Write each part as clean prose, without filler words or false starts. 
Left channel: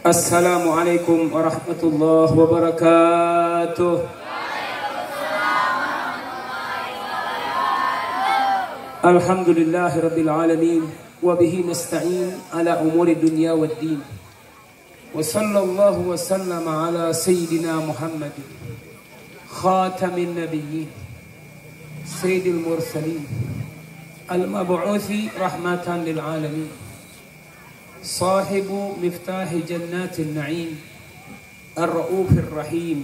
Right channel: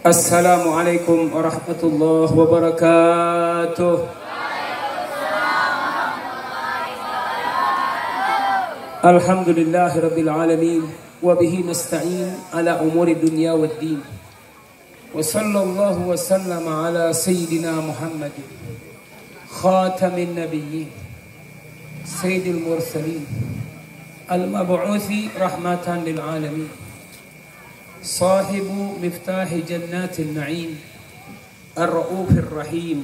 Assalamualaikum warahmatullahi wabarakatuh. Alhamdulillahirabbil alamin wa bihi nasta'in ala umuri dunya waddin. Wa sallallahu wa sallama ala sayyidina Muhammadin khatamin nabiyyin sayyidil mursalin al-mab'uthi rahmatan lil alamin. صاحب مفتاح جنات النعيم الرؤوف الرحيم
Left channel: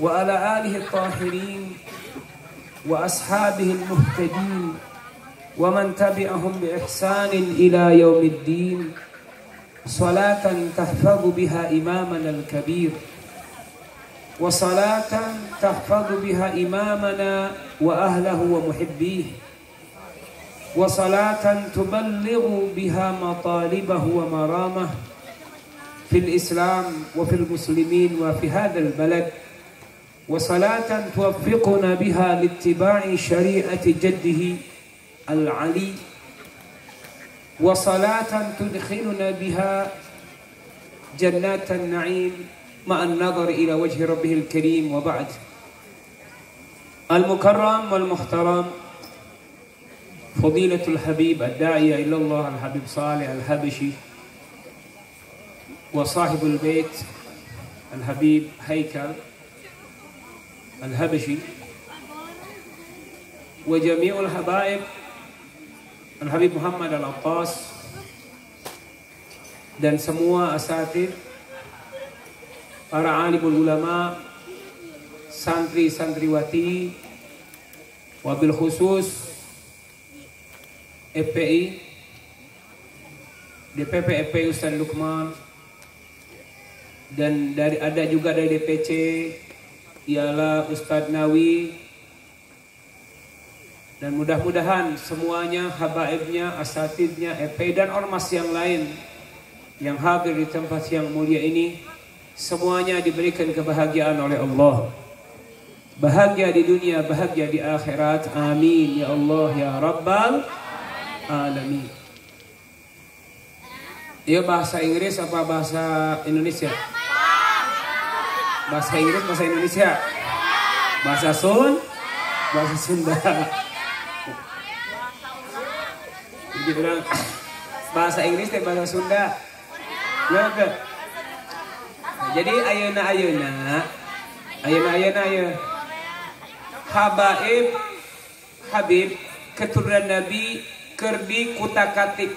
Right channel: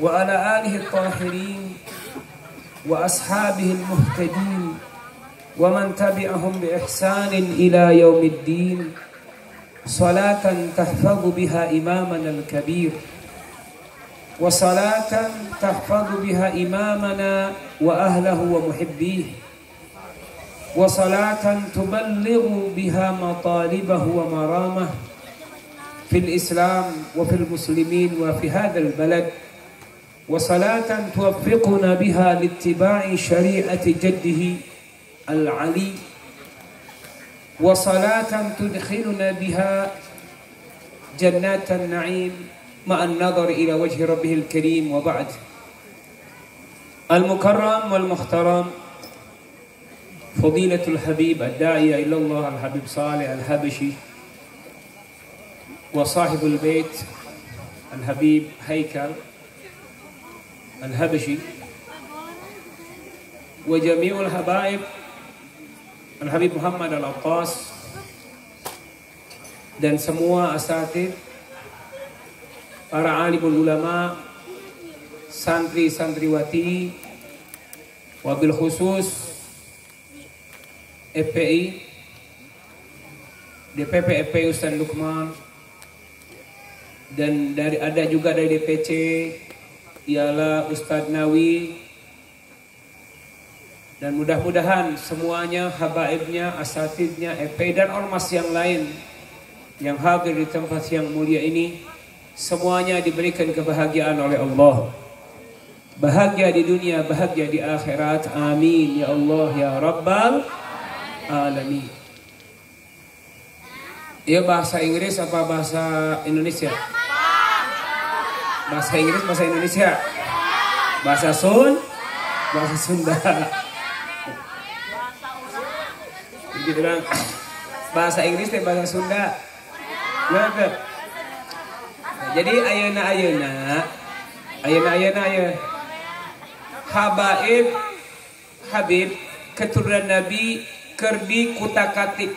وعلى آله الطاهرين وأصحابه المهتدين ومن تبعهم بإحسان إلى يوم الدين صلاة تحفظ بها إمامنا الكبير وصلاة تحفظ بها إمامنا وأهله ومحبيه وصلاة تبلغ بها مطالبه ومرامه في الإسلام وفي المسلمين وفي هذا البلد وصلاة توفقنا بها لاتباع شريعة جده العلي وصلاة تدخلنا بها جنات النعيم مع النظر إلى وجه ربه الكريم. وبعد، المكرم والمحترم فضيلة الحبيب الداعية إلى الله الحبيب صالح الحبشي وصاحب البيت الحبيب هيكل الحبشي وجميع الحبائب الحبيب Muhammad Al-Attas dan semua asatidz, para alimul ulama, santri-santriwati, wabil khusus FPI, DPP FPI Ustaz Lukman, dan ada juga dari DPC ialah Ustaz Nawi, dan mudah-mudahan semuanya habaibnya, asatidnya, FPI dan ormas yang lain yang hadir di tempat yang mulia ini semuanya diberikan kebahagiaan oleh Allah. Bahagia di dunia, bahagia di akhirat. Amin ya Allah ya Rabbal Alamin. Ya, bahasa Inggris apa bahasa Indonesia? Bahasa Inggris, bahasa Indonesia? Bahasa Sunda. Jadi bilang bahasa Inggris dan bahasa Sunda. Ya, jadi ayeuna Habib keturunan Nabi kerdi kutak-katik.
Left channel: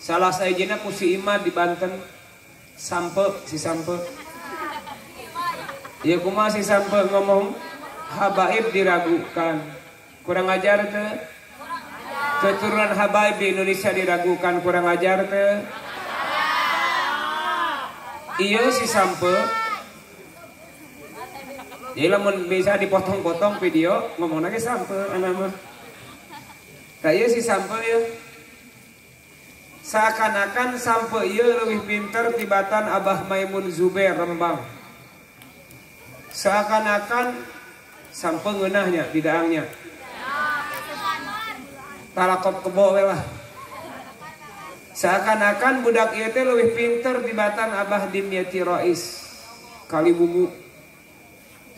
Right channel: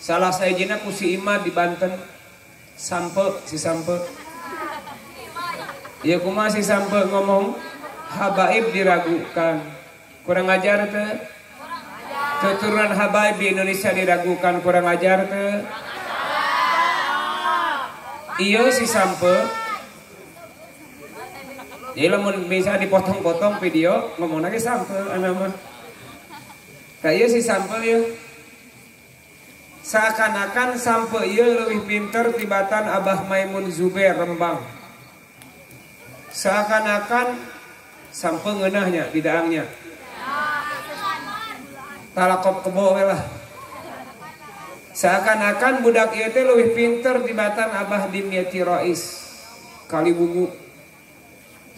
Salah saya jena ku si Ima di Banten. Si Sampe. Ya kumaha si Sampe ngomong habaib diragukan. Kurang ajar ke? Keturunan habaib di Indonesia diragukan, kurang ajar ke? Iya si Sampe. Ya lamun bisa dipotong-potong video ngomong lagi Sampe anak mah. Saya si Sampe ya, seakan-akan Sampe ya lebih pinter tibatan Abah Maimun Zubair Rembang. Seakan-akan Sampe ngeunahnya bidaangnya. Talakop kebo lah. Seakan-akan budak ieu teh lebih pinter tibatan Abah Dimyati Rais Kaliwungu.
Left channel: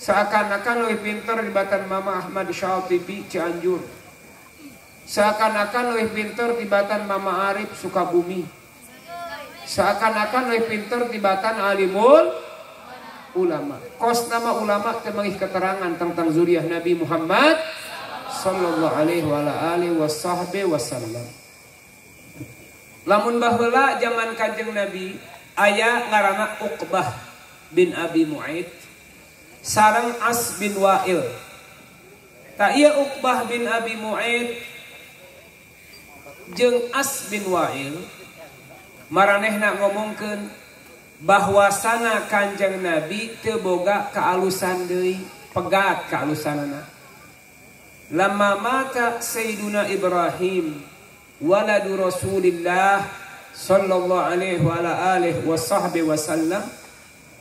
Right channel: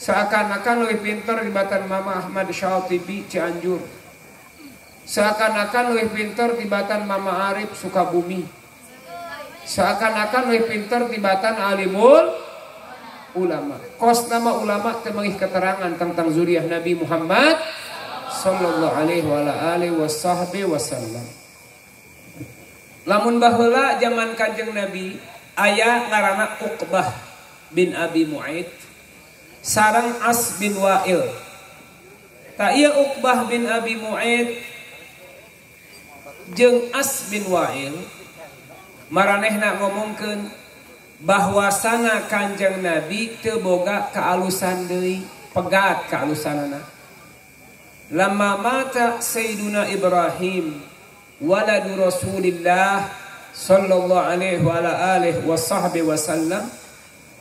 Seakan-akan lebih pinter tibatan Mama Ahmad Syatibi Cianjur. Seakan-akan lebih pintar tibatan Mama Arif Sukabumi. Seakan-akan lebih pintar tibatan alimul ulama. Kos nama ulama temangih keterangan tentang zuriat Nabi Muhammad sallallahu alaihi wasallam. Lamun baheula zaman Kanjeng Nabi aya ngaranna Uqbah bin Abi Mu'aid sareng As bin Wa'il. Ta ieu Uqbah bin Abi Mu'aid jeung As bin Wa'il maranehna ngomongkeun bahwasana Kanjeng Nabi teu boga kaalusan deui, pegat kaalusanana. Lamma mata Sayyiduna Ibrahim waladu Rasulillah sallallahu alaihi wa ala alihi wa sahbihi wasallam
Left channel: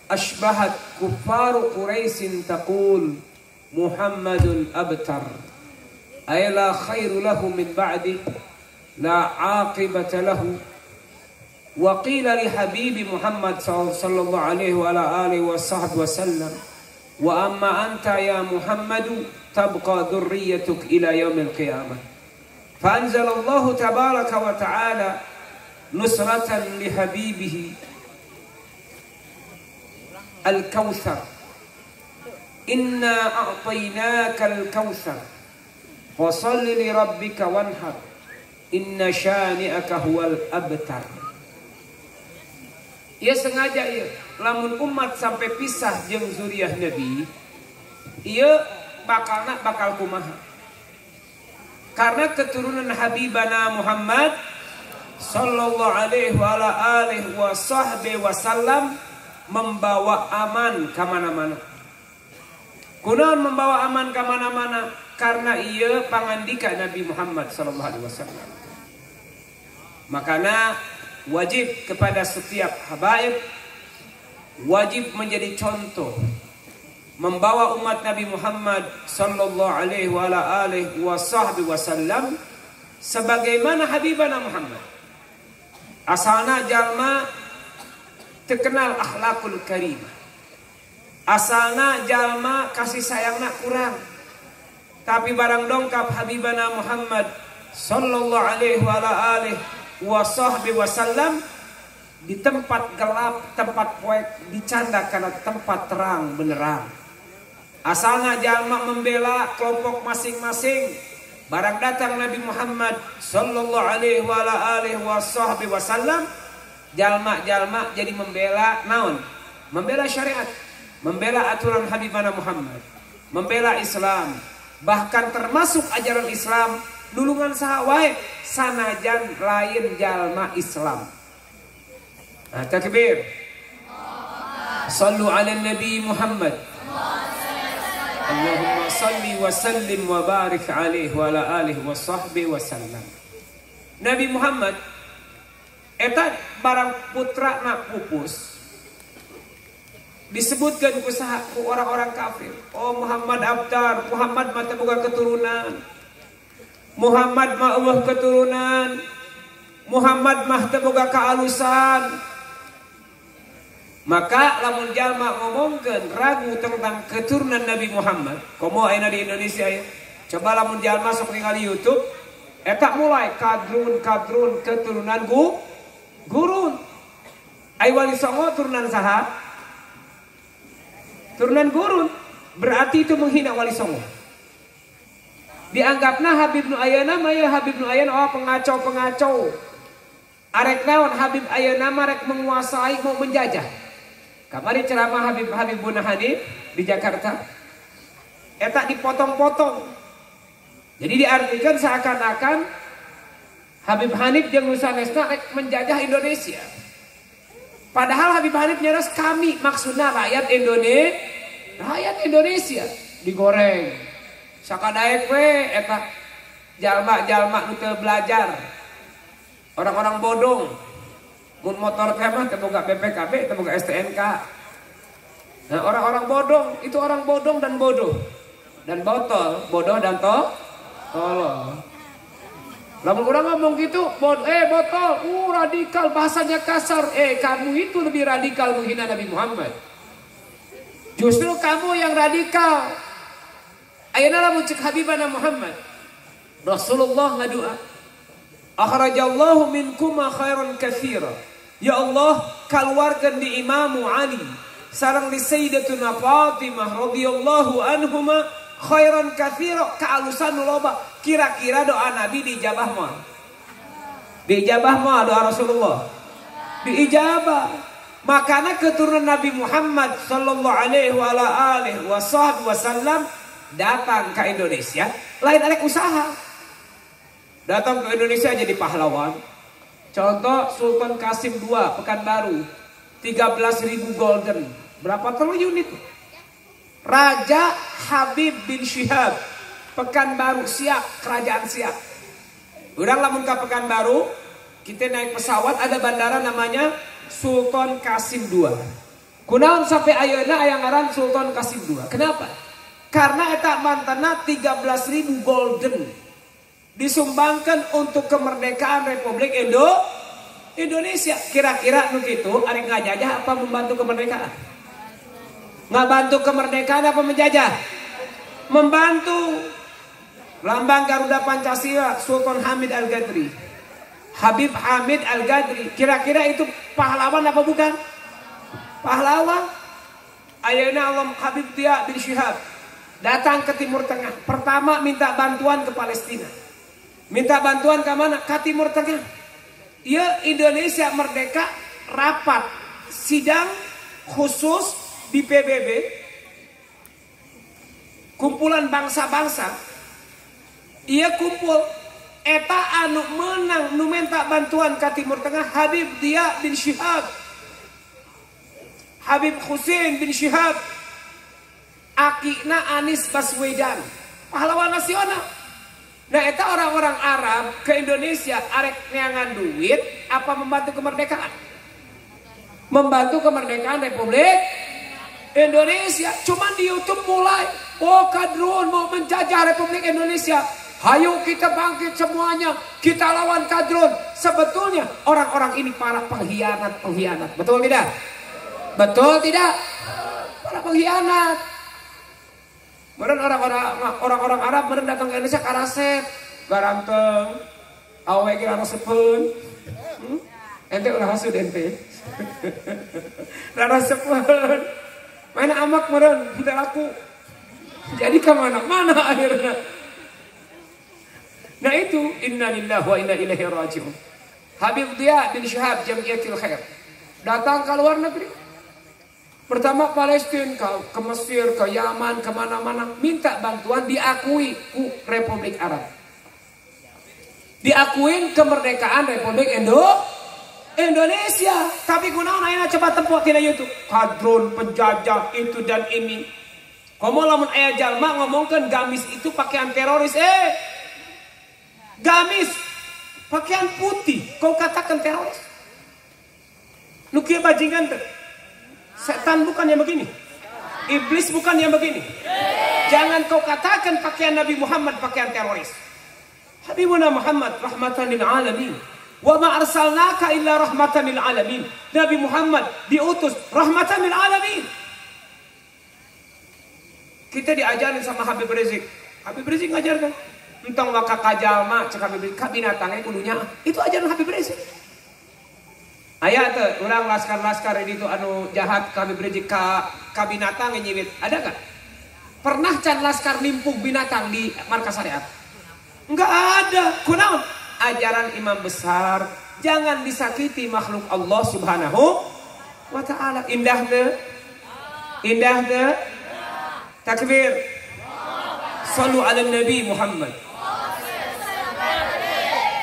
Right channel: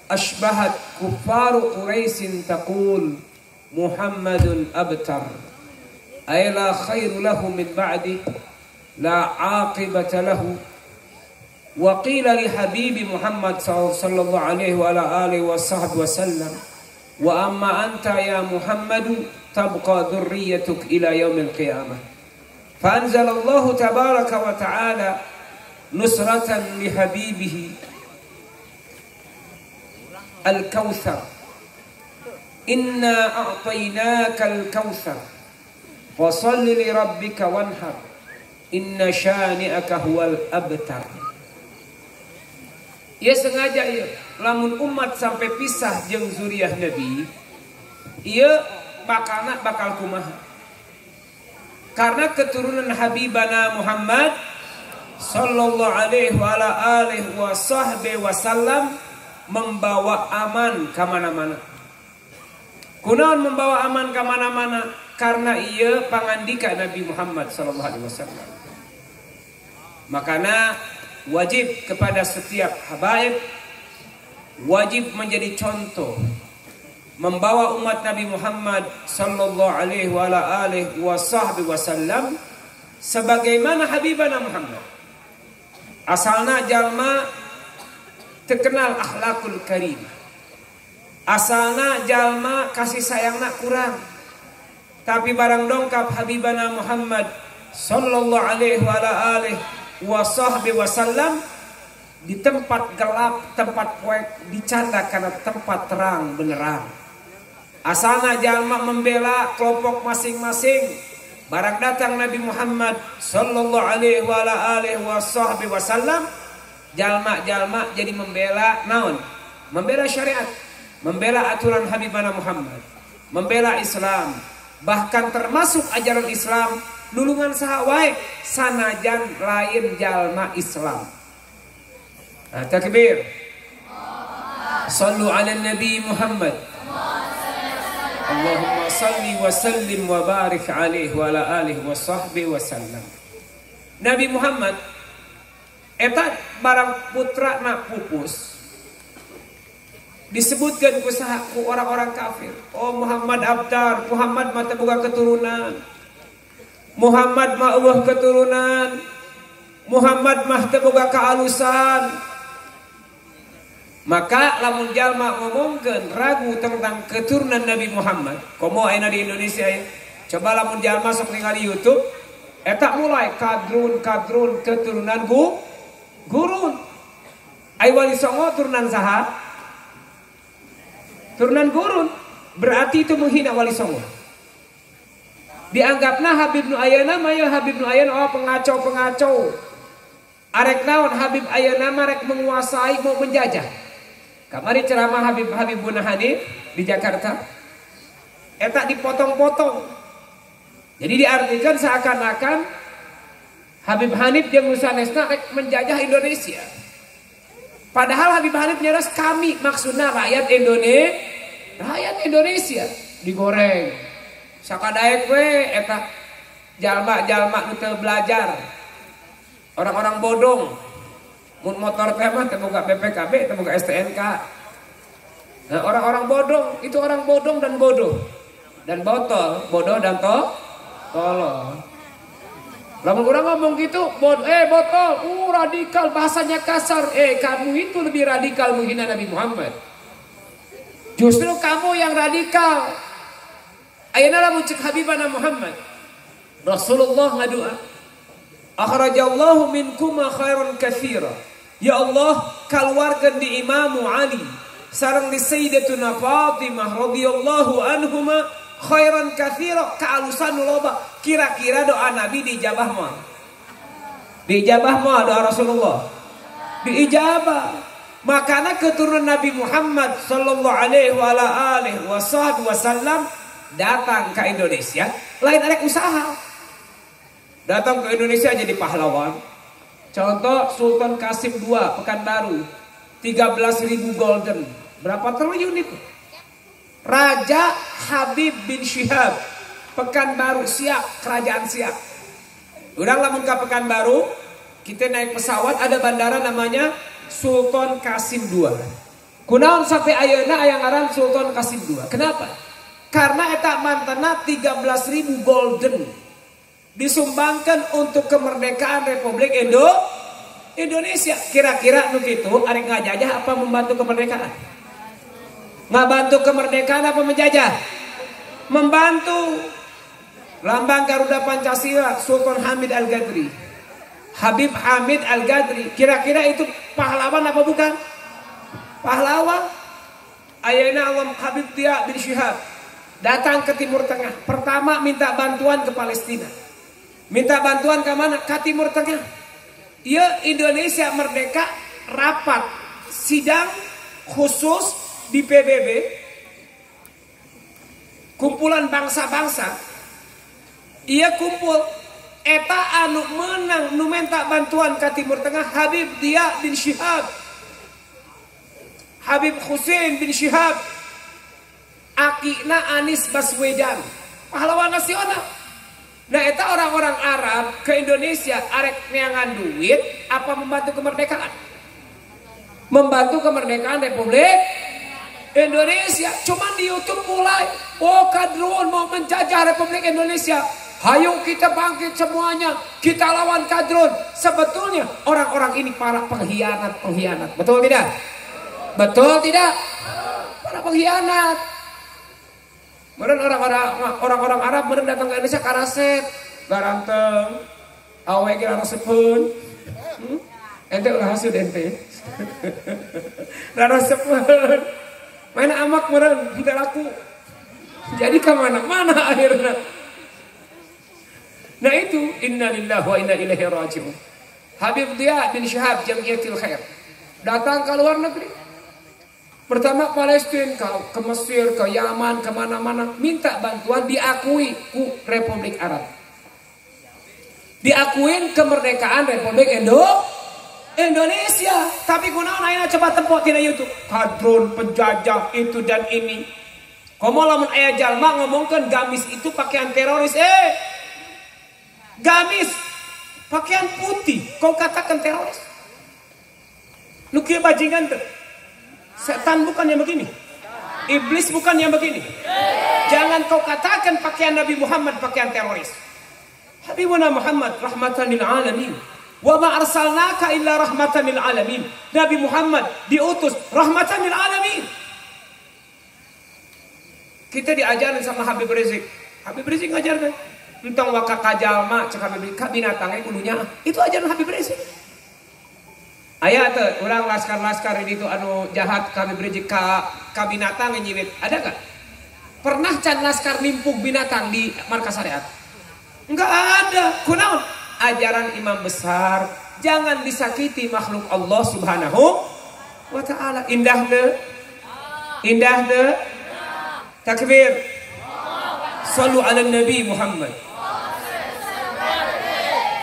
ashbahat kuffaru Quraisyin taqul Muhammadun abtar ay la khairu lahu min ba'di la aqibata lahu Wa qila li habibi Muhammad sallallahu alaihi wa ala alihi wa sahbihi wasallam, wa amma anta ya Muhammadu tabqa dhurriyyatuk ila yaumil qiyamah. Fa anzalallahu tabaraka wa ta'ala nusratan li habibihi al-kautsar. Inna a'tainaka al-kautsar fasalli li rabbika wanhar. Inna syani'aka huwal abtar. Ia sengaja ia lamun umat sampai pisah jeung zuriyah Nabi, ia bakal kumaha. Karena keturunan Habibana Muhammad sallallahu alaihi wa ala alihi wa sahbihi wasallam membawa aman ke mana-mana. Kunaon membawa aman ke mana-mana? Karena ia pangandika Nabi Muhammad sallallahu alaihi wasallam. Makanya wajib kepada setiap habaib, wajib menjadi contoh membawa umat Nabi Muhammad sallallahu alaihi wa ala alihi wa sahbihi wasallam sebagaimana Habibana Muhammad. Asalna jalma terkenal akhlakul karim. Asalna jalma kasih sayangna kurang. Tapi barang dongkap Habibana Muhammad sallallahu alaihi wa ala alihi wa sahbihi wasallam, di tempat gelap, tempat poek dicanda karena tempat terang benerang. Asalna jalma membela kelompok masing-masing. Barang datang Nabi Muhammad sallallahu alaihi wa ala alihi wa sahbihi wasallam, jalma-jalma jadi membela naon? Membela syariat, membela aturan Habibana Muhammad, membela Islam. Bahkan termasuk ajaran Islam nulungan saha wae sanajan lain jalma Islam. Takbir. Sallu ala Nabi Muhammad. Allahumma salli wa sallim wa barik alaihi wa ala alihi wa sahbihi wa sallam. Nabi Muhammad eta barang putra na pupus disebutkan ku orang-orang kafir. Oh Muhammad abtar, Muhammad mah teu boga keturunan. Muhammad mah eueuh keturunan. Muhammad mah teu boga kaalusan. Maka lamun jalma ngomongkeun ragu tentang keturunan Nabi Muhammad, komo ayeuna di Indonesia ya. Coba lamun jalma sok ningali YouTube, eta mulai kadrun keturunan gurun. Ai Wali Songo turunan saha? Turunan gurun. Berarti itu menghina Wali Songo. Dianggapna Habib Nu Ayeuna mah ya Habib Nu Ayeuna oh pengacau. Arek naon Habib Ayeuna mah rek menguasai mau menjajah. Kamari ceramah Habibun Hanif di Jakarta. Eta dipotong-potong. Jadi diartikan seakan-akan Habib Hanif jeung sanesna rek menjajah Indonesia. Padahal Habib Hanif nyeres kami maksudna rakyat Indonesia digoreng. Sakadaek we eta jalma-jalma nu teu belajar. Orang-orang bodong. Mun motor teh mah teu boga BPKB, teu boga STNK. Nah, orang-orang bodong itu orang bodong dan bodoh. Dan botol, bodoh dan tolol. Lamun urang ngomong gitu, botol, radikal, bahasanya kasar. Kamu itu lebih radikal menghina Nabi Muhammad. Justru kamu yang radikal. Ayeuna lamun cek Habibana Muhammad, Rasulullah ngadua, akhrajallahu minkuma khairan katsira. Ya Allah, keluarkan di Imam Ali sareng di Sayyidatuna Fatimah radhiyallahu anhuma khairan katsira, kaalusan loba. Kira-kira doa Nabi diijabah moal? Diijabah moal doa Rasulullah? Diijabah. Makanya keturunan Nabi Muhammad sallallahu alaihi wa ala alihi wasallam datang ke Indonesia, lain arek usaha. Datang ke Indonesia jadi pahlawan. Contoh Sultan Qasim II Pekanbaru 13.000 golden. Berapa triliun itu? Raja Habib bin Syihab Pekanbaru siap, kerajaan siap. Urang lamun ka Pekanbaru, kita naik pesawat ada bandara namanya Sultan Qasim II. Kunaon sampai ayeuna aya ngaran Sultan Qasim II. Kenapa? Karena eta mantena 13.000 golden disumbangkan untuk kemerdekaan Republik Indonesia kira-kira nu kitu ari ngajajah apa membantu kemerdekaan? Ngabantu kemerdekaan apa menjajah? Membantu. Lambang Garuda Pancasila Sultan Hamid Al-Ghazali. Habib Hamid Al-Ghazali. Kira-kira itu pahlawan apa bukan? Pahlawan. Ayeuna Allah Habib Dia bin Syihab datang ke Timur Tengah. Pertama minta bantuan ke Palestina. Minta bantuan ke mana? Ke Timur Tengah. Dia Indonesia merdeka, rapat sidang khusus di PBB, kumpulan bangsa-bangsa. Ia kumpul eta anu menang nu minta bantuan ke Timur Tengah Habib Dia bin Syihab, Habib Hussein bin Syihab, akina Anies Baswedan, pahlawan nasional. Nah, eta orang-orang Arab ke Indonesia arek neangan duit apa membantu kemerdekaan? Membantu kemerdekaan Republik Indonesia. Cuman di YouTube mulai, oh kadrun mau menjajah Republik Indonesia. Hayo kita bangkit semuanya, kita lawan kadrun. Sebetulnya orang-orang ini para pengkhianat. Betul tidak? Betul tidak? Para pengkhianat. Meren orang-orang Arab meren datang ke Indonesia karaset, garanteng, awe kira resepun, ente ulah hasud ente, resepun, main amak meren, tidak laku, jadi kemana-mana akhirnya. Nah itu innalillahi wa inna ilaihi raji'un. Habib Dia bin Syihab Jamiatul Khair datang ke luar negeri. Pertama Palestina, ke Mesir, ke Yaman, kemana-mana. Minta bantuan diakui ku Republik Arab. Diakuin kemerdekaan Republik Indonesia. Tapi kunaon ayeuna coba tempat tina YouTube. Kadrun, penjajah, itu dan ini. Komo lamun aya jalma ngomongkeun gamis itu pakaian teroris. Gamis pakaian putih kau katakan teroris. Nu kieu bajingan teh. Setan bukan yang begini. Iblis bukan yang begini. Jangan kau katakan pakaian Nabi Muhammad pakaian teroris. Habibuna Muhammad rahmatan lil alamin. Wa ma arsalnaka illa rahmatan lil alamin. Nabi Muhammad diutus rahmatan lil alamin. Kita diajarin sama Habib Rizik. Habib Rizik ngajar kan? Entong waka kajalma cek Habib Rizik binatangnya dulunya. Itu ajaran Habib Rizik. Aya teh urang laskar-laskar itu anu jahat kami Rizik ka binatang nyiwit. Ada gak? Pernah can laskar nimpuk binatang di markas syariat? Enggak ada. Kunaon? Ajaran imam besar, jangan disakiti makhluk Allah Subhanahu wa taala. Indah teu? Indah teu? Takbir. Shallu ala Nabi Muhammad.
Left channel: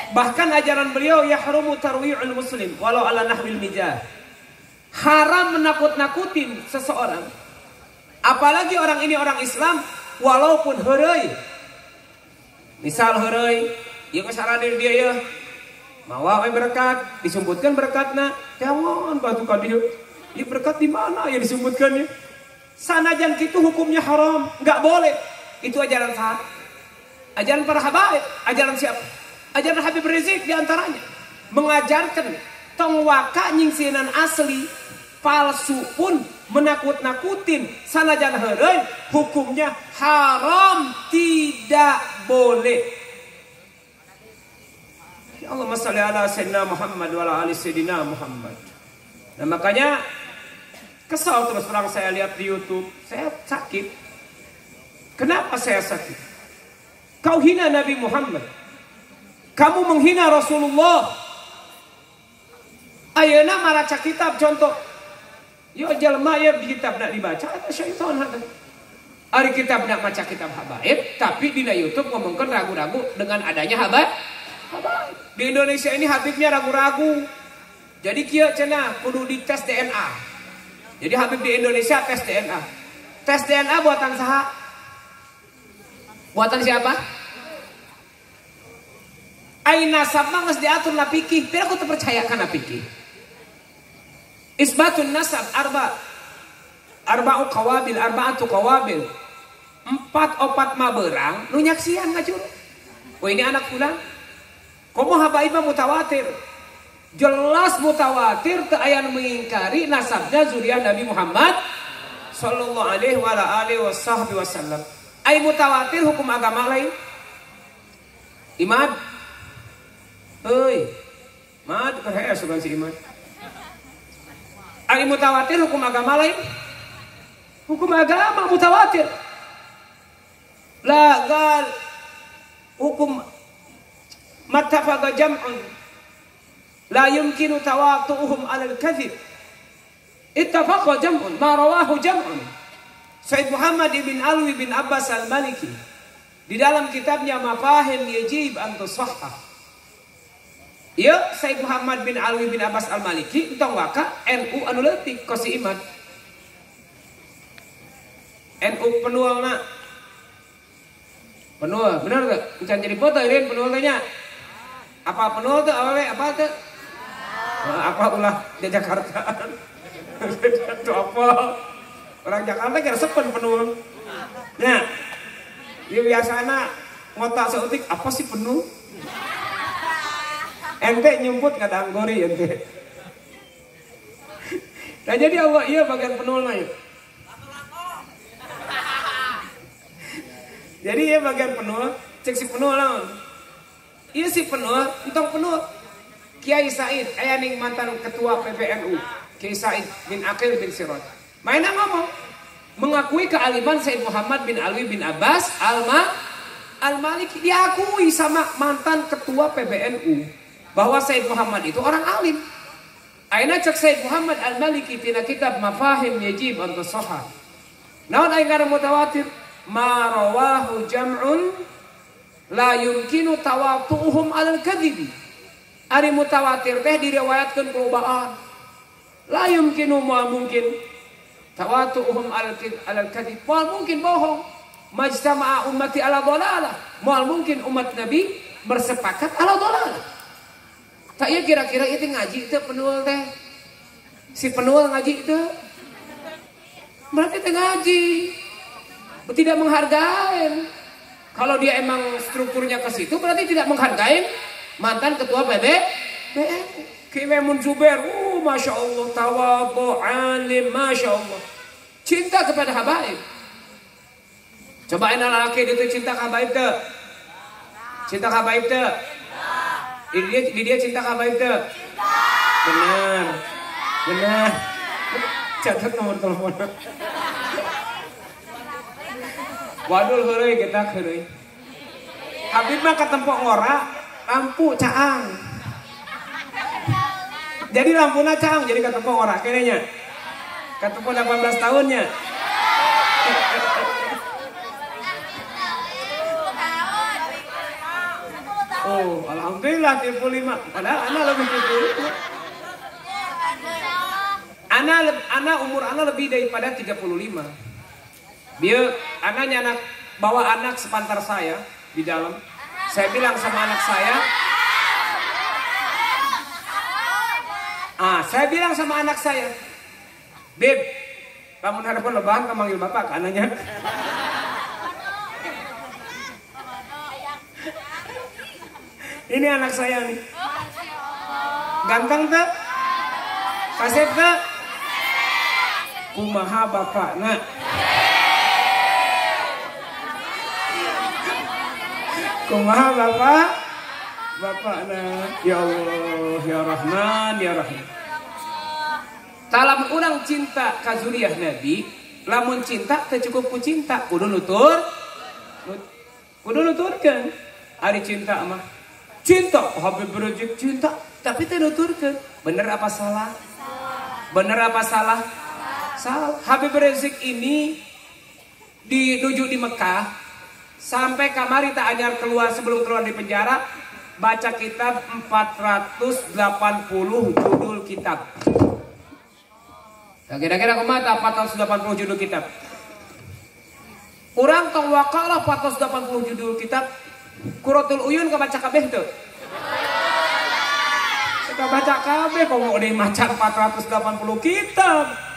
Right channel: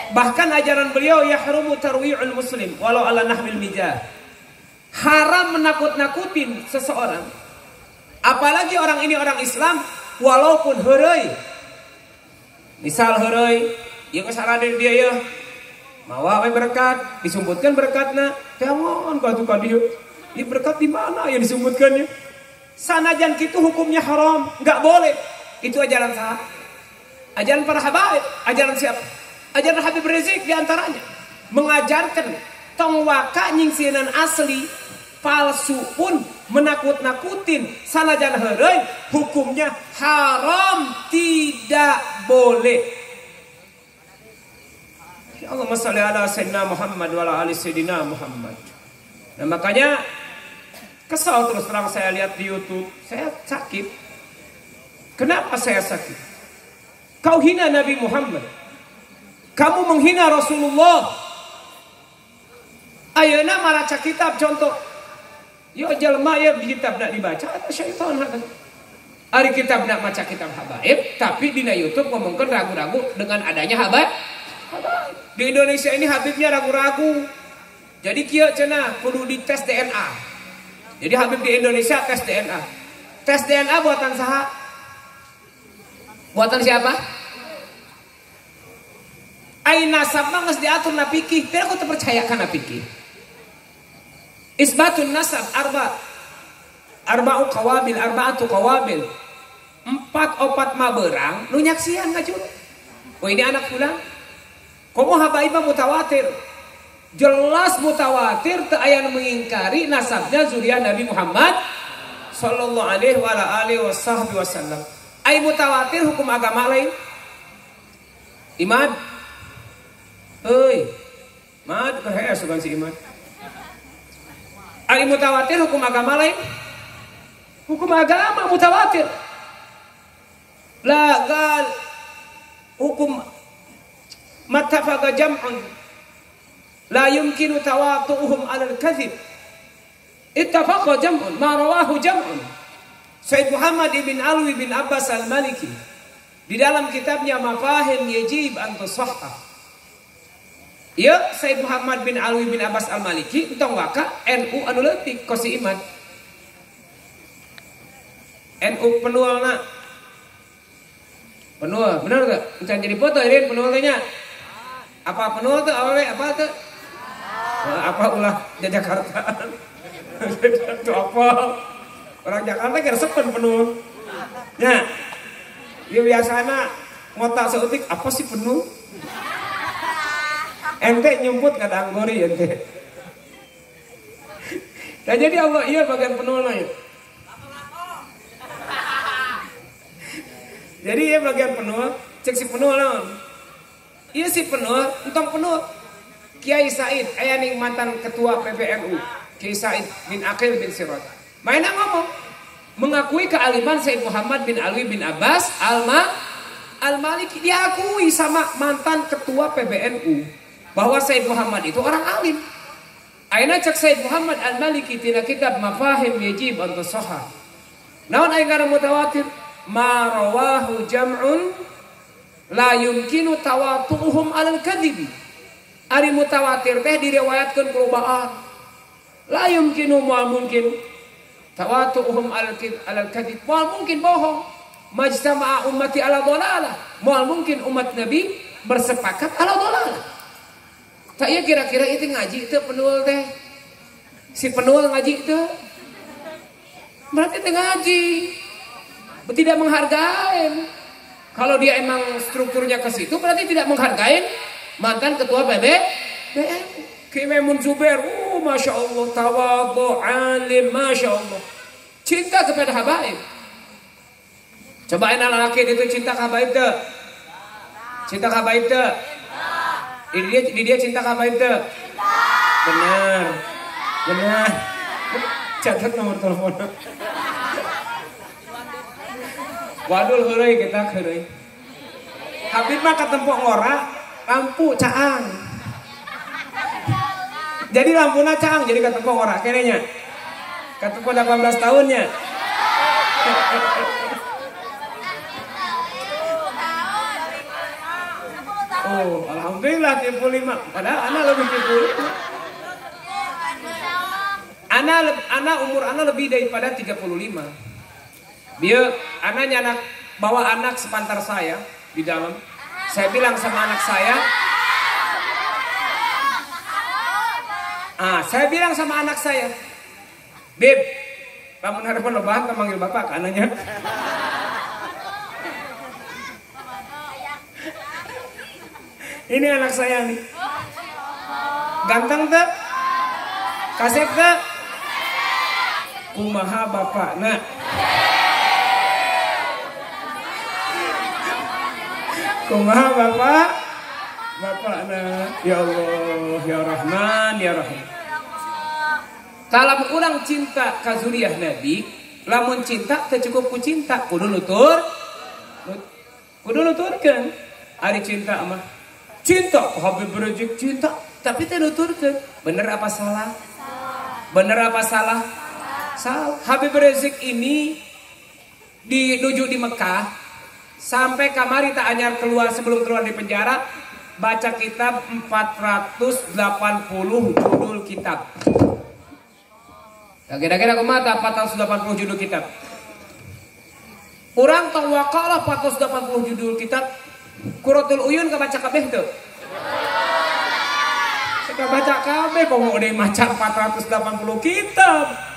Bahkan ajaran beliau yahrumu tarwi'ul muslim walau ala nahmil mijah. Haram menakut-nakutin seseorang. Apalagi orang ini orang Islam walaupun heureuy. Misal heureuy, ieu kasaraden dia ya. Mawa we berkat, disumputkeun berkatna. Kawan batu ka dieu. Ini berkat di mana yang disumputkeun ya? Sanajan kitu hukumnya haram, enggak boleh. Itu ajaran sahabat. Ajaran para habaib, ajaran siapa? Ajaran Habib Rizik diantaranya mengajarkan tong waka nyingsinan asli palsu pun menakut-nakutin sanajan heureuy hukumnya haram, tidak boleh. Ya Allah shalli ala sayyidina Muhammad wa ala ali sayyidina Muhammad. Nah makanya kesal terus terang saya lihat di YouTube, saya sakit. Kenapa saya sakit? Kau hina Nabi Muhammad. Kamu menghina Rasulullah. Ayeuna maraca kitab contoh. Yo jalma ya kitab nak dibaca atau syaitan hade. Ari kitab nak baca kitab habaib, tapi di YouTube ngomongkan ragu-ragu dengan adanya habaib. Di Indonesia ini habibnya ragu-ragu. Jadi kieu cenah kudu dites DNA. Jadi habib di Indonesia tes DNA. Tes DNA buatan saha? Buatan siapa? Aina sabma geus diatur na fikih, teu aku terpercayakan na fikih. Isbatun nasab arba'atu qawabil. 4 maberang nu nyaksian ngajur. Oh ini anak ulang. Komo habaib mutawatir. jelas mutawatir teu aya nu mengingkari nasabnya zuriat Nabi Muhammad sallallahu alaihi wa alihi wasallam. Ai mutawatir hukum agama lain. Imad. Euy. Mad kahe asugan si Imad. Ai mutawatir hukum agama lain. Hukum agama mutawatir. La gal hukum mattafaqa jam'un la yumkinu tawatu'uhum 'ala al-kadhib. Ittafaqa jam'un ma rawahu jam'un. Said Muhammad bin Alwi bin Abbas al-Maliki di dalam kitabnya Mafahim Yajib an Tusahhah. Ya, Said Muhammad bin Alwi bin Abbas al-Maliki entong waka NU anu leutik ku si Imad. NU penualna penuh, benar gak? Bisa jadi foto ini penuhnya. Apa penuh tuh? Apa tuh? Apa ulah di Jakarta? Itu apa? Orang Jakarta kira sepen penuh. Ya, ya biasanya ngotak seutik apa sih penuh? Ente nyumput kadang gori ente. Nah jadi Allah iya bagian penuh nih. Jadi ya bagian penuh, cek si penuh lah. Iya si penuh, entong penuh. Kiai Said, aya ning mantan ketua PBNU, Kiai Said bin Aqil bin Siraj. Mainan ngomong, mengakui kealiman Said Muhammad bin Ali bin Abbas Al-Maliki, diakui sama mantan ketua PBNU bahwa Said Muhammad itu orang alim. Aina cek Said Muhammad Al-Maliki tina kitab Mafahim Yajib an Tusahhah. Naon aya ngaran mutawatir? Ma rawahu jam'un la yumkinu tawatu'uhum 'alal kadhibi. Ari mutawatir teh diriwayatkeun ku ba'ah. La yumkinu ma mungkin tawatu'uhum 'alal kadhib. Moal mungkin bohong. Majtama'a ummati 'ala dhalalah. Moal mungkin umat Nabi bersepakat 'ala dhalalah. Tak iya kira-kira itu ngaji teh penuul teh. Si penuul ngaji teh. Berarti teh ngaji. Tidak menghargai. Kalau dia emang strukturnya ke situ berarti tidak menghargai mantan ketua PBNU. Ki Maimun Zubair, masya Allah, tawadhu, alim, masya Allah, cinta kepada habaib. Coba enak laki itu cinta habaib tuh, cinta habaib tuh. Ini dia cinta habaib tuh. Benar. Catat nomor telepon. Waduh heureuy kita heureuy. Habib mah katempo ngora lampu caang. Jadi lampuna caang jadi katempo ngora kenenya. Katempo 18 tahunnya. Oh, alhamdulillah 35. Padahal anak lebih gitu. Anak umur anak lebih daripada 35. Dia anaknya bawa anak sepantar saya di dalam. Saya bilang sama anak saya, saya bilang sama anak saya, Beb, lamun harapan lebahan memanggil bapak ke anaknya. Ini anak saya nih, ganteng tuh, kasep tuh, kumaha bapak nak. Kumaha bapak nah, ya Allah, ya Rahman, ya Rahim. Kalau urang cinta ka zuriyah Nabi, lamun cinta teu cukup ku cinta, kudu nuturkeun. Ari cinta mah cinta, Habib Rizik cinta, tapi teu nuturkeun. Bener apa salah? Bener apa salah? Salah. Habib Rizik ini didujuk di Mekah. Sampai kamari tak anyar keluar sebelum keluar di penjara baca kitab 480 judul kitab. Kira-kira kumata 480 judul kitab. Urang tong wakalah 480 judul kitab. Quratul Uyun ka baca kabeh teu? Kita baca kabeh kok mau maca 480 kitab.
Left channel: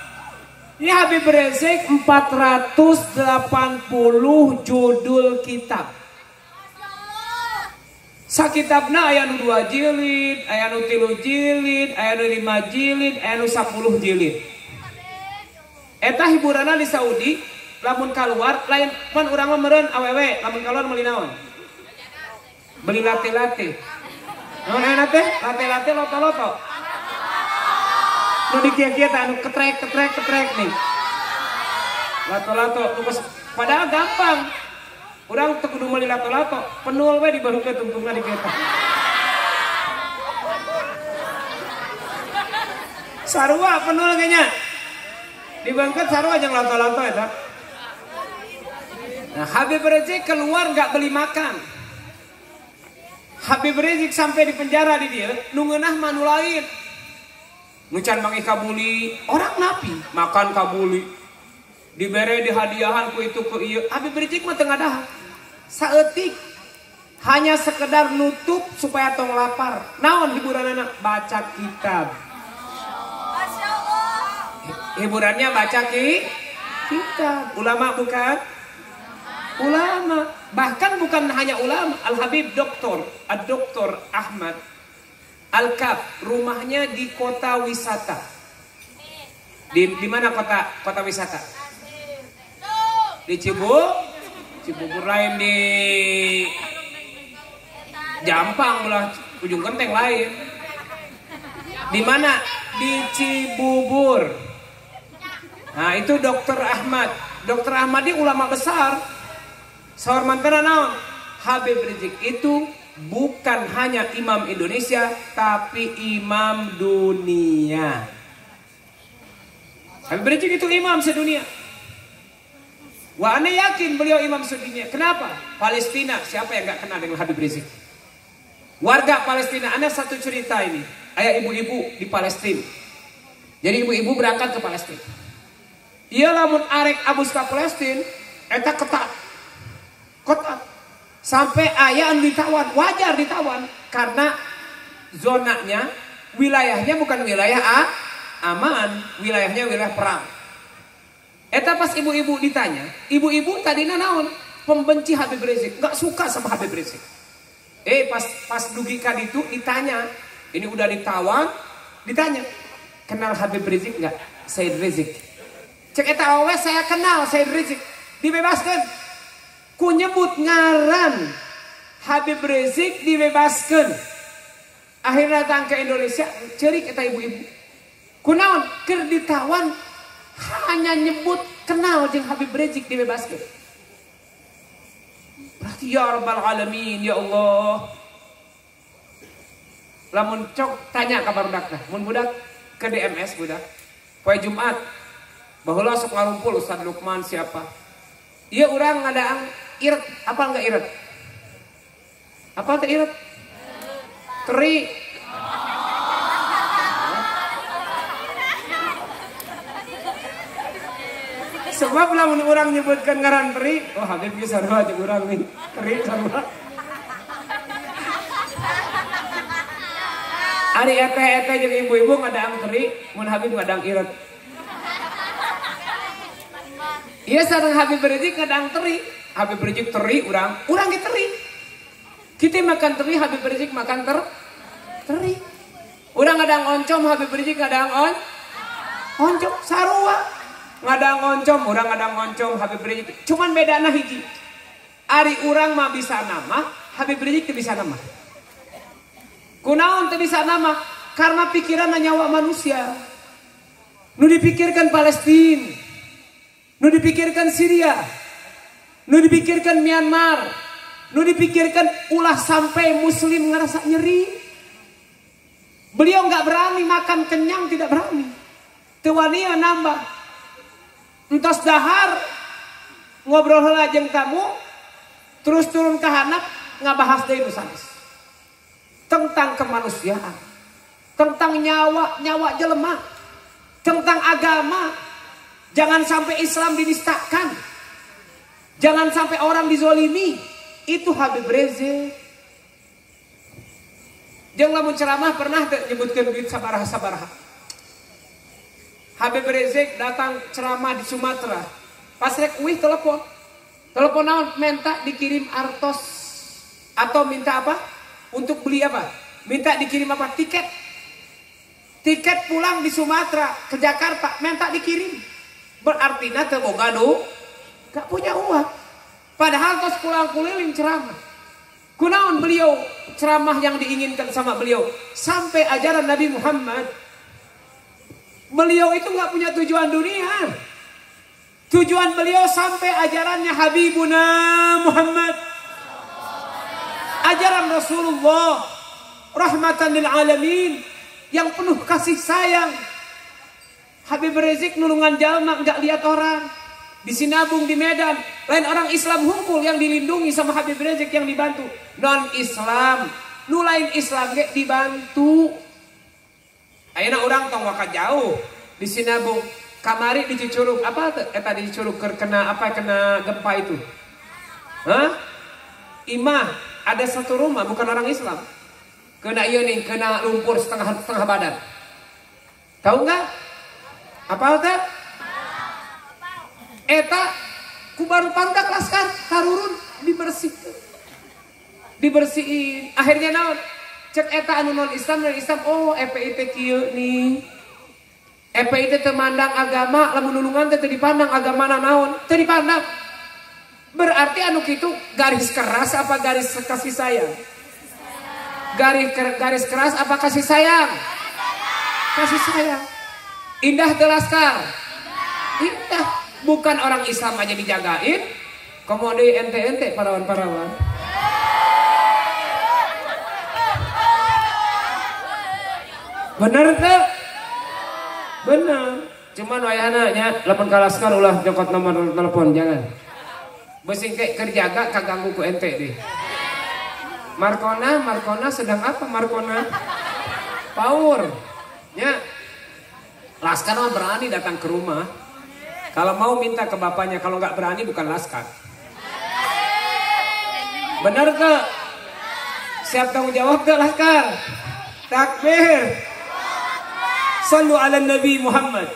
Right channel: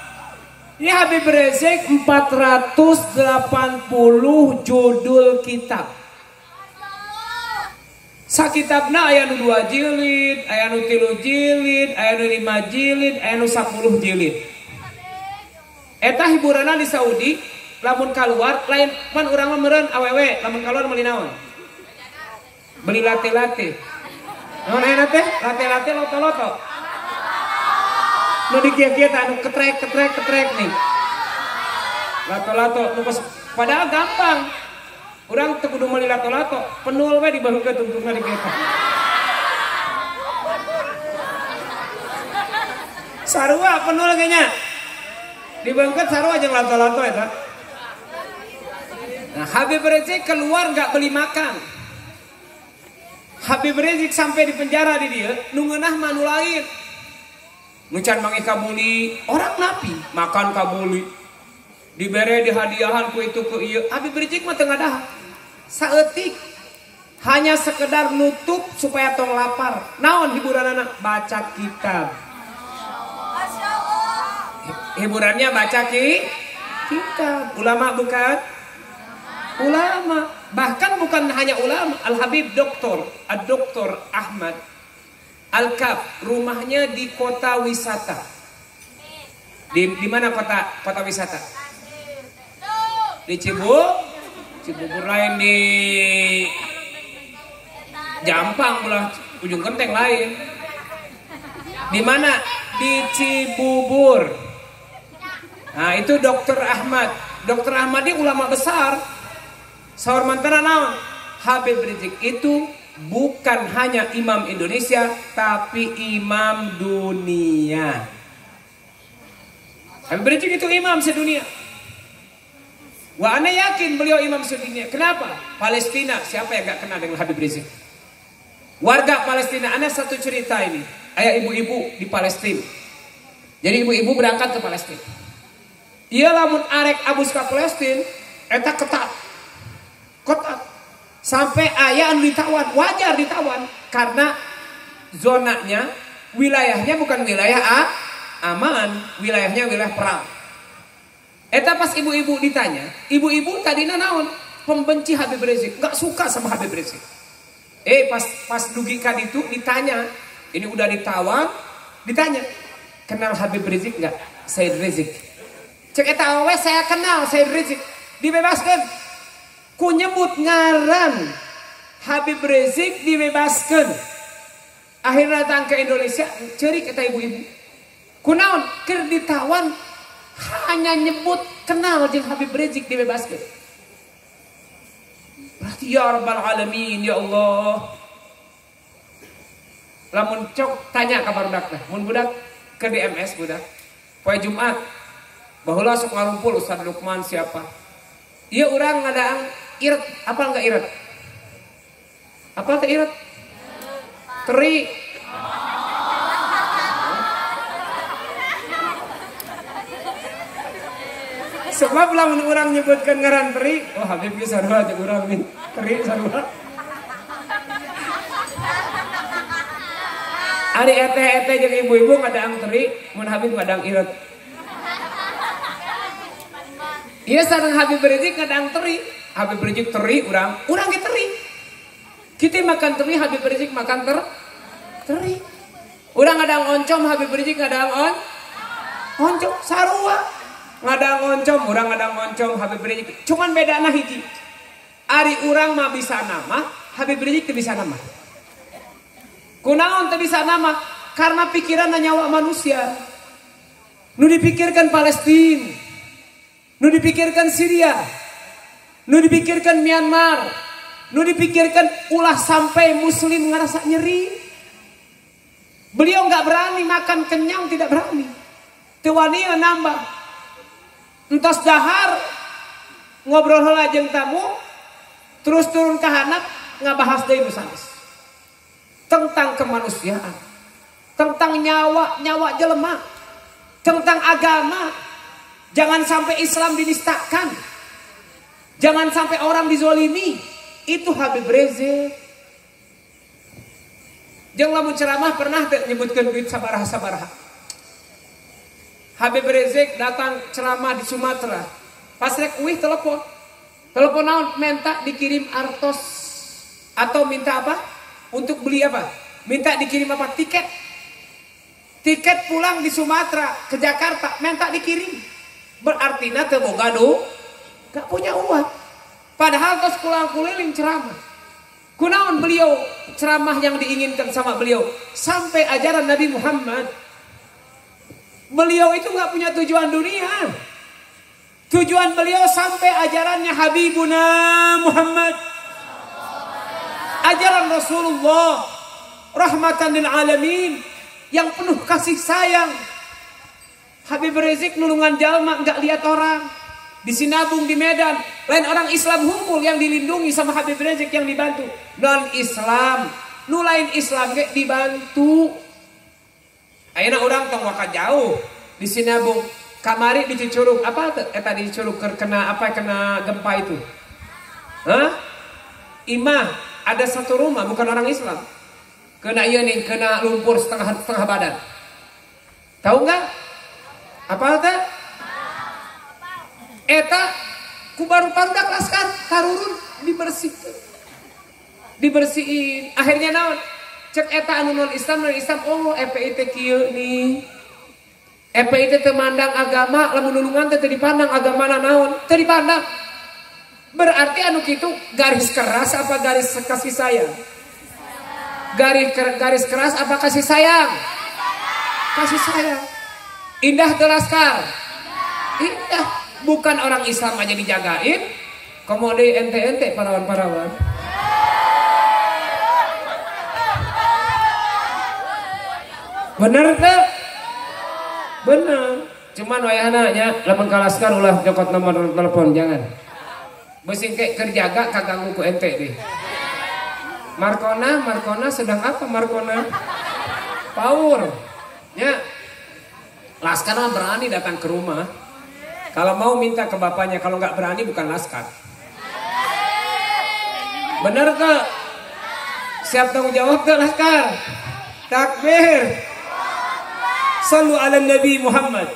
Ya Habib Rizik 480 judul kitab. Sakitabna aya nu 2 jilid, aya nu 3 jilid, aya nu 5 jilid, aya nu 10 jilid. Eta hiburanna di Saudi, lamun keluar lain pan urang meureun awewe, lamun keluar meuli naon? Beli late-late. Naon aya teh? Late-late loto-loto. Nu dikieu-kieu teh anu ketrek nih. Lato-lato padahal gampang. Urang teu kudu meuli lato-lato, penul we dibaheukkeun tungtungna di kereta. Sarua penul ge nya. Dibaheukkeun sarua jeung lato-lato eta. Nah, Habib Rizik keluar enggak beli makan. Habib Rizik sampai di penjara di dia, nu ngeunah mah nu lain. Nu can mangi kabuli, orang napi makan kabuli. Dibere di hadiahan ku itu ku ieu. Habib Rizik mah teu ngadaha. Saeutik hanya sekedar nutup supaya tong lapar. Naon hiburanana? Baca kitab. Hiburannya baca kitab. Ulama bukan? Ulama. Bahkan bukan hanya ulama. Al-Habib Doktor Ahmad Al-Kaf, rumahnya di kota wisata. Di mana kota wisata? Di Cibubur lain, di Jampang ulah ujung genteng lain. Di mana? Di Cibubur. Nah, itu Dr. Ahmad. Dr. Ahmad ini ulama besar. Saur mantara naon? Habib Rizik itu bukan hanya imam Indonesia, tapi imam dunia. Habib Rizik itu imam sedunia. Wah, ana yakin beliau imam sedunia. Kenapa? Palestina, siapa yang gak kenal dengan Habib Rizik? Warga Palestina, ana satu cerita ini. Ada ibu-ibu di Palestina. Jadi ibu-ibu berangkat ke Palestina. Ia lamun arek abus ke Palestina, eta ketat. Sampai ayah ditawan, wajar ditawan. Karena zonanya, wilayahnya bukan wilayah aman, wilayahnya wilayah perang. Eta pas ibu-ibu ditanya, ibu-ibu tadinya naon? Pembenci Habib Rizik, gak suka sama Habib Rizik. Pas dugikan itu ditanya, ini udah ditawan, ditanya, kenal Habib Rizik gak? Said Rizik. Cek eta awewe saya kenal Said Rizik, dibebaskan. Ku nyebut ngaran Habib Rizik dibebaskan. Akhirnya datang ke Indonesia, cerik eta ibu-ibu. Kunaon? Keur ditawan. Hanya nyebut kenal jeung Habib Rizik dibebaskan. Berarti ya Rabbal Alamin, ya Allah. Lamun cok tanya kabar budak teh. Mun budak ke DMS budak. Poe Jumat. Baheula sok ngarumpul Ustaz Lukman siapa? Ieu urang ngadaang iret, apa enggak iret? Apa teh iret? Teri. Sebab lamun orang nyebutkan ngaran teri, oh Habib ge sarua jeung urang nih. Teri sarua. Ari eta jeung ibu-ibu ngadaang teri, mun Habib ngadaang iret. Ieu sareng Habib Rizik ngadaang teri. Habib Rizik teri urang ge teri. Kita makan teri, Habib Rizik makan teri. Urang ngadaang oncom, Habib Rizik ngadaang oncom sarua. Ngadang ngoncom, urang ngadang ngoncom Habib Rizik. Cuman bedana hiji. Ari urang mah bisa nama, Habib Rizik teu bisa nama. Kunaon teu bisa nama? Karena pikiran nyawa manusia. Nu dipikirkan Palestina, nu dipikirkan Syria, nu dipikirkan Myanmar, nu dipikirkan ulah sampai muslim ngerasa nyeri. Beliau nggak berani makan kenyang, tidak berani. Teu wani nambah. Entos dahar ngobrol heula jeung tamu, terus turun ke handap ngabahas deui sanes. Tentang kemanusiaan, tentang nyawa jelema, tentang agama. Jangan sampai Islam dinistakan. Jangan sampai orang dizolimi. Itu Habib Rizik. Jeung lamun ceramah pernah nyebutkeun duit sabaraha. Habib Rizik datang ceramah di Sumatera. Pas rek uih telepon naon minta dikirim artos atau minta apa? Untuk beli apa? Minta dikirim apa? Tiket. Tiket pulang di Sumatera ke Jakarta, minta dikirim. Berarti nanti boga gak punya uang. Padahal tos pulang keliling ceramah. Kunaon beliau ceramah yang diinginkan sama beliau sampai ajaran Nabi Muhammad. Beliau itu gak punya tujuan dunia. Tujuan beliau sampai ajarannya Habibuna Muhammad. Ajaran Rasulullah rahmatan lil alamin yang penuh kasih sayang. Habib Rizik nulungan jalma enggak lihat orang. Di Sinabung di Medan, lain orang Islam hukum yang dilindungi sama Habib Rizik yang dibantu. Non Islam, nu lain Islam ge dibantu. Ayeuna urang tong waka jauh di Sinabung. Kamari di Cicurug apa tadi Cicurug kena apa kena gempa itu? Hah? Imah ada satu rumah bukan orang Islam. Kena iya nih, kena lumpur setengah badan. Tahu nggak? Apa itu? Eta ku baru pandak laskar karurun dibersihin. Akhirnya naon? Cek eta anu non Islam oh FPI teh kieu nih. FPI teh mandang agama, lamun nulungan teh dipandang agamana naon? Teu dipandang. Berarti anu kitu garis keras apa garis kasih sayang? Garis keras apa kasih sayang? Kasih sayang. Indah teu laskar? Indah. Bukan orang Islam aja dijagain. Kamu ada ente-ente parawan-parawan. Bener teh? Bener. Cuman wayahna nya lamun ka laskar ulah jokot nomor telepon jangan. Besing ke kerjaga kaganggu ku ente deh. Markona sedang apa Markona? Power. Ya. Laskar mah berani datang ke rumah. Kalau mau minta ke bapaknya, kalau nggak berani bukan laskar. Bener ke? Siap tanggung jawab ke laskar? Takbir. Sallu ala Nabi Muhammad.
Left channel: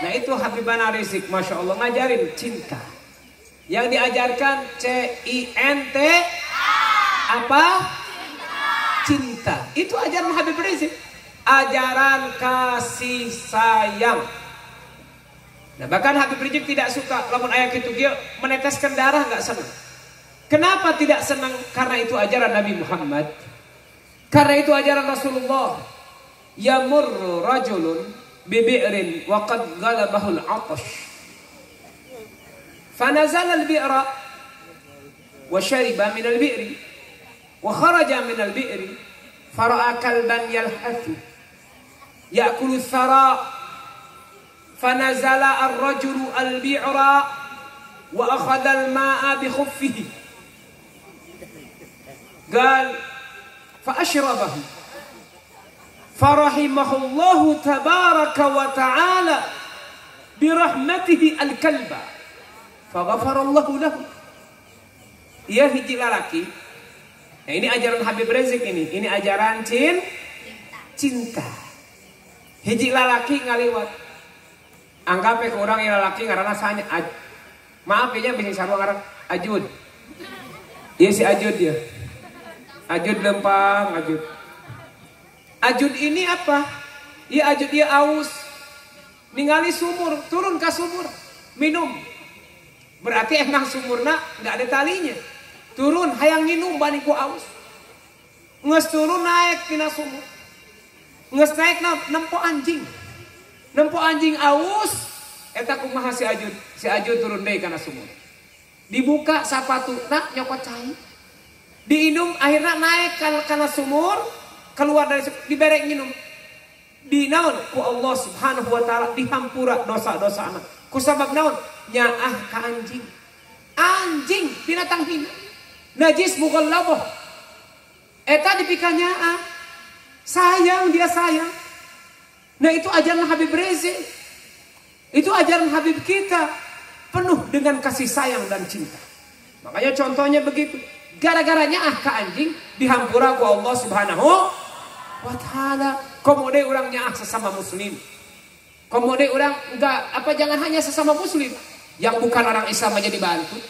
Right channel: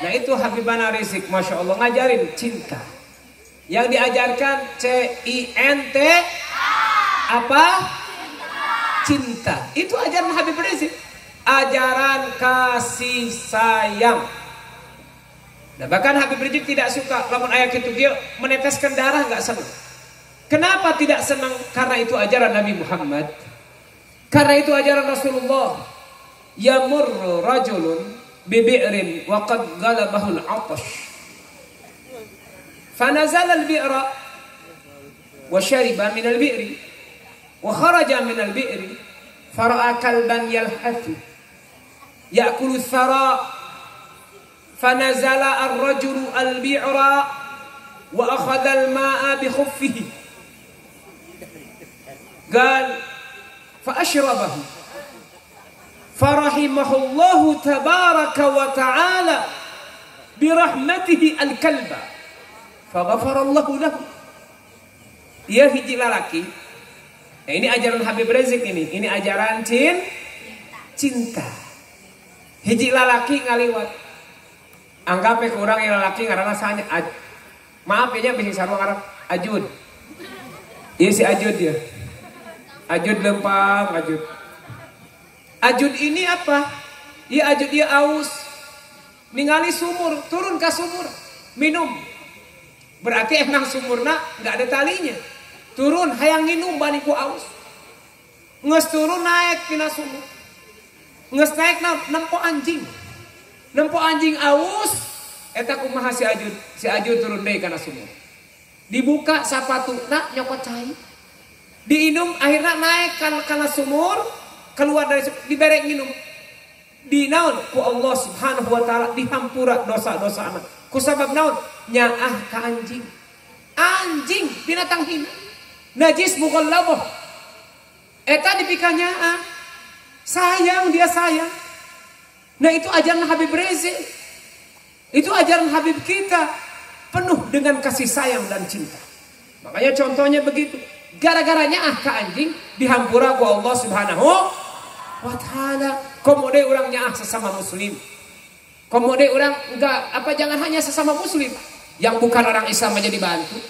Nah itu Habibana Rizik, Masya Allah ngajarin cinta. Yang diajarkan C-I-N-T apa? Cinta. Itu ajaran Habib Rizik. Ajaran kasih sayang. Nah, bahkan Habib Rizik tidak suka lamun ayat itu dia meneteskan darah nggak senang. Kenapa tidak senang? Karena itu ajaran Nabi Muhammad. Karena itu ajaran Rasulullah. Yamurru rajulun bibi'rin wa qad ghalabahu al-'atash. Fanazala al-bi'ra wa shariba min al-bi'ri wa kharaja min al-bi'ri fara'a kalban yalhathu ya'kulu ath-thara fanazala ar-rajulu al-bi'ra wa akhadha al-ma'a bi khuffihi qala fa ashrabahu farahimahullahu tabaraka wa ta'ala bi rahmatihi al-kalba faghafarallahu lahu. Ia hiji lalaki. Nah ini ajaran Habib Rizik ini ajaran cinta. Hiji lalaki ngaliwat. Anggap ke orang yang lalaki ngaranna sanya. Maaf dia bisa sarua ngaran Ajud. Iya si Ajud dia. Ajud lempang, Ajud. Ajud ini apa? Iya Ajud dia aus. Ningali sumur, turun ke sumur, minum. Berarti emang sumurna nggak ada talinya. Turun hayang minum bani ku aus. Nges turun naik tina sumur. Nges naik nempo anjing. Nempo anjing aus. Eta kumaha si Ajud. Si Ajud turun deui kana sumur. Dibuka sapatuna nyokot cai. Diinum akhirnya naik kana sumur. Keluar dari sumur diberek minum. Dinaon ku Allah Subhanahu wa taala dihampura dosa-dosa anak. Ku sabab naon? Nyaah ka anjing. Anjing binatang hina. Najis bukan loboh. Eta dipikanya sayang dia sayang. Nah itu ajaran Habib Rizik. Itu ajaran Habib kita. Penuh dengan kasih sayang dan cinta. Makanya contohnya begitu. Gara-garanya ke anjing dihampura ku Allah Subhanahu wa ta'ala. Komode orangnya sesama muslim. Komode orang enggak apa jangan hanya sesama muslim. Yang bukan orang Islam aja dibantu.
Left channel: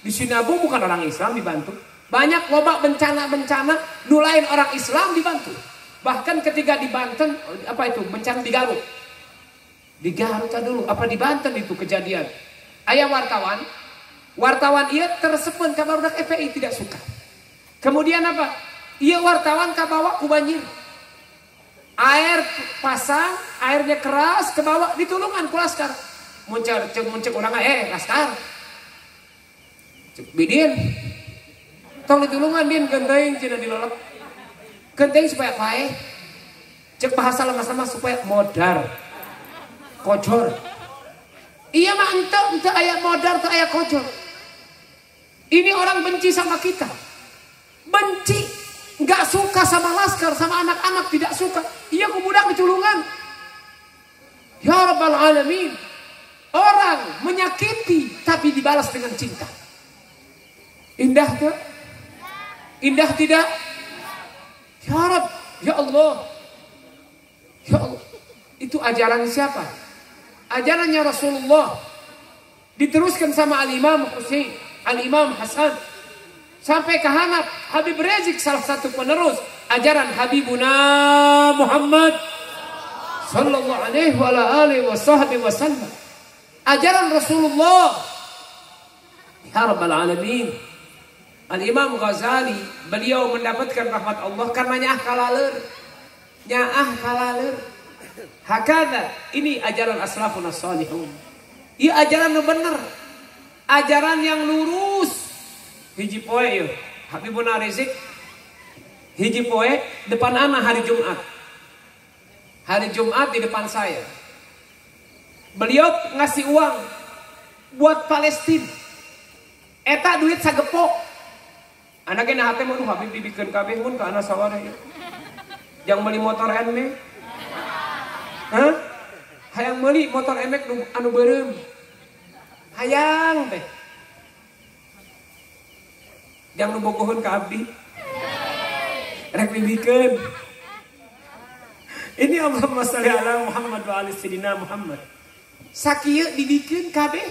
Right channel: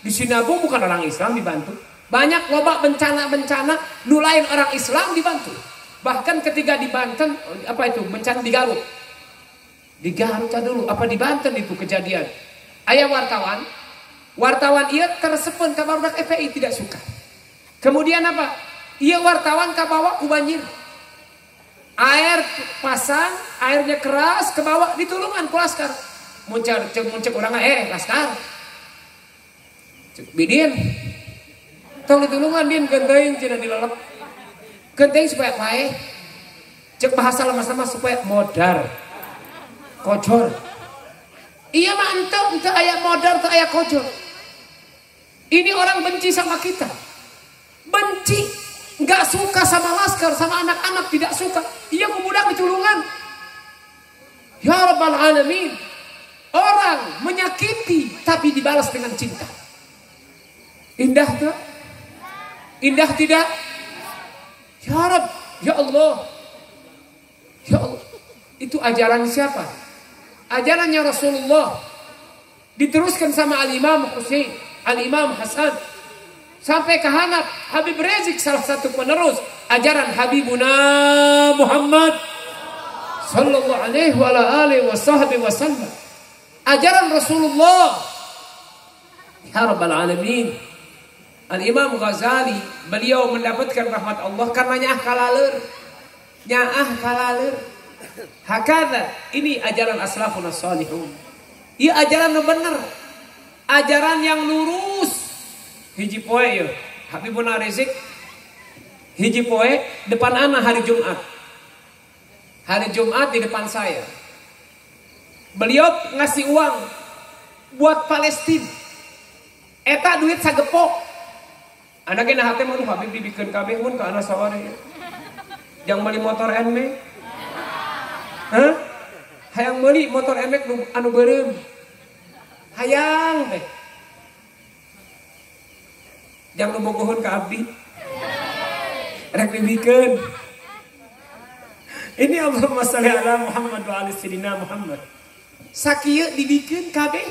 Di Sinabung bukan orang Islam dibantu. Banyak loba bencana-bencana nulain orang Islam dibantu. Bahkan ketika di Banten, apa itu? Bencana di Garut. Di Garut dulu, apa di Banten itu kejadian. Ayah wartawan ia tersepun ke barudak FPI tidak suka. Kemudian apa? Ia wartawan kabawa ku banjir. Air pasang, airnya keras ke bawah ditulungan ku laskar. Muncul orang laskar. Cek bidin. Tong ditulungan din genteng cenah dilelep. Genteng supaya pae. Cek bahasa lama-lama supaya modar. Kojor. Iya mah ente aya modar teu aya kojor. Ini orang benci sama kita. Benci, enggak suka sama laskar, sama anak-anak tidak suka. Iya ku budak ditulungan. Ya Rabbal Alamin. Orang menyakiti tapi dibalas dengan cinta. Indah tuh? Indah tidak? Ya Rabb, ya Allah. Ya Allah. Itu ajaran siapa? Ajarannya Rasulullah. Diteruskan sama Al-Imam Husain, Al-Imam Hasan. Sampai ke Habib Rizik, salah satu penerus ajaran Habibuna Muhammad sallallahu alaihi wa alihi wasallam. Ajaran Rasulullah. Ya Rabbal Alamin. Al-Imam Ghazali, beliau mendapatkan rahmat Allah karena nyaah kalaler. Hakadha, ini ajaran aslafun as-salihun. Ia ajaran yang benar. Ajaran yang lurus. Hiji poe ya, Habibuna Rizik. Hiji poe depan ana hari Jumat. Hari Jumat di depan saya. Beliau ngasih uang buat Palestina. Eta duit sagepok. Anaknya nah hati mau Habib dibikin kabeh mun ka anak sawari. Yang beli motor NMAX. Hah? Hayang beli motor NMAX anu beureum. Hayang teh. Jangan bogohon ka abdi. Rek dibikeun. Ini Allahumma shalli ala Muhammad wa ali sayyidina Muhammad. Sakieu dibikeun kabeh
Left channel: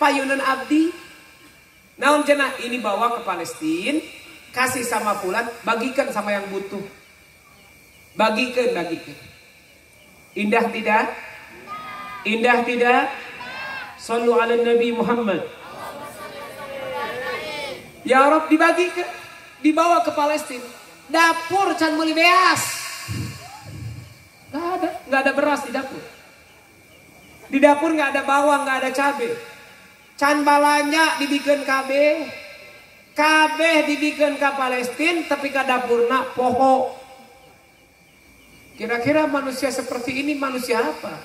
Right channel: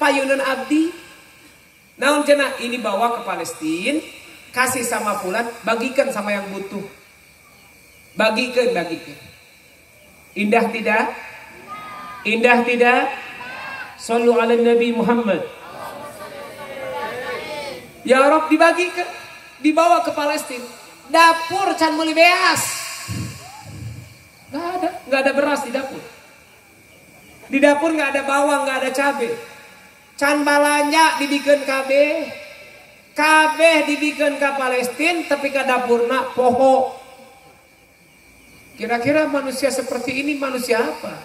payunan abdi. Namun cenah ini bawa ke Palestina, kasih sama fulan, bagikan sama yang butuh. Bagikan. Indah tidak? Indah tidak? Sallu ala Nabi Muhammad. Ya Rabb dibagikan, dibawa ke Palestina. Dapur can meuli beas. Enggak ada beras di dapur. Di dapur enggak ada bawang, enggak ada cabai. Can balanya dibikin kabeh dibikin ke Palestina tapi ke dapurna poho. Kira-kira manusia seperti ini manusia apa?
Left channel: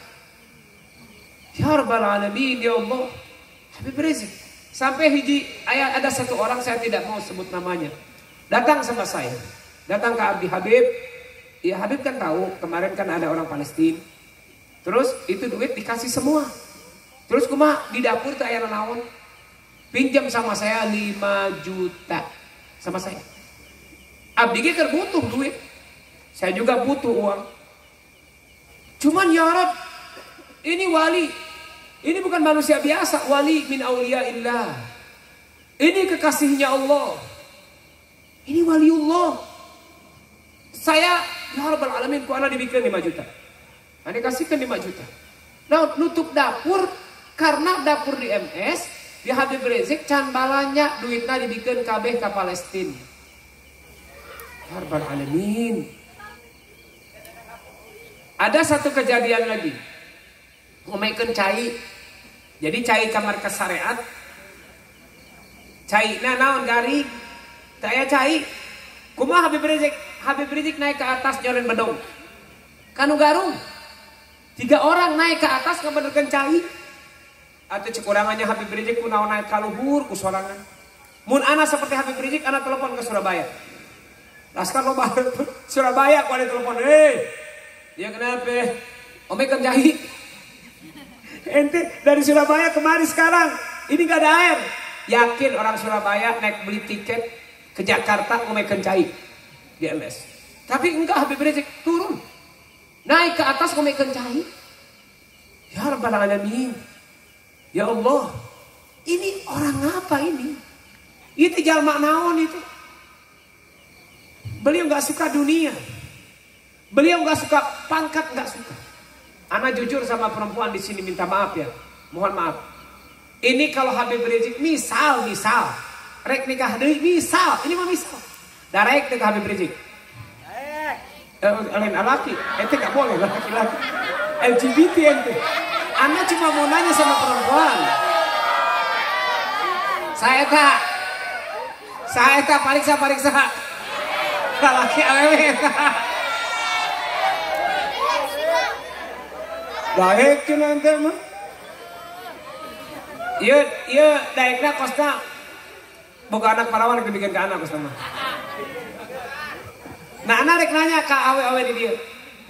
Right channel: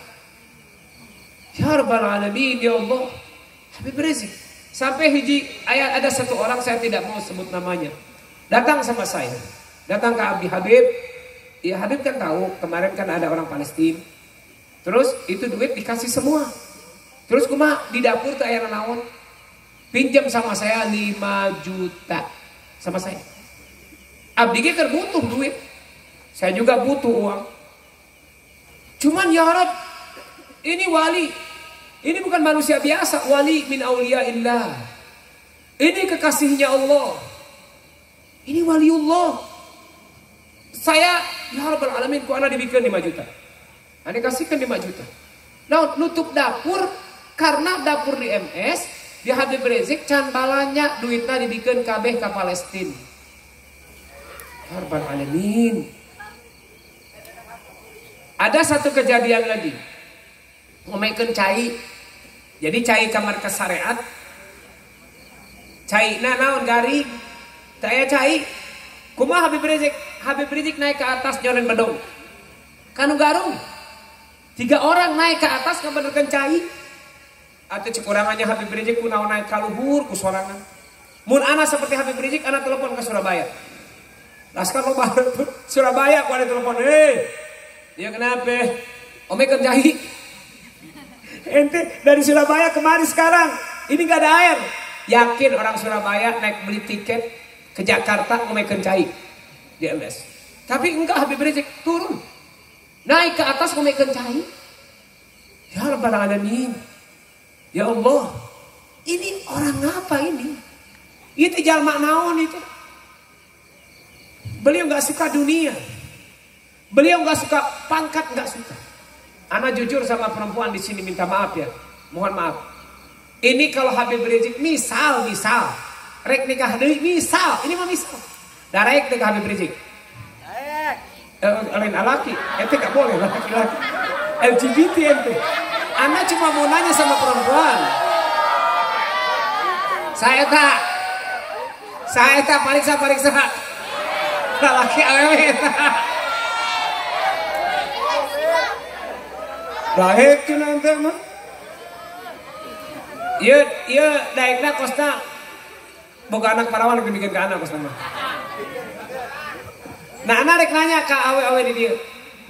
Ya Rabbal Alamin, ya Allah. Habib Rizik. Sampai ada satu orang, saya tidak mau sebut namanya, datang sama saya, datang ke Abdi Habib. Ya Habib kan tahu kemarin kan ada orang Palestina. Terus itu duit dikasih semua. Terus kumaha di dapur teh aya naon? Pinjam sama saya 5 juta sama saya. Abdi ge keur butuh duit. Saya juga butuh uang. Cuman ya Rabb, ini wali. Ini bukan manusia biasa, wali min auliyaillah. Ini kekasihnya Allah. Ini waliullah. Saya ya Rabbal Alamin ku ana dibikeun 5 juta. Ane kasihkan 5 juta. Nah, nutup dapur karena dapur di MS, di Habib Rizik can balanya duitna dibikeun kabeh ka Palestina. Ya Rabbal Alamin. Ada satu kejadian lagi. Ngomekeun cai. Jadi cai kamar ke syariat. Cai naon garing. Saya cai. Kumaha Habib Rizik? Habib Rizik naik ke atas jalan bedong. Kanu garung. 3 orang naik ke atas ngabenerkeun cai. Atau cekurangannya Habib Rizik kunaon naik ka luhur ku sorangan. Mun ana seperti Habib Rizik ana telepon ke Surabaya. Laskar loba Surabaya ku ada telepon. Ya kenapa? Omekeun cai. Ente dari Surabaya kemari sekarang. Ini gak ada air. Yakin orang Surabaya naik beli tiket ke Jakarta omekeun cai di MS. Tapi enggak, Habib Rizik turun. Naik ke atas omekeun cai. Ya Rabbal Alamin. Ya Allah, ini orang apa ini? Itu jalma naon itu. Beliau nggak suka dunia. Beliau nggak suka pangkat, nggak suka. Ana jujur sama perempuan di sini, minta maaf ya. Mohon maaf. Ini kalau Habib Rizik misal, rek nikah deui misal, ini mah misal. Darek nikah Habib Rizik. Lain alaki, itu nggak boleh laki-laki. LGBT itu. Ana cuma mau nanya sama perempuan. Saya tak pariksa. Laki awewe. Daek tu nanti mah. Iya daeknya kosna boga anak parawan lagi bikin ke anak kosna mah. Nah anak rek nanya ke awe-awe di dia.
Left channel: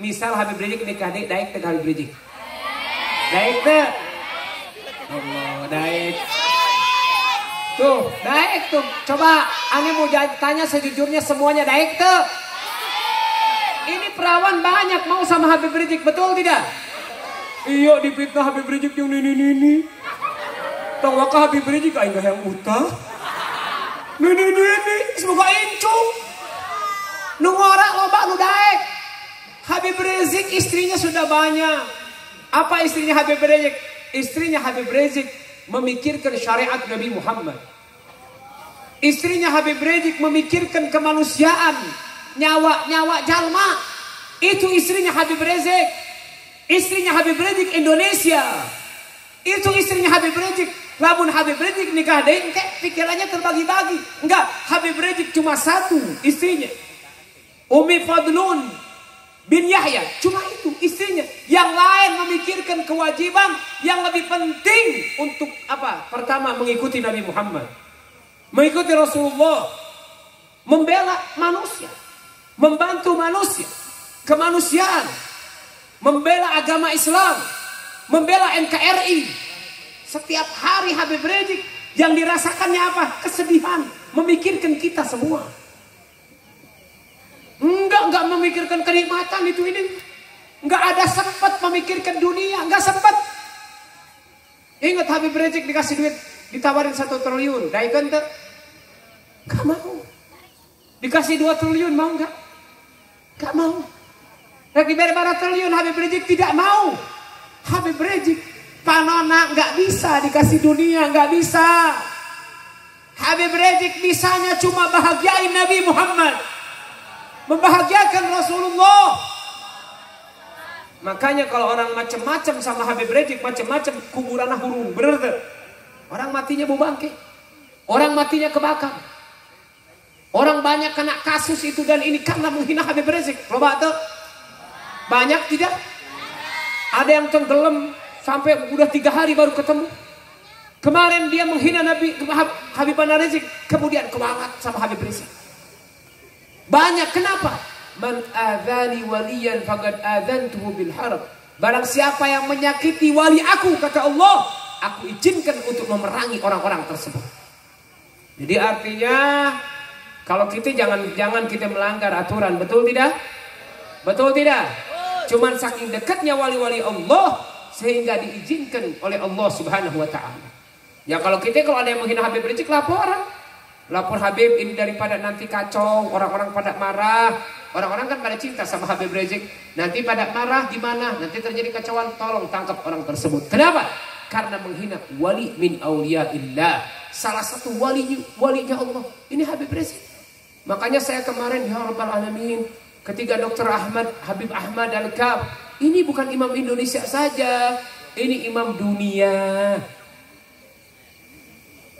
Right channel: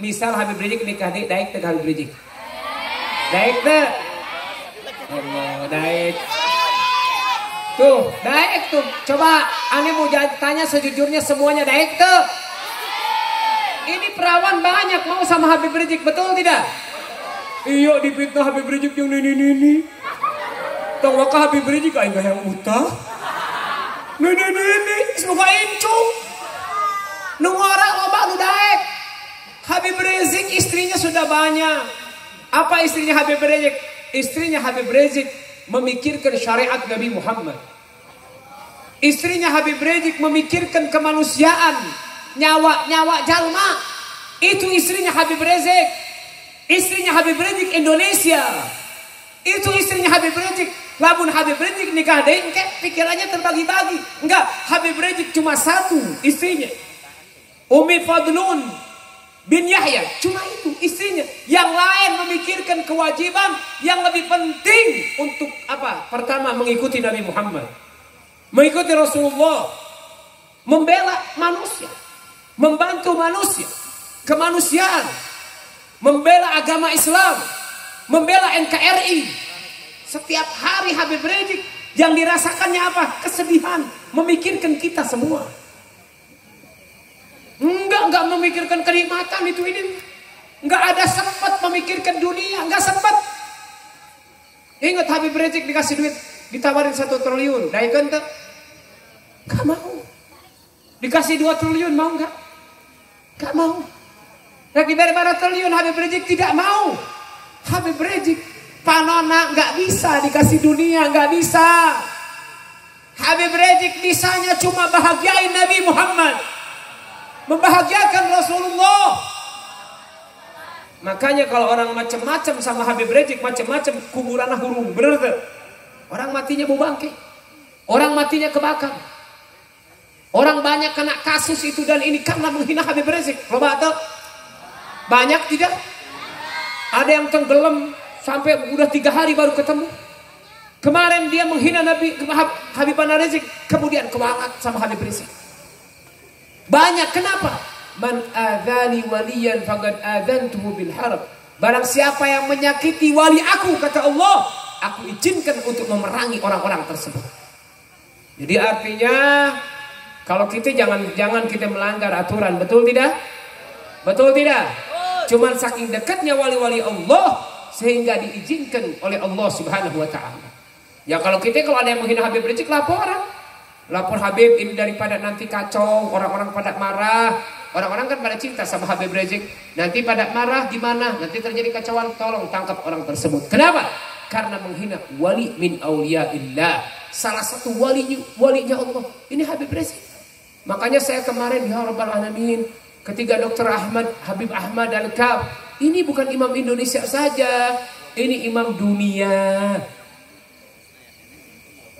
Misal Habib Rizik nikah di daek teh Habib Rizik. Daek teh. Allah daek. Tuh daek tuh. Coba ane mau tanya sejujurnya semuanya daek tuh. Ini perawan banyak mau sama Habib Rizik, betul tidak? Iya dipitnah Habib Rizik yang ini. Tolong ke Habib Rizik aing yang utah. Ini semoga incu. Nu ngora loba nu daek. Habib Rizik istrinya sudah banyak. Apa istrinya Habib Rizik? Istrinya Habib Rizik memikirkan syariat Nabi Muhammad. Istrinya Habib Rizik memikirkan kemanusiaan, nyawa jalma. Itu istrinya Habib Rizik. Istrinya Habib Rizik Indonesia. Itu istrinya Habib Rizik. Lamun Habib Rizik nikah deui pikirannya terbagi-bagi. Enggak, Habib Rizik cuma satu istrinya. Umi Fadlun bin Yahya, cuma itu istrinya. Yang lain memikirkan kewajiban yang lebih penting untuk apa? Pertama mengikuti Nabi Muhammad, mengikuti Rasulullah, membela manusia, membantu manusia, kemanusiaan, membela agama Islam, membela NKRI. Setiap hari Habib Rizik yang dirasakannya apa? Kesedihan, memikirkan kita semua. Enggak memikirkan kenikmatan itu ini. Enggak ada sempat memikirkan dunia, enggak sempat. Ingat Habib Rizik dikasih duit, ditawarin 1 triliun, daekeun teu? Enggak mau. Dikasih 2 triliun mau enggak? Enggak mau. Lagi diberi 4 triliun Habib Rizik tidak mau. Habib Rizik panona enggak bisa dikasih dunia, enggak bisa. Habib Rizik bisanya cuma bahagiain Nabi Muhammad, membahagiakan Rasulullah. Makanya kalau orang macam-macam sama Habib Rizik, macam-macam kuburan hurung, bener tuh. Orang matinya bau bangke, orang matinya kebakar, orang banyak kena kasus itu dan ini karena menghina Habib Rizik. Loba tuh banyak tidak? Ada yang tenggelam sampai udah 3 hari baru ketemu. Kemarin dia menghina Nabi Habib Rizik, kemudian kewarat sama Habib Rizik. Banyak, kenapa? Man adzani waliyan faqad adzantuhu bil harb. Barang siapa yang menyakiti wali aku, kata Allah, aku izinkan untuk memerangi orang-orang tersebut. Jadi artinya kalau kita jangan kita melanggar aturan, betul tidak? Betul tidak? Cuman saking dekatnya wali-wali Allah sehingga diizinkan oleh Allah Subhanahu wa taala. Ya kalau ada yang menghina Habib Rizik, lapor Habib ini daripada nanti kacau, orang-orang pada marah. Orang-orang kan pada cinta sama Habib Rizik, nanti pada marah gimana? Nanti terjadi kacauan, tolong tangkap orang tersebut. Kenapa? Karena menghina wali min auliyaillah. Salah satu walinya Allah. Ini Habib Rizik. Makanya saya kemarin ya Rabbal Alamin, ketika Dr. Habib Ahmad Al-Kab, ini bukan imam Indonesia saja, ini imam dunia.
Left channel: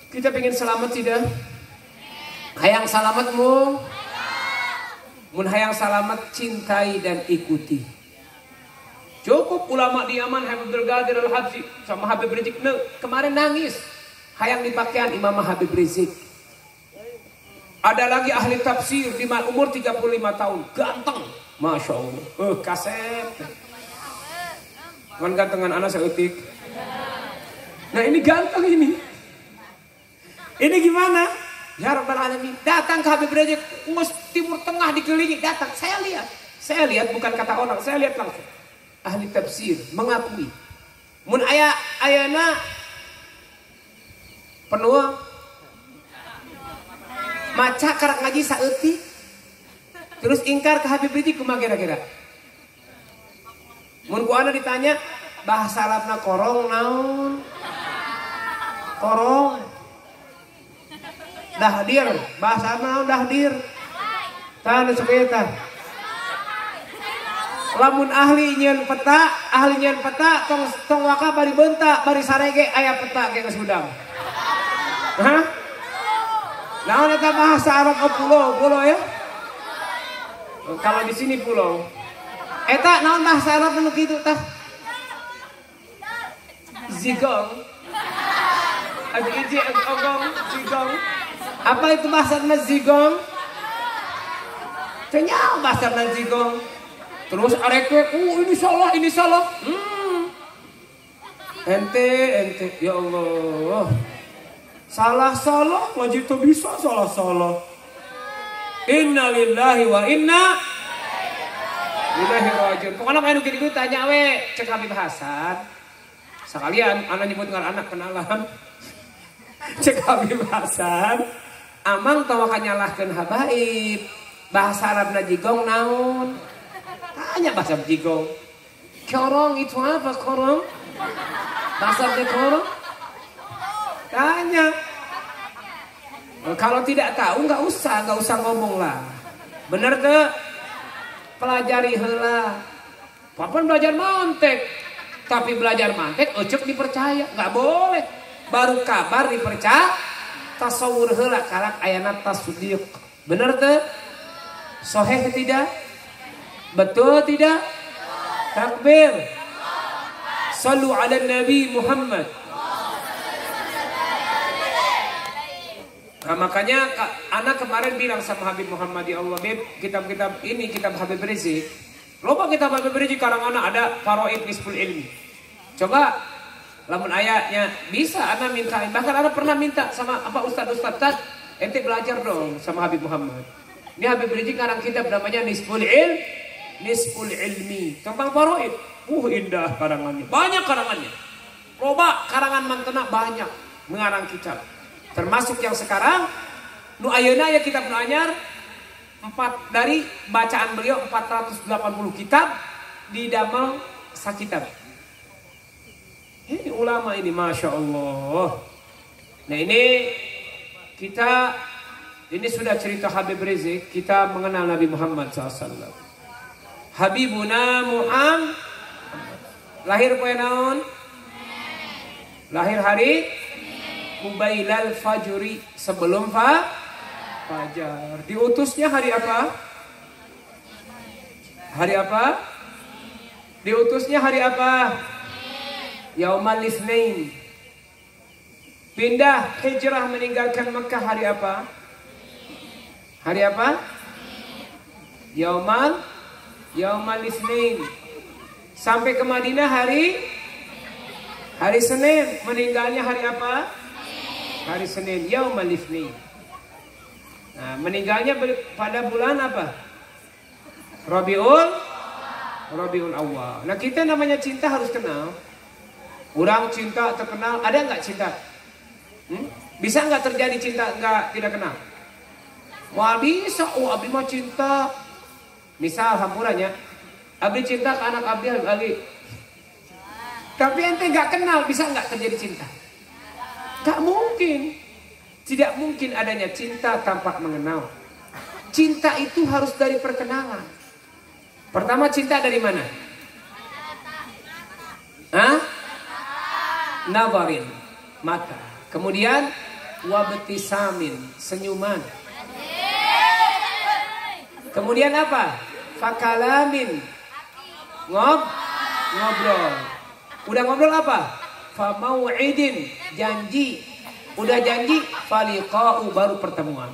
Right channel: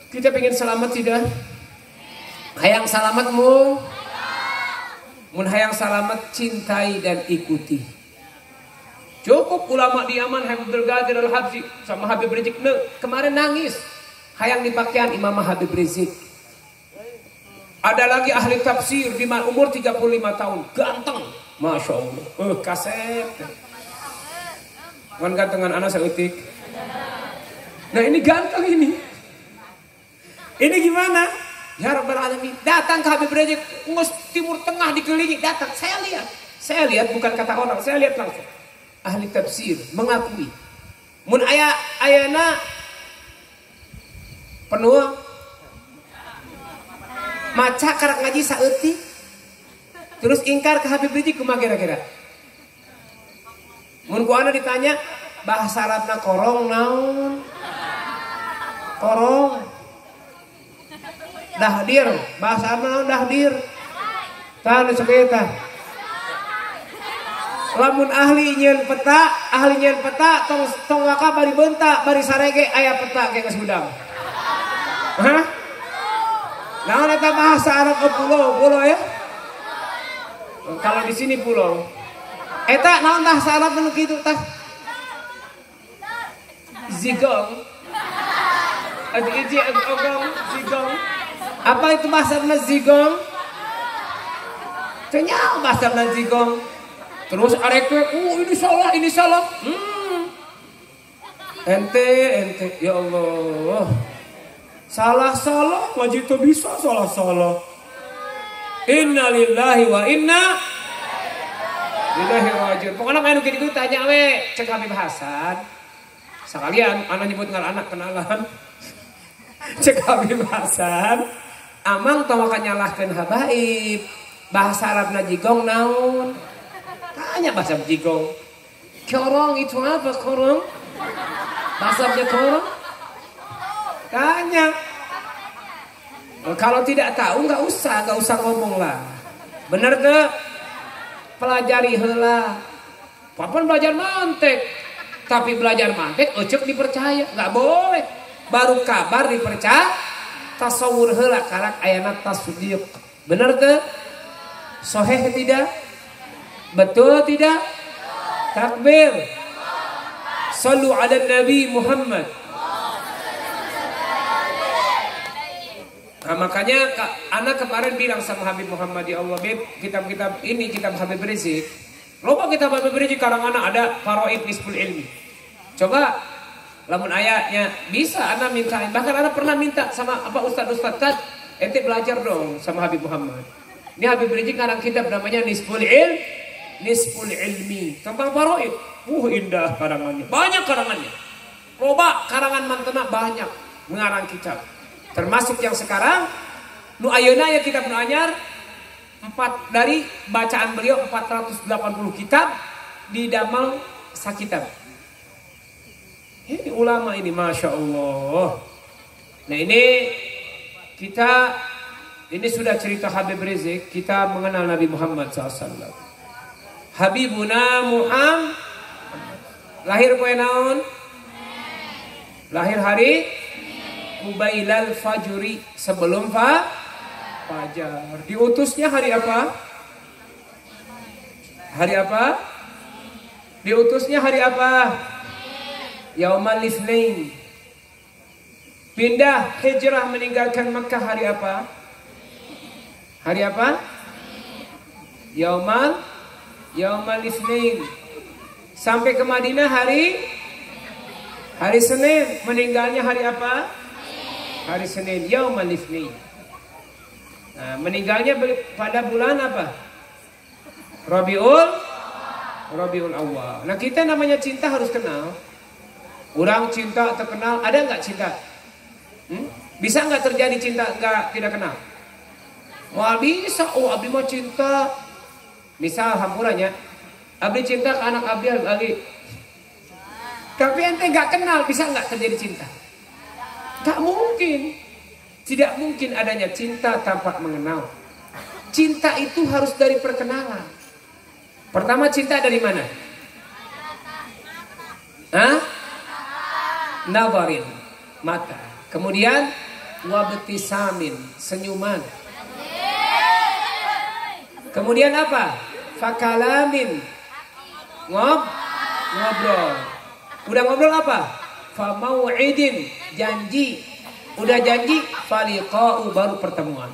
Kita pengen selamat tidak? Hayang salamatmu, mun hayang selamat cintai dan ikuti. Cukup ulama di Yaman Habib Ghadir Al-Habsyi sama Habib Rizik kemarin nangis, hayang dipakaian Imam Habib Rizik. Ada lagi ahli tafsir di umur 35 tahun, ganteng, masya Allah, kaset. Man gantengan anak seutik. Nah ini ganteng ini. Ini gimana? Ya Rabbal Alamin, datang ke Habib Rizik, Timur Tengah dikelilingi, datang. Saya lihat bukan kata orang, saya lihat langsung. Ahli tafsir mengakui, mun ayana penuh maca karak ngaji saeutik. Terus ingkar ke Habib Rizik kumaha kira-kira? Mun ku ana ditanya bahasa Arabna korong naon? Korong. Dahdir, bahasa Arab naon dahdir? Tah nu sakieu tah. Lamun ahli nyeun peta tong waka bari beunta bari sarege aya peta ge geus hudang. Hah? Naon eta bahasa Arab ke pulau ya? Kalau di sini pulau. Eta naon bahasa Arab nu kitu tah? Zigong. Zigong. Apa itu bahasa zigong? Kenyal bahasa zigong. Terus areke, ini salah. Ente, ya Allah. Salah, wajib tuh bisa salah. Inna lillahi wa inna ilaihi rajiun. Pokoknya main gitu tanya we, cek Habib Hasan. Sekalian anak nyebut ngal anak kenalan. Cek Habib Hasan. Amang tawa nyalahkeun habaib. Bahasa Arabna jigong naon? Tanya bahasa jigong. Korong itu apa korong? Bahasa Arabna korong? Tanya. Kalau tidak tahu nggak usah ngomong lah. Bener ke? Pelajari heula. Papan belajar mantek, tapi belajar mantek ecek dipercaya, nggak boleh. Baru kabar dipercaya, tasawur heula karak ayana tasdiq. Bener ke? Sahih tidak? Betul tidak? Takbir. Sallu ala Nabi Muhammad. Nah, makanya anak kemarin bilang sama Habib Muhammad, ya Allah Beb, kitab-kitab ini kitab Habib Rizik. Loba kitab Habib Rizik karangan ada Faraid Nisful Ilmi. Coba lamun ayatnya bisa anak minta, bahkan anak pernah minta sama apa ustaz ente belajar dong sama Habib Muhammad. Ini Habib Rizik karang kitab namanya Nisful Ilmi tentang Faraid. Indah karangannya. Banyak karangannya. Loba karangan mantena banyak mengarang kitab. Termasuk yang sekarang nu ayeuna ya kitab nu anyar 4 dari bacaan beliau 480 kitab didamel sakitab. Ini ulama ini Masya Allah. Nah ini sudah cerita Habib Rizik. Kita mengenal Nabi Muhammad SAW. Habibuna Muhammad lahir poe naon? Lahir hari Kubailal Fajri, sebelum fajar. Diutusnya hari apa? Hari apa? Diutusnya hari apa? Yaumal Itsnain. Pindah hijrah meninggalkan Mekah hari apa? Hari apa? Yaumal Itsnain. Sampai ke Madinah hari Senin. Meninggalnya hari apa? Hari Senin, Yaumal Itsnain. Nah, meninggalnya pada bulan apa? Rabiul Awal. Nah, kita namanya cinta harus kenal. Orang cinta terkenal, ada nggak cinta? Bisa nggak terjadi cinta nggak tidak kenal? Wah bisa, abdi mah cinta. Misal hampurannya, abdi cinta ke anak abdi. Tapi ente nggak kenal, bisa nggak terjadi cinta? Tak mungkin. Tidak mungkin adanya cinta tanpa mengenal. Cinta itu harus dari perkenalan. Pertama cinta dari mana? Nawarin, mata. Kemudian wabtisamin, senyuman. Kemudian apa? Fakalamin, ngobrol. Udah ngobrol apa? Famau'idin, janji. Udah janji, faliqa'u, baru pertemuan.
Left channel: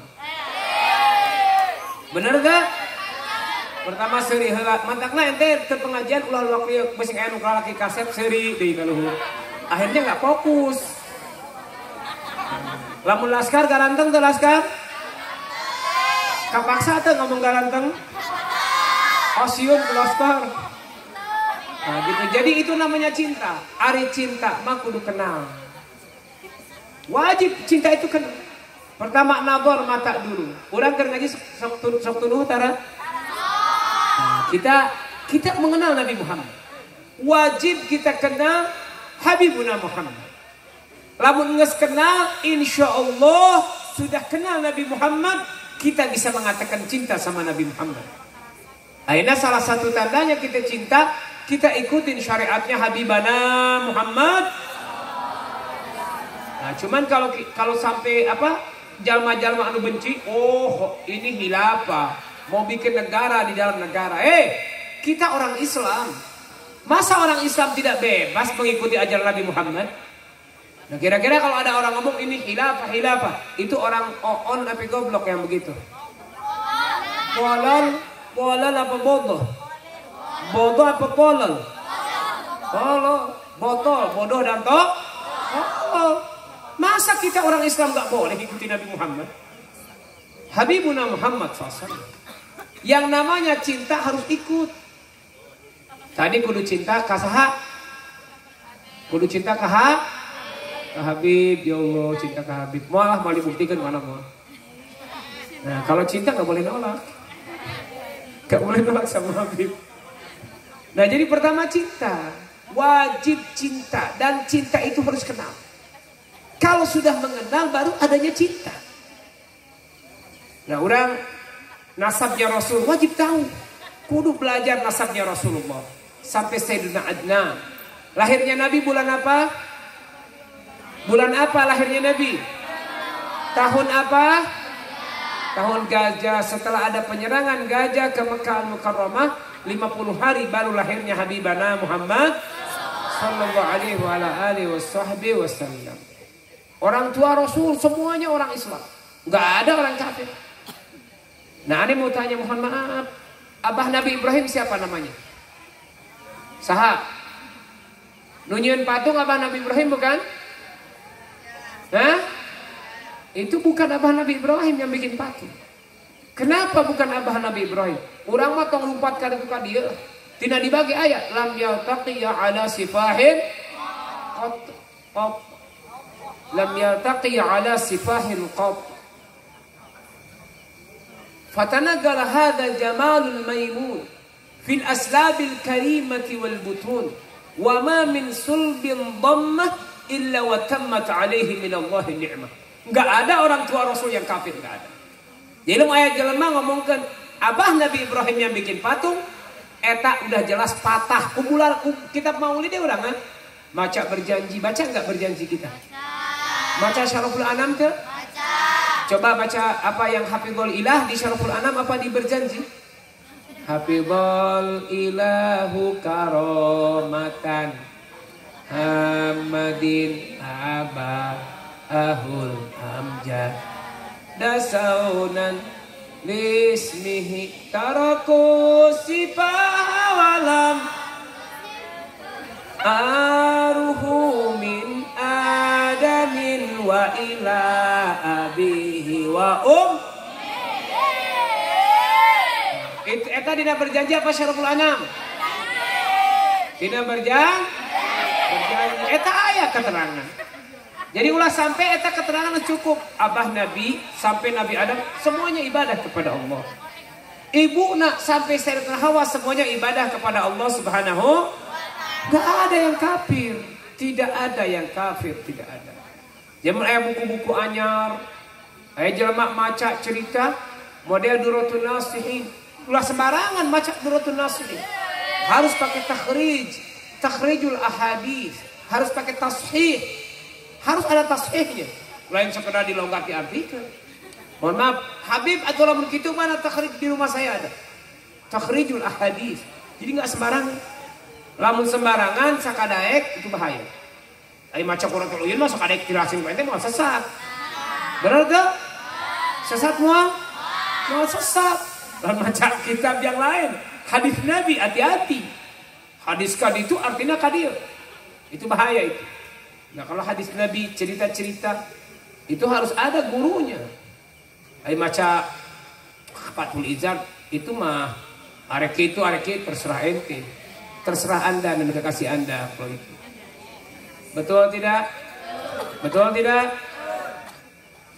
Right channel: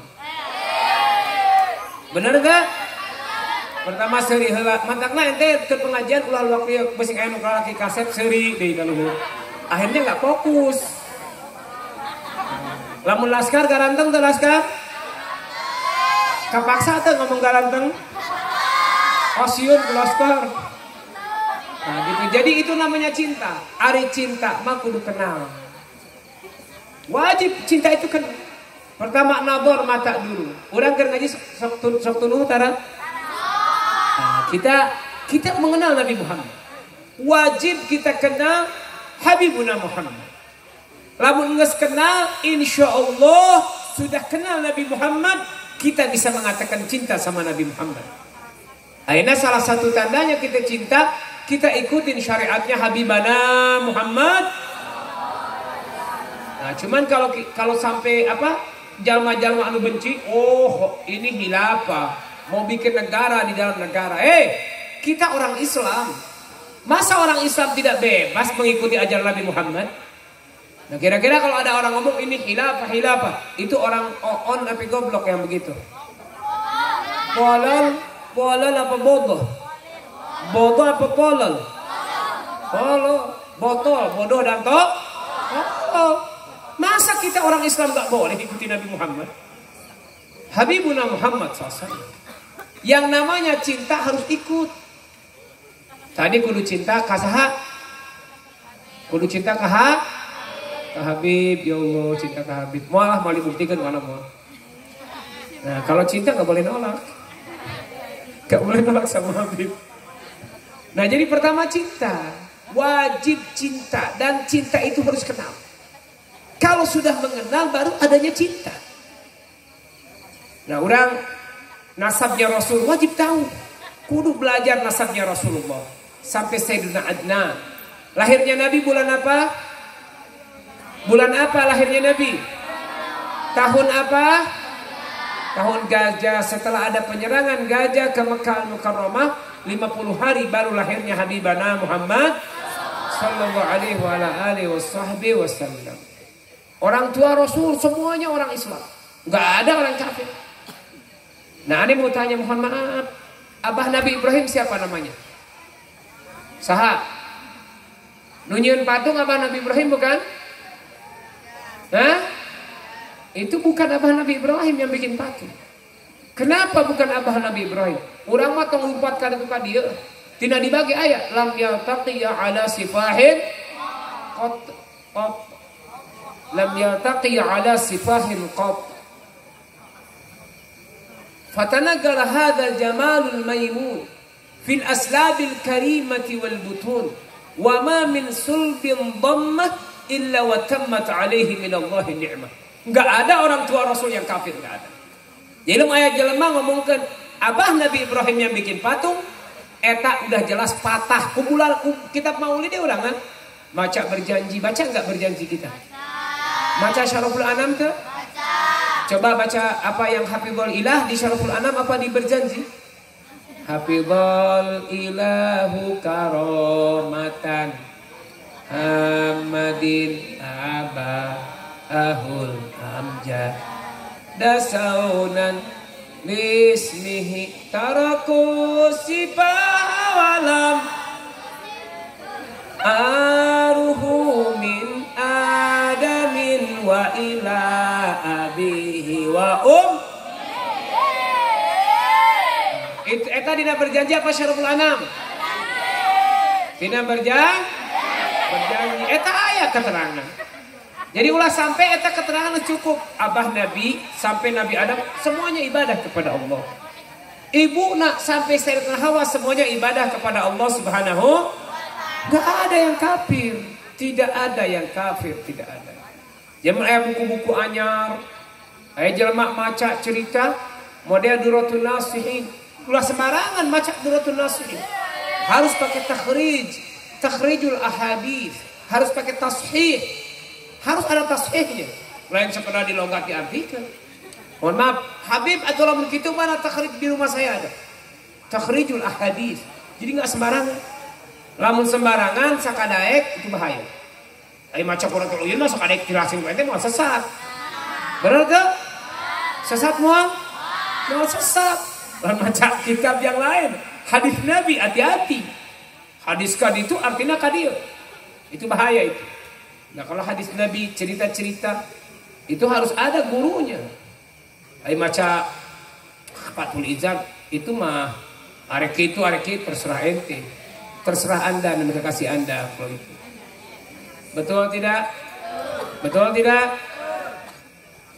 Bener gak? Pertama seri heula, mantakna ente ke pengajian ulah waktu beusi aya nu kalaki kaset seri deui kalau akhirnya enggak fokus. Lamun laskar garanteng teh laskar? Kapaksa teh ngomong garanteng. Osieun ke laskar. Nah, gitu. Jadi itu namanya cinta. Ari cinta mah kudu kenal. Wajib cinta itu kenal. Pertama nabor mata dulu. Orang keur ngaji sok tunuh tara. Nah, kita mengenal Nabi Muhammad. Wajib kita kenal Habibuna Muhammad. Lamun geus kenal, insyaallah sudah kenal Nabi Muhammad, kita bisa mengatakan cinta sama Nabi Muhammad. Akhirnya salah satu tandanya kita cinta, kita ikutin syariatnya Habibana Muhammad. Nah, cuman kalau sampai jalma-jalma anu benci, oh ini hilafah, mau bikin negara di dalam negara. Kita orang Islam. Masa orang Islam tidak bebas mengikuti ajaran Nabi Muhammad? Nah, kira-kira kalau ada orang ngomong ini hilafah, itu orang on tapi goblok yang begitu. Polol apa bodoh? Bodoh apa polol? Botol, bodoh dan tok. Masa kita orang Islam gak boleh ikuti Nabi Muhammad? Habibuna Muhammad SAW. Yang namanya cinta harus ikut. Tadi kudu cinta kasaha? Kudu cinta kaha? Habib, ya Allah, cinta ke Habib. Malah mau dibuktikan mana mau. Nah, kalau cinta gak boleh nolak. Gak boleh nolak sama Habib. Nah, jadi pertama cinta. Wajib cinta. Dan cinta itu harus kenal. Kalau sudah mengenal baru adanya cinta. Nah, orang nasabnya Rasul wajib tahu. Kudu belajar nasabnya Rasulullah. Sampai Sayyidina Adnan. Lahirnya Nabi bulan apa? Bulan apa lahirnya Nabi? Tahun apa? Tahun Gajah. Setelah ada penyerangan Gajah ke Mekah Mukarramah, 50 hari baru lahirnya Habibana Muhammad sallallahu alaihi wasallam. Orang tua Rasul semuanya orang Islam. Enggak ada orang kafir. Nah, ini mau tanya, mohon maaf. Abah Nabi Ibrahim siapa namanya? Saha? Nunyian patung abah Nabi Ibrahim bukan? Hah? Itu bukan abah Nabi Ibrahim yang bikin patung. Kenapa bukan abah Nabi Ibrahim? Urang mah tong 4 kali buka dia. Tina dibagi ayat lam yaltaqiya ala sifahin qat. Lam yaltaqiya ala sifahin qat. Fatanaggala hadha jamalul maimun fil aslabil karimati wal butun wa ma min sulbin dhammah illa wa tammat alaihi minallahi ni'mah. Enggak ada orang tua Rasul yang kafir, enggak ada. Jadi ayat jelema ngomongkan abah Nabi Ibrahim yang bikin patung, eta udah jelas patah. Kumpulan kitab Maulid urang kan? Baca berjanji, baca enggak berjanji kita? Baca Syaraful Anam ke? Coba baca apa yang Hafizul Ilah di Syaraful Anam, apa di berjanji? Hafizul Ilahu karomatan Ahmadin Abahul Amjad Dasaunan Lismihi Taraku Sipawalam Aruhu min Adamin Wa ila abihi wa Eta dina berjanji apa Syaraful Anam? Dina berjanji eta ayat keterangan. Jadi ulah sampai eta keterangan cukup. Abah Nabi sampai Nabi Adam semuanya ibadah kepada Allah. Ibu nak sampai Sayyidatina Hawa semuanya ibadah kepada Allah Subhanahu. Gak ada yang kafir, tidak ada yang kafir, tidak ada. Jangan aya buku-buku anyar, aya jelema maca cerita model Duratul Nasihin. Ulah sembarangan maca Duratul Nasihin. Harus pakai takhrijul ahadits, harus pakai tashih, harus ada tashihnya. Lain sekedar dilonggaki artikel. Mohon maaf, Habib atau lamun kitu mana takhrij di rumah saya ada. Takhrijul ahadits. Jadi enggak sembarangan. Lamun sembarangan sakadaek itu bahaya. Ai maca Quran uyun mah sakadaek jelasin ente mah sesat. Benar enggak? Sesat mah? Mau sesat. Lamun maca kitab yang lain, hadis Nabi hati-hati. Hadis kadi itu artinya kadir. Itu bahaya itu. Nah, kalau hadis Nabi cerita-cerita itu harus ada gurunya. Ai maca Fathul Izad itu mah areki terserah ente. Terserah Anda dan kasih Anda apa itu. Betul tidak? Betul tidak?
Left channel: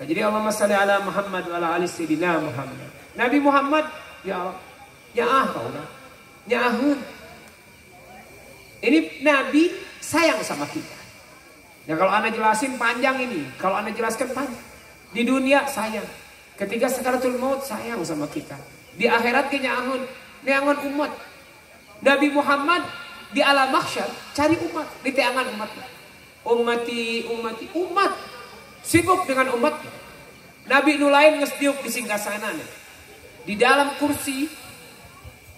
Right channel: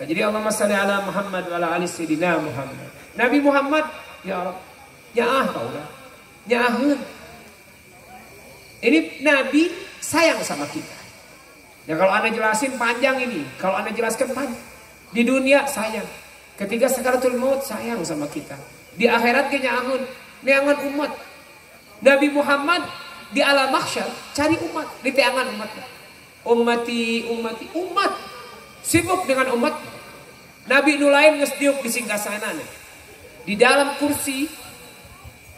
Jadi Allahumma shalli ala Muhammad wa ala ali sayyidina Muhammad. Nabi Muhammad ya Allah, nyaah kaulah. Nyaahun. Ini Nabi sayang sama kita. Ya kalau Anda jelasin panjang ini, kalau Anda jelaskan panjang. Di dunia sayang. Ketika sakaratul maut sayang sama kita. Di akhirat kenyaahun, neangan umat. Nabi Muhammad di alam mahsyar cari umat, di teangan umat. Ummati, umat. Sibuk dengan umat. Nabi nulain ngesdiuk di singgasana. Di dalam kursi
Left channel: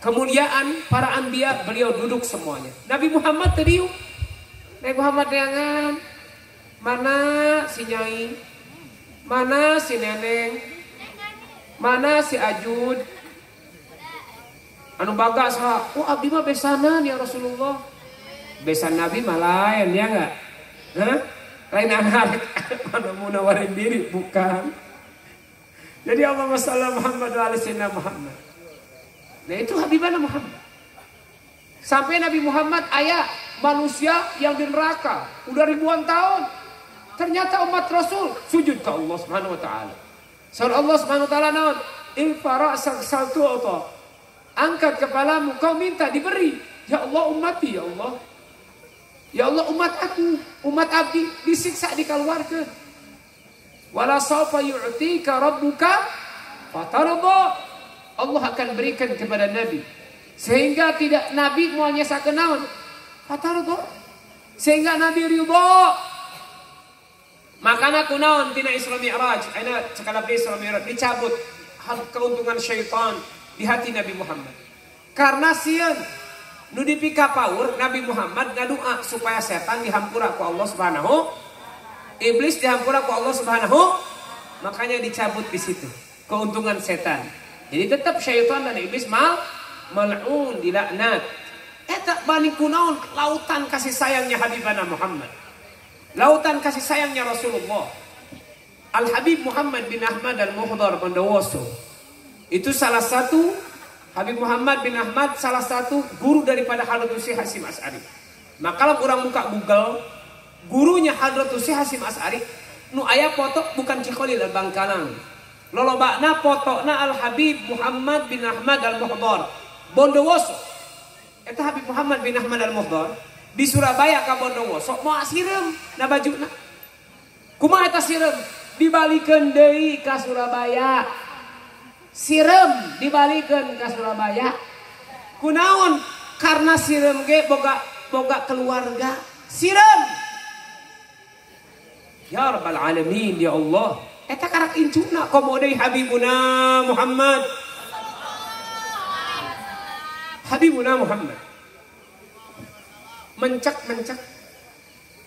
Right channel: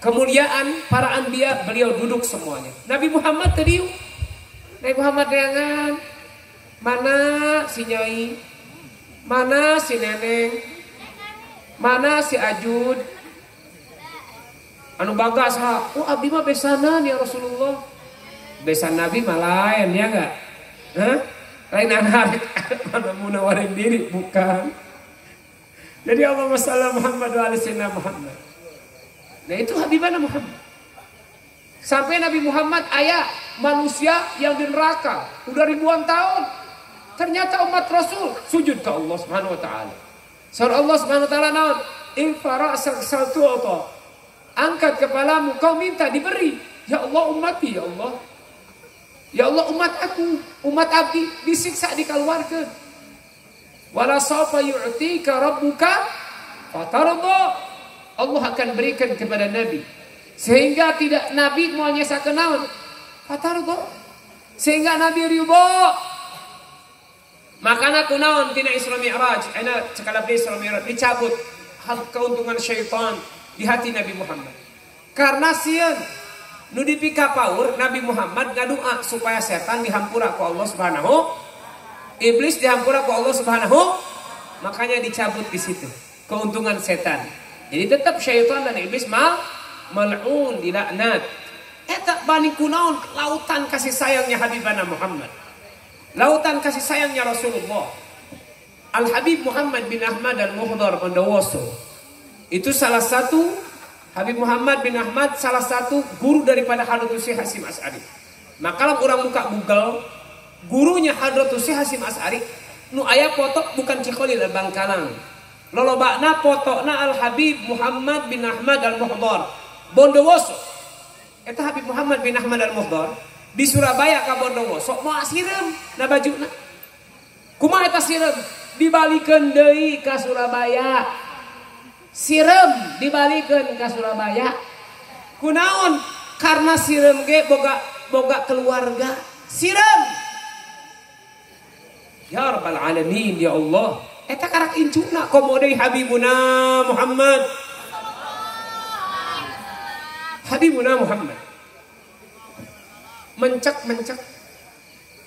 kemuliaan para anbiya beliau duduk semuanya. Nabi Muhammad tadiu. Nabi Muhammad neangan. Mana si Nyai? Mana si Neneng? Mana si Ajud? Anu bagas ha. Oh abdi mah besanan ya Rasulullah. Besan Nabi mah lain ya enggak? Hah? Lain anak. Mana mau nawarin diri bukan. Jadi Allahumma shalli Muhammad wa ala sayyidina Muhammad. Nah itu Habibana Muhammad. Sampai Nabi Muhammad ayah manusia yang di neraka udah ribuan tahun. Ternyata umat Rasul sujud ke Allah Subhanahu wa taala. Surah Allah Subhanahu wa taala naon? Infara saltu auto. Angkat kepalamu kau minta diberi. Ya Allah umatku ya Allah. Ya Allah umat aku, umat abdi disiksa dikeluarkan. Wala sawfa yu'tika rabbuka fatarda. Allah akan berikan kepada Nabi sehingga tidak Nabi mau nyesakeun naon? Fatarda. Sehingga Nabi ridho. Makana kunaon tina Isra Mi'raj, aina cekala Isra Mi'raj dicabut keuntungan syaitan di hati Nabi Muhammad. Karena sieun nu dipika paur Nabi Muhammad ngadoa supaya setan dihampura ku Allah Subhanahu, iblis dihampura ku Allah Subhanahu, makanya dicabut di situ keuntungan setan. Jadi tetap syaitan dan iblis mal'un dilaknat. Eta bani kunaon lautan kasih sayangnya Habibana Muhammad. Lautan kasih sayangnya Rasulullah. Al-Habib Muhammad bin Ahmad al-Muhdar Bondowoso. Itu salah satu Habib Muhammad bin Ahmad salah satu guru daripada Hadratus Syekh Hasyim Asy'ari. Maka kalau orang buka Google, gurunya Hadratus Syekh Hasyim Asy'ari nu aya foto bukan Cikoli dan Bangkalang. Lolobana fotona Al-Habib Muhammad bin Ahmad al-Muhdar Bondowoso. Eta Habib Muhammad bin Ahmad al-Muhdar di Surabaya ka Bondowoso mau asirem na bajuna. Kumaha eta sirem? Dibalikeun deui ka Surabaya. Sirem dibalikeun ka Surabaya. Kunaon? Karena sirem ge boga keluarga. Sirem. Ya Rabbal Alamin ya Allah. Eta karak incuna komo deui Habibuna Muhammad. Habibuna Muhammad. Mencek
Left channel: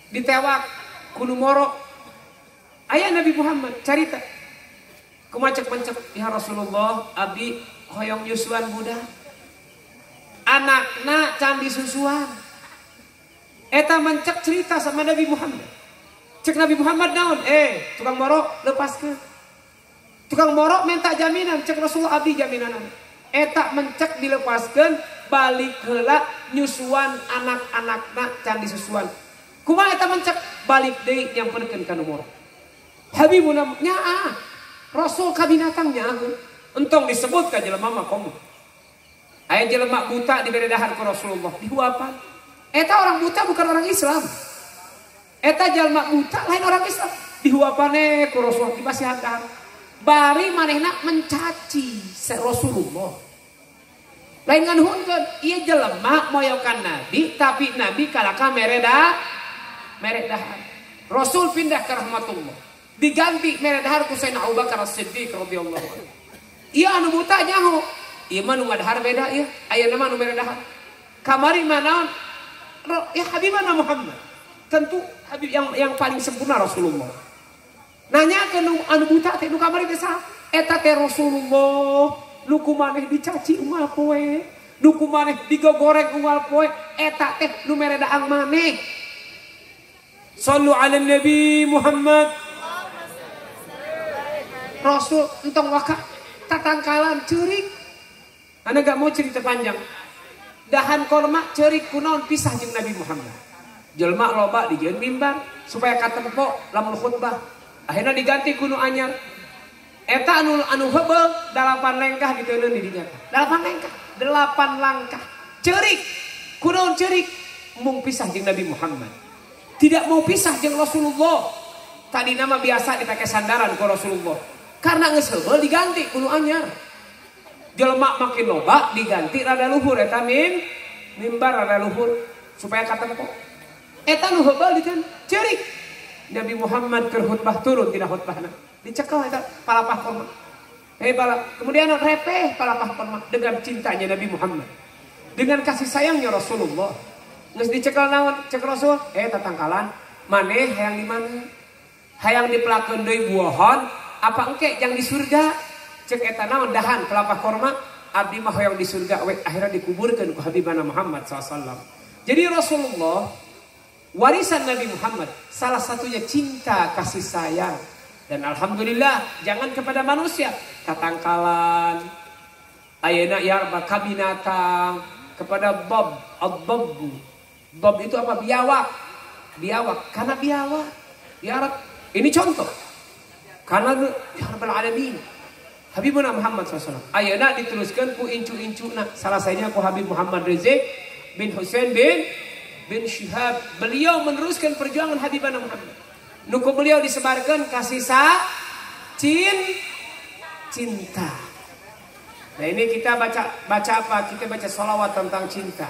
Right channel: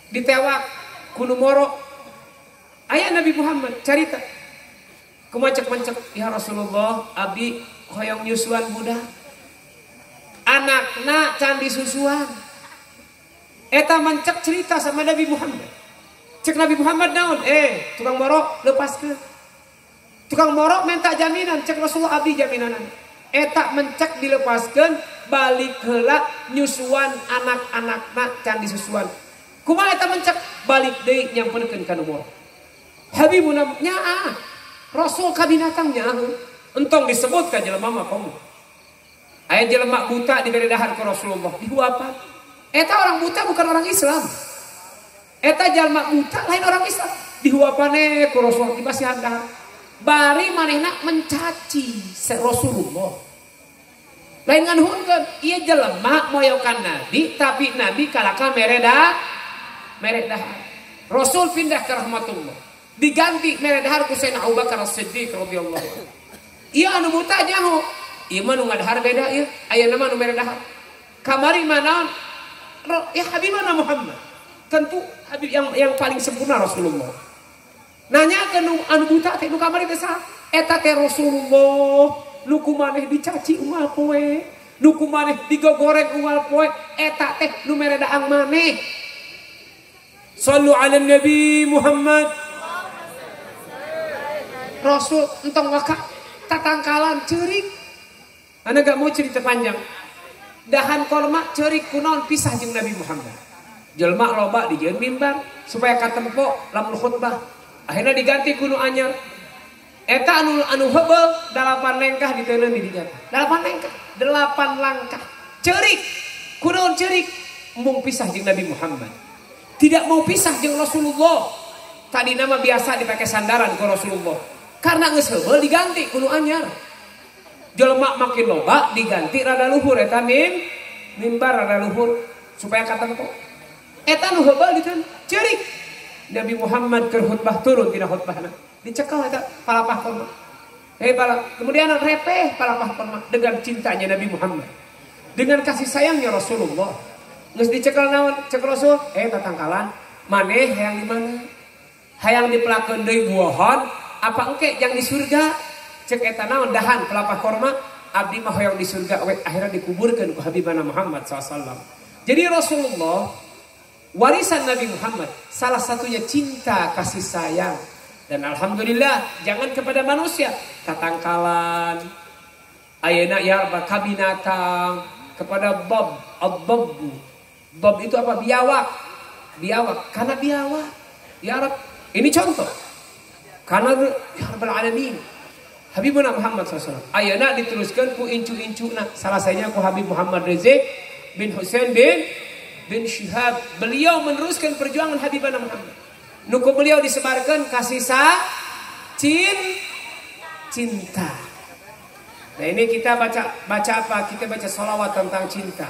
ditewak kudu moro. Aya Nabi Muhammad carita. Kumacek-mencek ya Rasulullah abdi hoyong nyusuan budak. Anakna can disusuan. Eta mencek cerita sama Nabi Muhammad. Cek Nabi Muhammad naon? Tukang moro lepaskeun. Tukang moro minta jaminan, cek Rasulullah abdi jaminan. Eta mencek dilepaskeun balik heula nyusuan anak-anakna can disusuan. Kumaha eta mencek balik deui nyamperkeun ka nu moro. Habibuna nyaah. Rasul kabinatangnya entong disebut ka jelema mah komo. Aya jelema buta diberi dahar ku Rasulullah dihuapan. Eta orang buta bukan orang Islam. Eta jelema buta lain orang Islam. Dihuapane ku Rasulullah dibasihan dahar. Bari manehna mencaci se Rasulullah. Lain nganuhunkeun ieu jelema moyokan Nabi tapi Nabi kalaka mere dahar. Rasul pindah ke rahmatullah. Diganti mere dahar ku Sayyidina Abu Bakar As-Siddiq radhiyallahu anhu. Ieu anu buta nyaho. Ieu mah nu ngadahar beda ieu. Ayeuna mah nu mere dahar. Kamari mah naon? Ya Habibana Muhammad. Tentu Habib yang paling sempurna Rasulullah. Nanya ke anu buta teh nu kamari teh saha? Eta teh Rasulullah. Nu kumaneh dicaci unggal poe. Nu kumaneh digogoreng unggal poe. Eta teh nu mere daang maneh. Sallu ala Nabi Muhammad. Rasul entong waka tatangkalan ceurik. Anda gak mau cerita panjang. Dahan korma ceurik kunaon pisah jeung Nabi Muhammad. Jelma loba dijieun mimbar supaya katempo lamun khutbah. Akhirnya diganti kuno anyar. Eta anu heubeul 8 lengkah diteuleun di dinya. 8 lengkah, 8 langkah. Cerik. Kunaon cerik? Mung pisah jeung Nabi Muhammad. Tidak mau pisah jeung Rasulullah. Tadi nama biasa dipakai sandaran ke Rasulullah. Karena geus heubeul diganti kuno anyar. Jelema makin loba diganti rada luhur eta mimbar rada luhur supaya kata-kata. Eta nu heubeul dikan cerik. Nabi Muhammad keur khutbah turun tina khutbahna. Dicekal eta palapah korma. Kemudian repeh palapah korma dengan cintanya Nabi Muhammad. Dengan kasih sayangnya Rasulullah. Geus dicekal naon? Cek Rasul, tatangkalan, maneh hayang di mana? Hayang dipelakeun deui buahon, apa engke yang di surga? Cek eta naon dahan palapah korma, abdi mah hayang di surga we akhirnya dikuburkeun ku Habibana Muhammad sallallahu. Jadi Rasulullah warisan Nabi Muhammad salah satunya cinta kasih sayang. Dan alhamdulillah jangan kepada manusia tatangkalan ayeuna ya kabinatang kepada ad-dabbu. Dab itu apa? Biawak karena biawak ya Rab. Ini contoh karena ya Rabbal Alamin Habibuna Muhammad SAW ayeuna diteruskan ku incu-incuna salah satunya ku Habib Muhammad Rizik bin Husain bin Syihab. Beliau meneruskan perjuangan Habibana Muhammad. Nuku beliau disebarkan kasih cinta. Nah ini kita baca apa? Kita baca sholawat tentang cinta.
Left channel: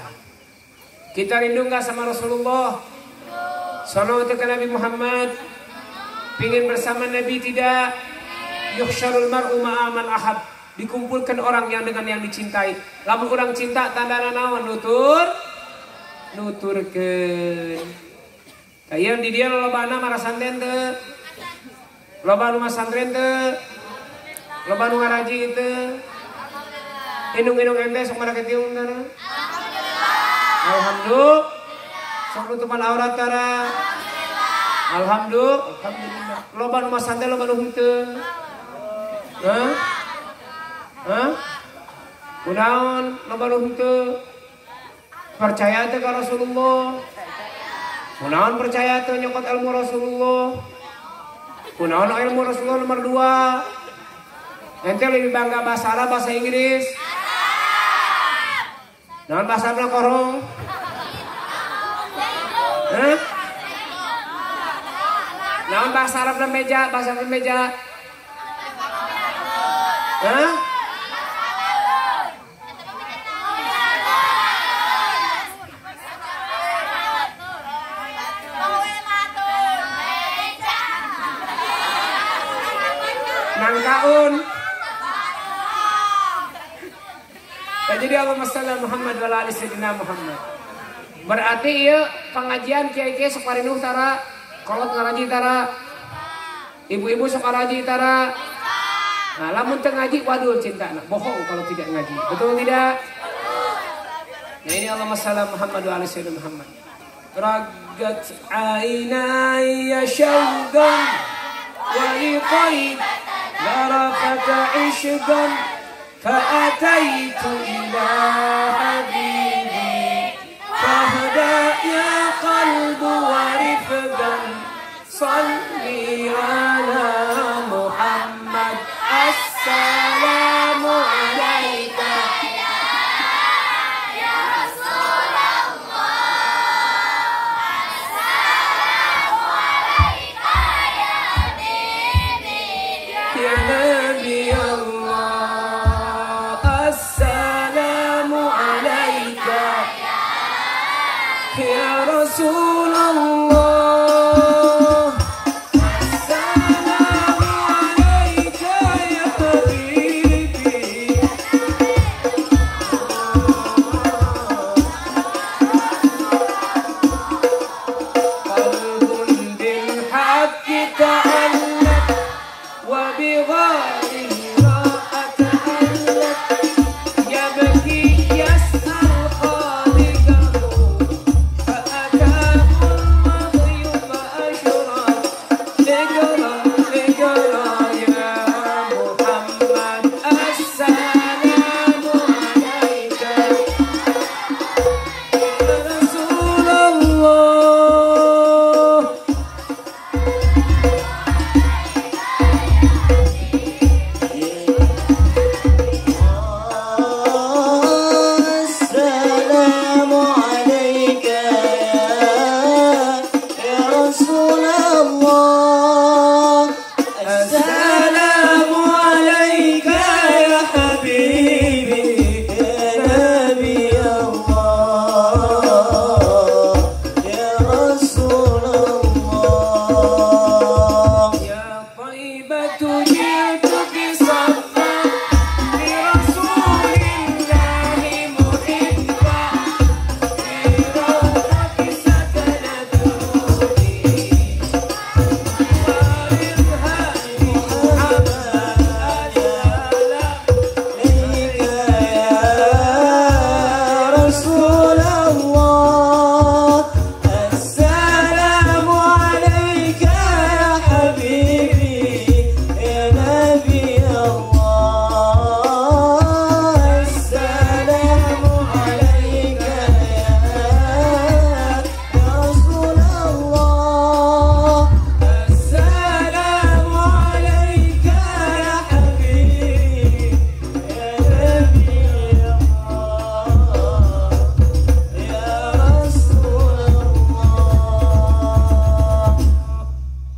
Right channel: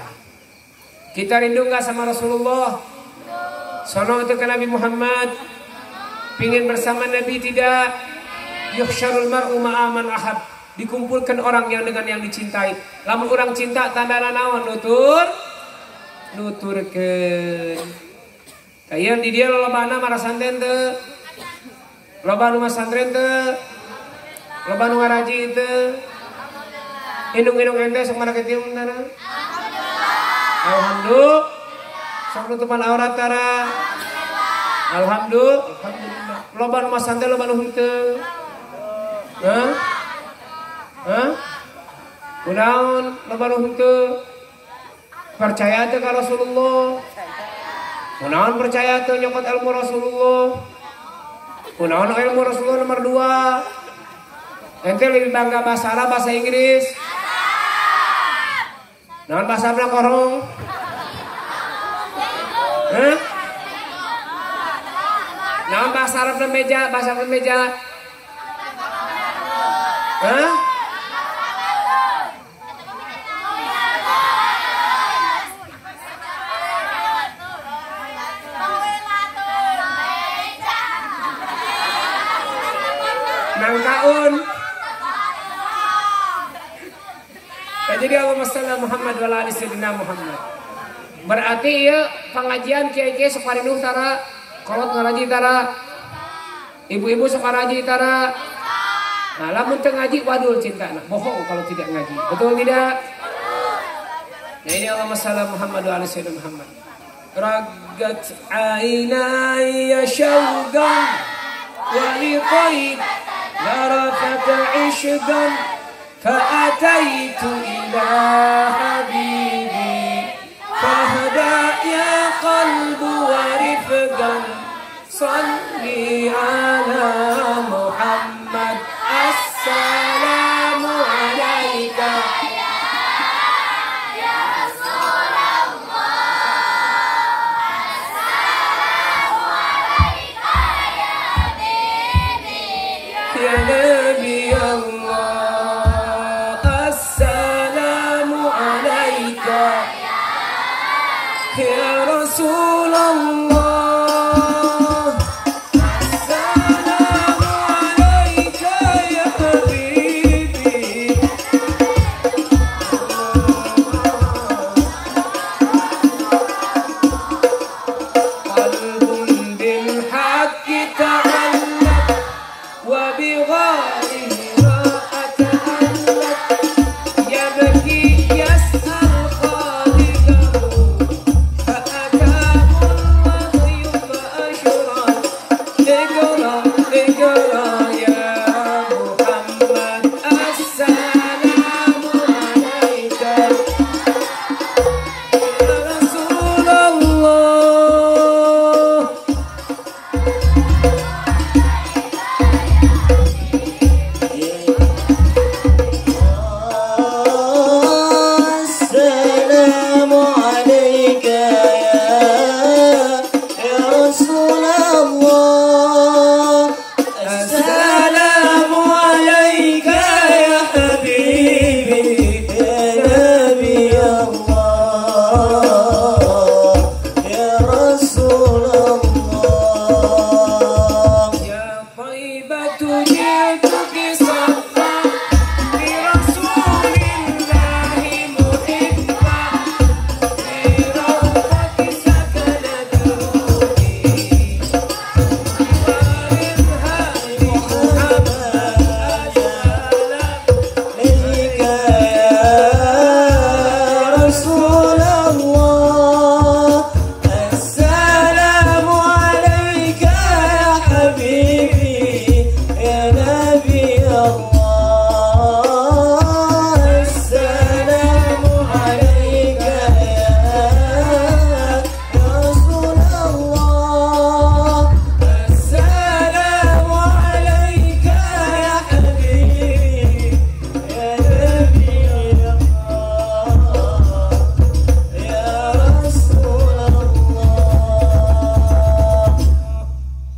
Kita rindu gak sama Rasulullah? Sono untuk Nabi Muhammad. Pingin bersama Nabi tidak? Yuhsyarul mar'u ma'aman ahab. Dikumpulkan orang yang dengan yang dicintai. Lamun orang cinta tanda naon nuturkeun. Ayeuna di dia lobana marah santen teu. Loba nu masantren teu. Loba nu ngaraji teu. Indung-indung ente sok mana ketiung tara? Alhamdulillah. Sok nutupan aurat tara? Alhamdulillah. Loba nu masantren loba nu henteu. Kunaon loba nu henteu? Percaya teu ka Rasulullah. Kunaon percaya teu nyokot ilmu Rasulullah. Kunaon ilmu Rasulullah nomor 2. Ente lebih bangga bahasa Arab bahasa Inggris. Naon bahasa Arab korong? Naon bahasa Arab meja, bahasa meja. Tahun. Jadi Allahumma shalli ala Muhammad wa ala ali sayyidina Muhammad. Berarti ieu pengajian kiai-kiai sok parinuh tara, kolot ngaraji tara. Ibu-ibu sok ngaraji tara. Nah, lamun teu ngaji wadul cintana. Bohong kalau tidak ngaji. Betul tidak? Nah, ini Allahumma shalli ala Muhammad wa ala ali sayyidina Muhammad. Ragat ainaya syauqan wa liqaid ذرفت عشقا فأتيت إلى حبيبي فهدى يا قلب ورفقا صلي على محمد السلام عليك يا رسول الله السلام عليك يا نبي الله السلام عليك يا رسول الله السلام عليك يا حبيبي قلب بالحق تعلق وبغيره راحة أملك يبكي يسأل خالقه رسول الله السلام عليك يا حبيبي يا نبي الله السلام عليك يا رسول الله السلام عليك يا حبيبي يا نبي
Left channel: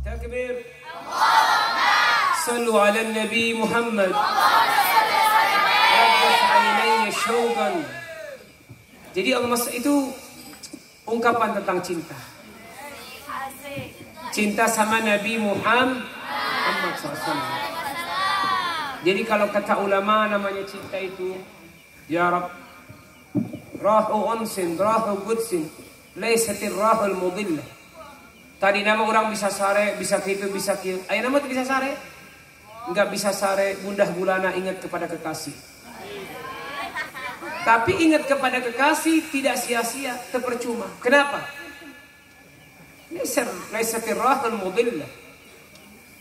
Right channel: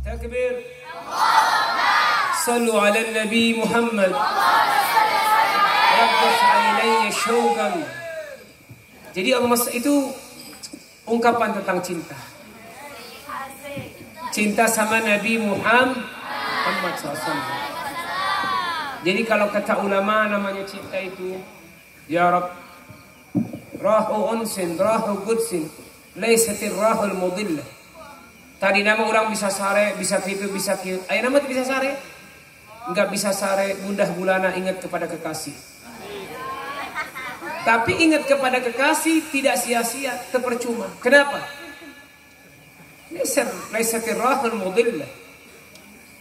Takbir. Sallu ala Nabi Muhammad. Rabbah ainaya syauqan. Jadi Allah itu ungkapan tentang cinta. Cinta sama Nabi Muhammad SAW. Jadi kalau kata ulama namanya cinta itu ya Rabb rahu unsin, rahu gudsin, laysatir rahul mudillah. Tadi nama orang bisa sare, bisa gitu, bisa gitu. Ayo nama bisa sare? Enggak bisa sare, mudah bulana ingat kepada kekasih. Tapi ingat kepada kekasih tidak sia-sia, terpercuma. Kenapa? Laysatir rahul mudillah.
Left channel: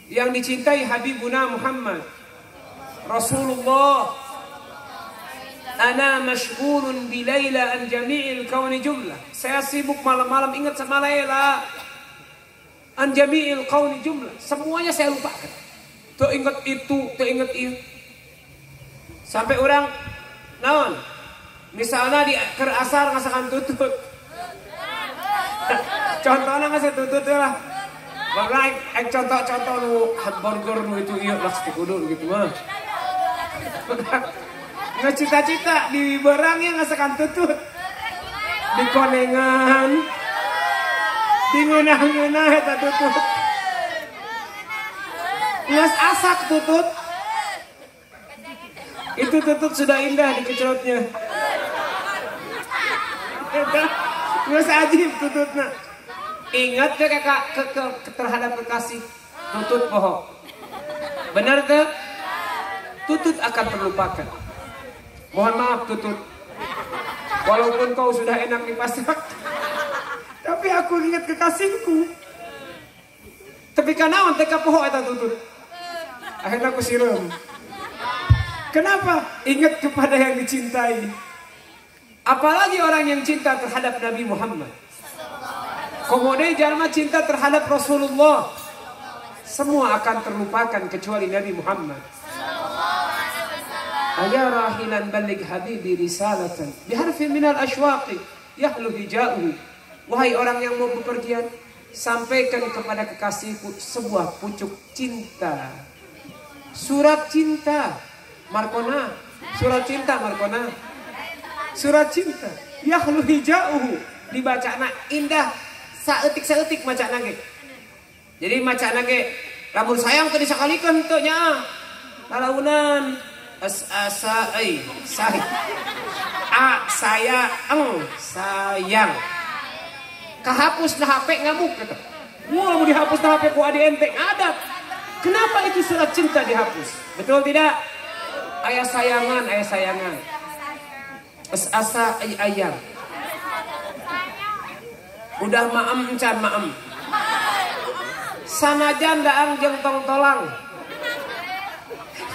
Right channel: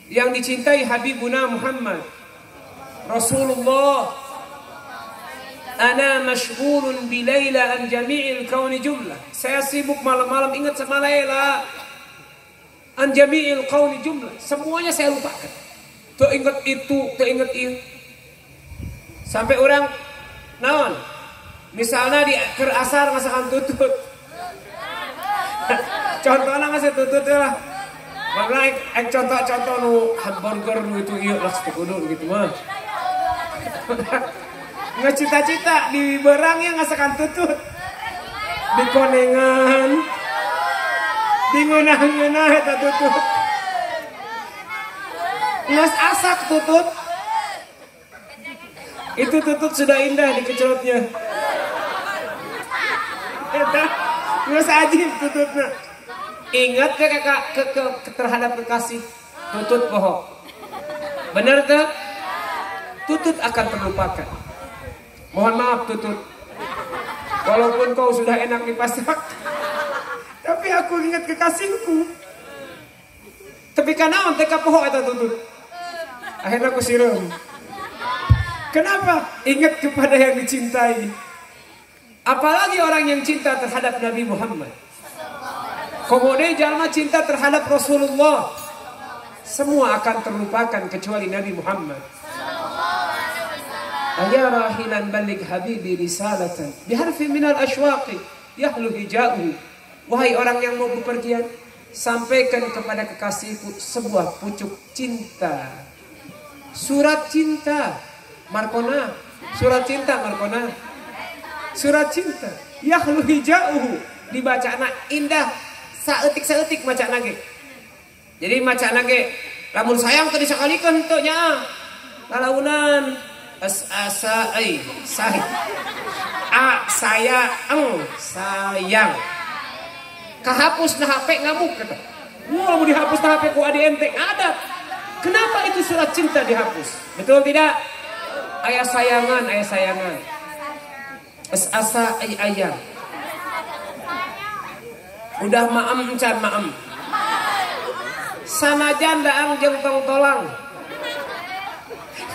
Yang dicintai Habibuna Muhammad Rasulullah. Ana mashghulun bi Laila an jami'il kauni jumlah. Saya sibuk malam-malam ingat sama Laila. An jami'il kauni jumlah. Semuanya saya lupakan. Tuh ingat itu, tuh ingat itu. Sampai orang naon? Misalnya di asar ngasakan tutut. Contohnya ngasih tutut ya. Karena contoh-contoh nu hamburger gitu iya lah kudu gitu mah. Ngecita-cita di berangnya ngasakan tutut. Di konengan. Di ngeunah-ngeunah eta tutut. Ngas asak tutut. Itu tutut sudah indah dikecelotnya. Eta ngas ajib tututnya. Ingat ke terhadap kekasih tutut bohong. Benar tuh? Tutut akan terlupakan. Mohon maaf tutut. Walaupun kau sudah enak dipasak, tapi aku ingat kekasihku. Tapi kanaon teka poho eta tutut. Akhirnya aku siram. Kenapa? Ingat kepada yang dicintai. Apalagi orang yang cinta terhadap Nabi Muhammad. Kemudian jalma cinta terhadap Rasulullah. Semua akan terlupakan kecuali Nabi Muhammad. Ayah rahilan balik habibi risalatan biharfi minal ashwaqi yahlu hijauhu. Wahai orang yang mau bepergian, sampaikan kepada kekasihku sebuah pucuk cinta. Surat cinta Markona. Surat cinta Markona. Surat cinta yahlu hijauhu. Dibacana indah. Saeutik maca nage. Jadi maca nage lamun sayang teu disakalikeun henteu nya. Kalaunan asa sahih. Sayang. Kahapus na HP ngamuk kata. Wah, mau dihapus na HP ku adi ente adat. Kenapa iki surat cinta dihapus? Betul tidak? Aya sayangan. Asa ayang. Udah maem can maem. Sanajan daang jeung tong-tolang.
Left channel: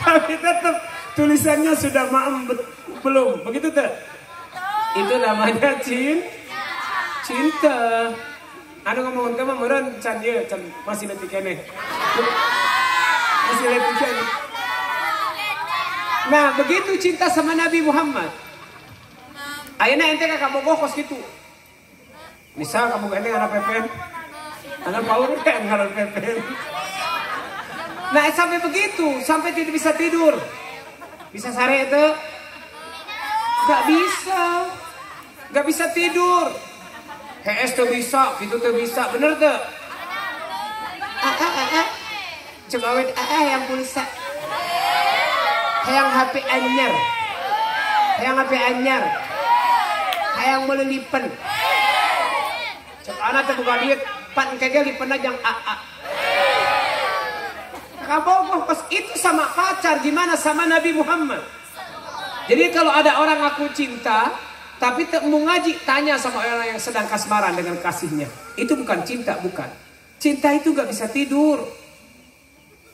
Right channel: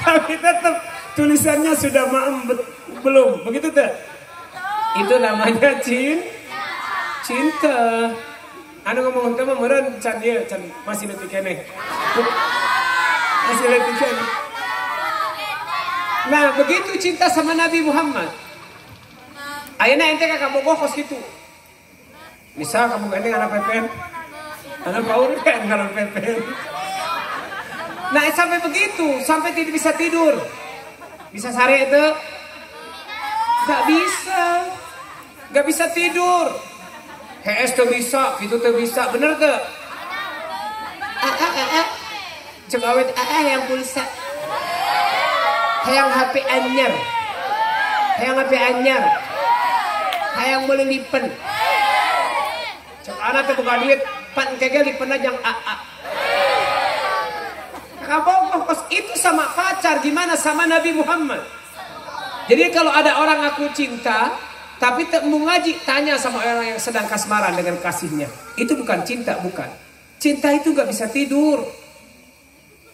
Tapi tetap tulisannya sudah maem belum. Begitu teh? Itu namanya cinta. Anu ngomong teh mah meureun can ieu can masih leutik keneh. Masih leutik keneh. Nah, begitu cinta sama Nabi Muhammad. Ayeuna ente ka kabogoh kos kitu. Misal kamu gandeng anak pepen, anak paur kan anak pepen. Nah sampai begitu, sampai tidak bisa tidur, bisa sare itu, nggak bisa tidur. HS tuh bisa, itu tuh bisa, bener tuh. Coba awet yang pulsa, yang HP anyar, yang boleh lipen. Anak tuh buka duit, pan kagak lipen aja yang AA. Kabogoh itu sama pacar, gimana sama Nabi Muhammad. Jadi kalau ada orang aku cinta, tapi mau ngaji, tanya sama orang yang sedang kasmaran dengan kasihnya. Itu bukan cinta, bukan. Cinta itu gak bisa tidur.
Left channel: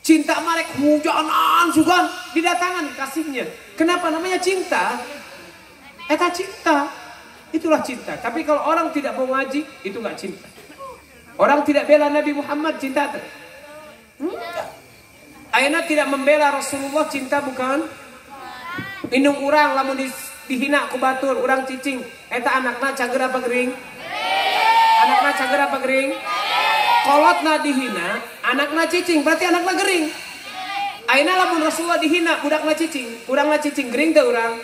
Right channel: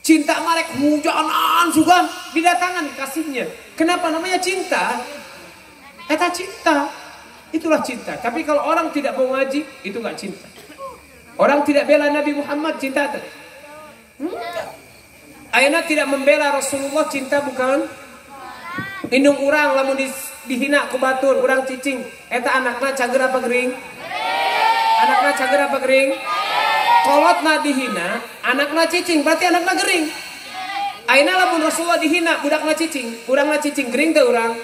Cinta marek hujanan juga didatangan kasihnya. Kenapa namanya cinta? Eta cinta. Itulah cinta. Tapi kalau orang tidak mau ngaji, itu gak cinta. Orang tidak bela Nabi Muhammad, cinta itu. Ayeuna tidak membela Rasulullah, cinta bukan? Indung urang lamun dihina ku batur, urang cicing, eta anakna cager apa gering? Anakna cager apa gering? Kolotna dihina, anakna cicing, berarti anakna gering. Ayeuna lamun Rasulullah dihina, budakna cicing, urangna cicing, gering teu urang?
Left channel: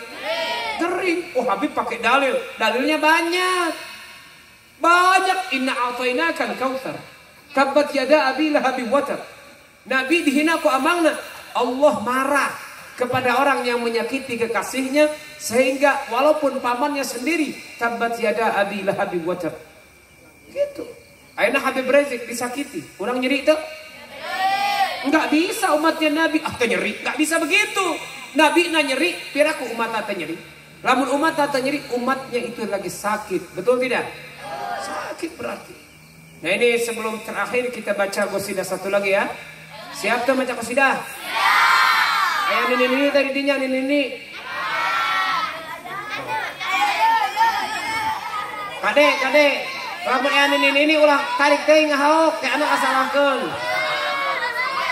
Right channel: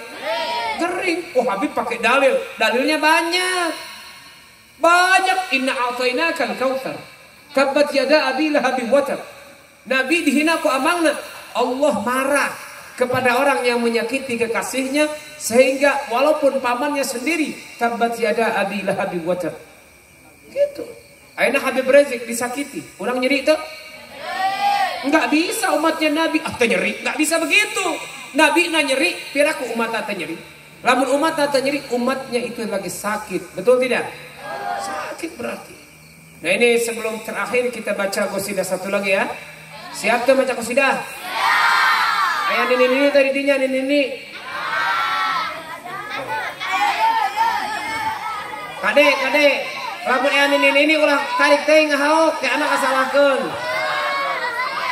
Gering. Oh, Habib pakai dalil, dalilnya banyak. Banyak. Inna a'tainakal kautsar. Tabbat yada abi lahabin watab. Nabi dihina ku amangna. Allah marah kepada orang yang menyakiti kekasihnya, sehingga walaupun pamannya sendiri, tabbat yada abi lahabin watab. Gitu. Ayeuna Habib Rizik disakiti, orang nyeri itu? Enggak bisa umatnya Nabi, nyeri, enggak bisa begitu. Nabi na nyeri, piraku umat tata nyeri. Lamun umat tata nyeri, umatnya itu lagi sakit, betul tidak? Sakit berarti. Nah ini sebelum terakhir kita baca qasidah satu lagi ya. Siap tuh baca qasidah? Siap. Ayah nini tadi dinya nini. Kade. Lamun ayah nini ulah tarik teuing ngahaok ke anak asalakeun.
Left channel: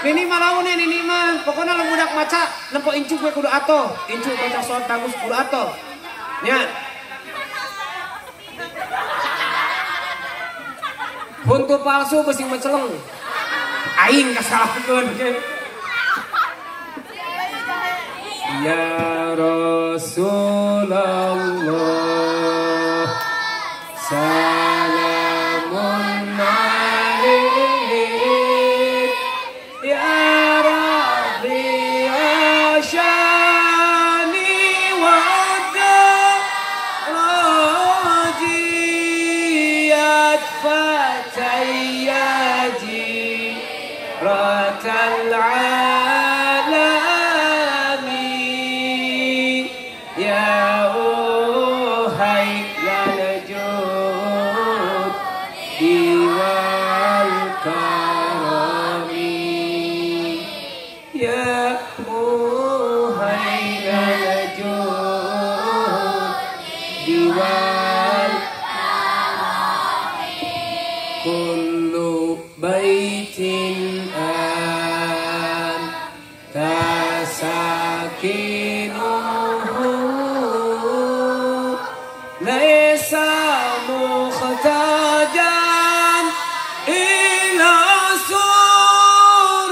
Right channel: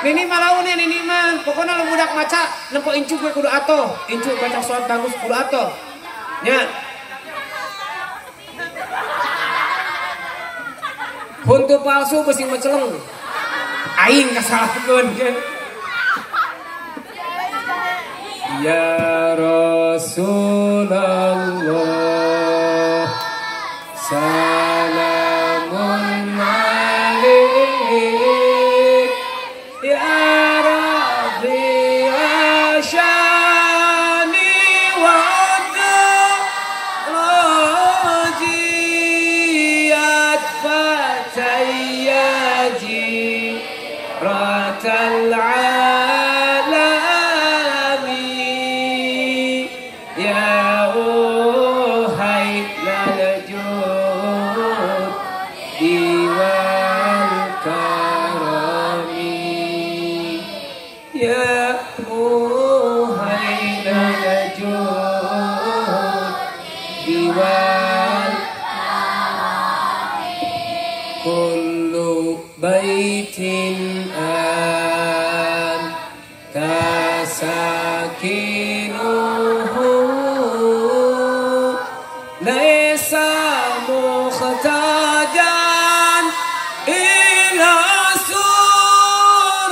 Nini malaun ya nini mah. Pokoknya lu budak maca nempo incu gue kudu atoh. Incu baca suara bagus kudu atoh. Nya. Huntu palsu besi meceleng. Aing kasalahkeun. Ya Rasulullah salamun alaik ya Rabbi asyani wa rajiyat fatayyaji ratal alami ya uhai lalajud diwal karami ya uhai lalajud diwal kullu baitin an tasakinuhu laisa mukhtajan ila suruji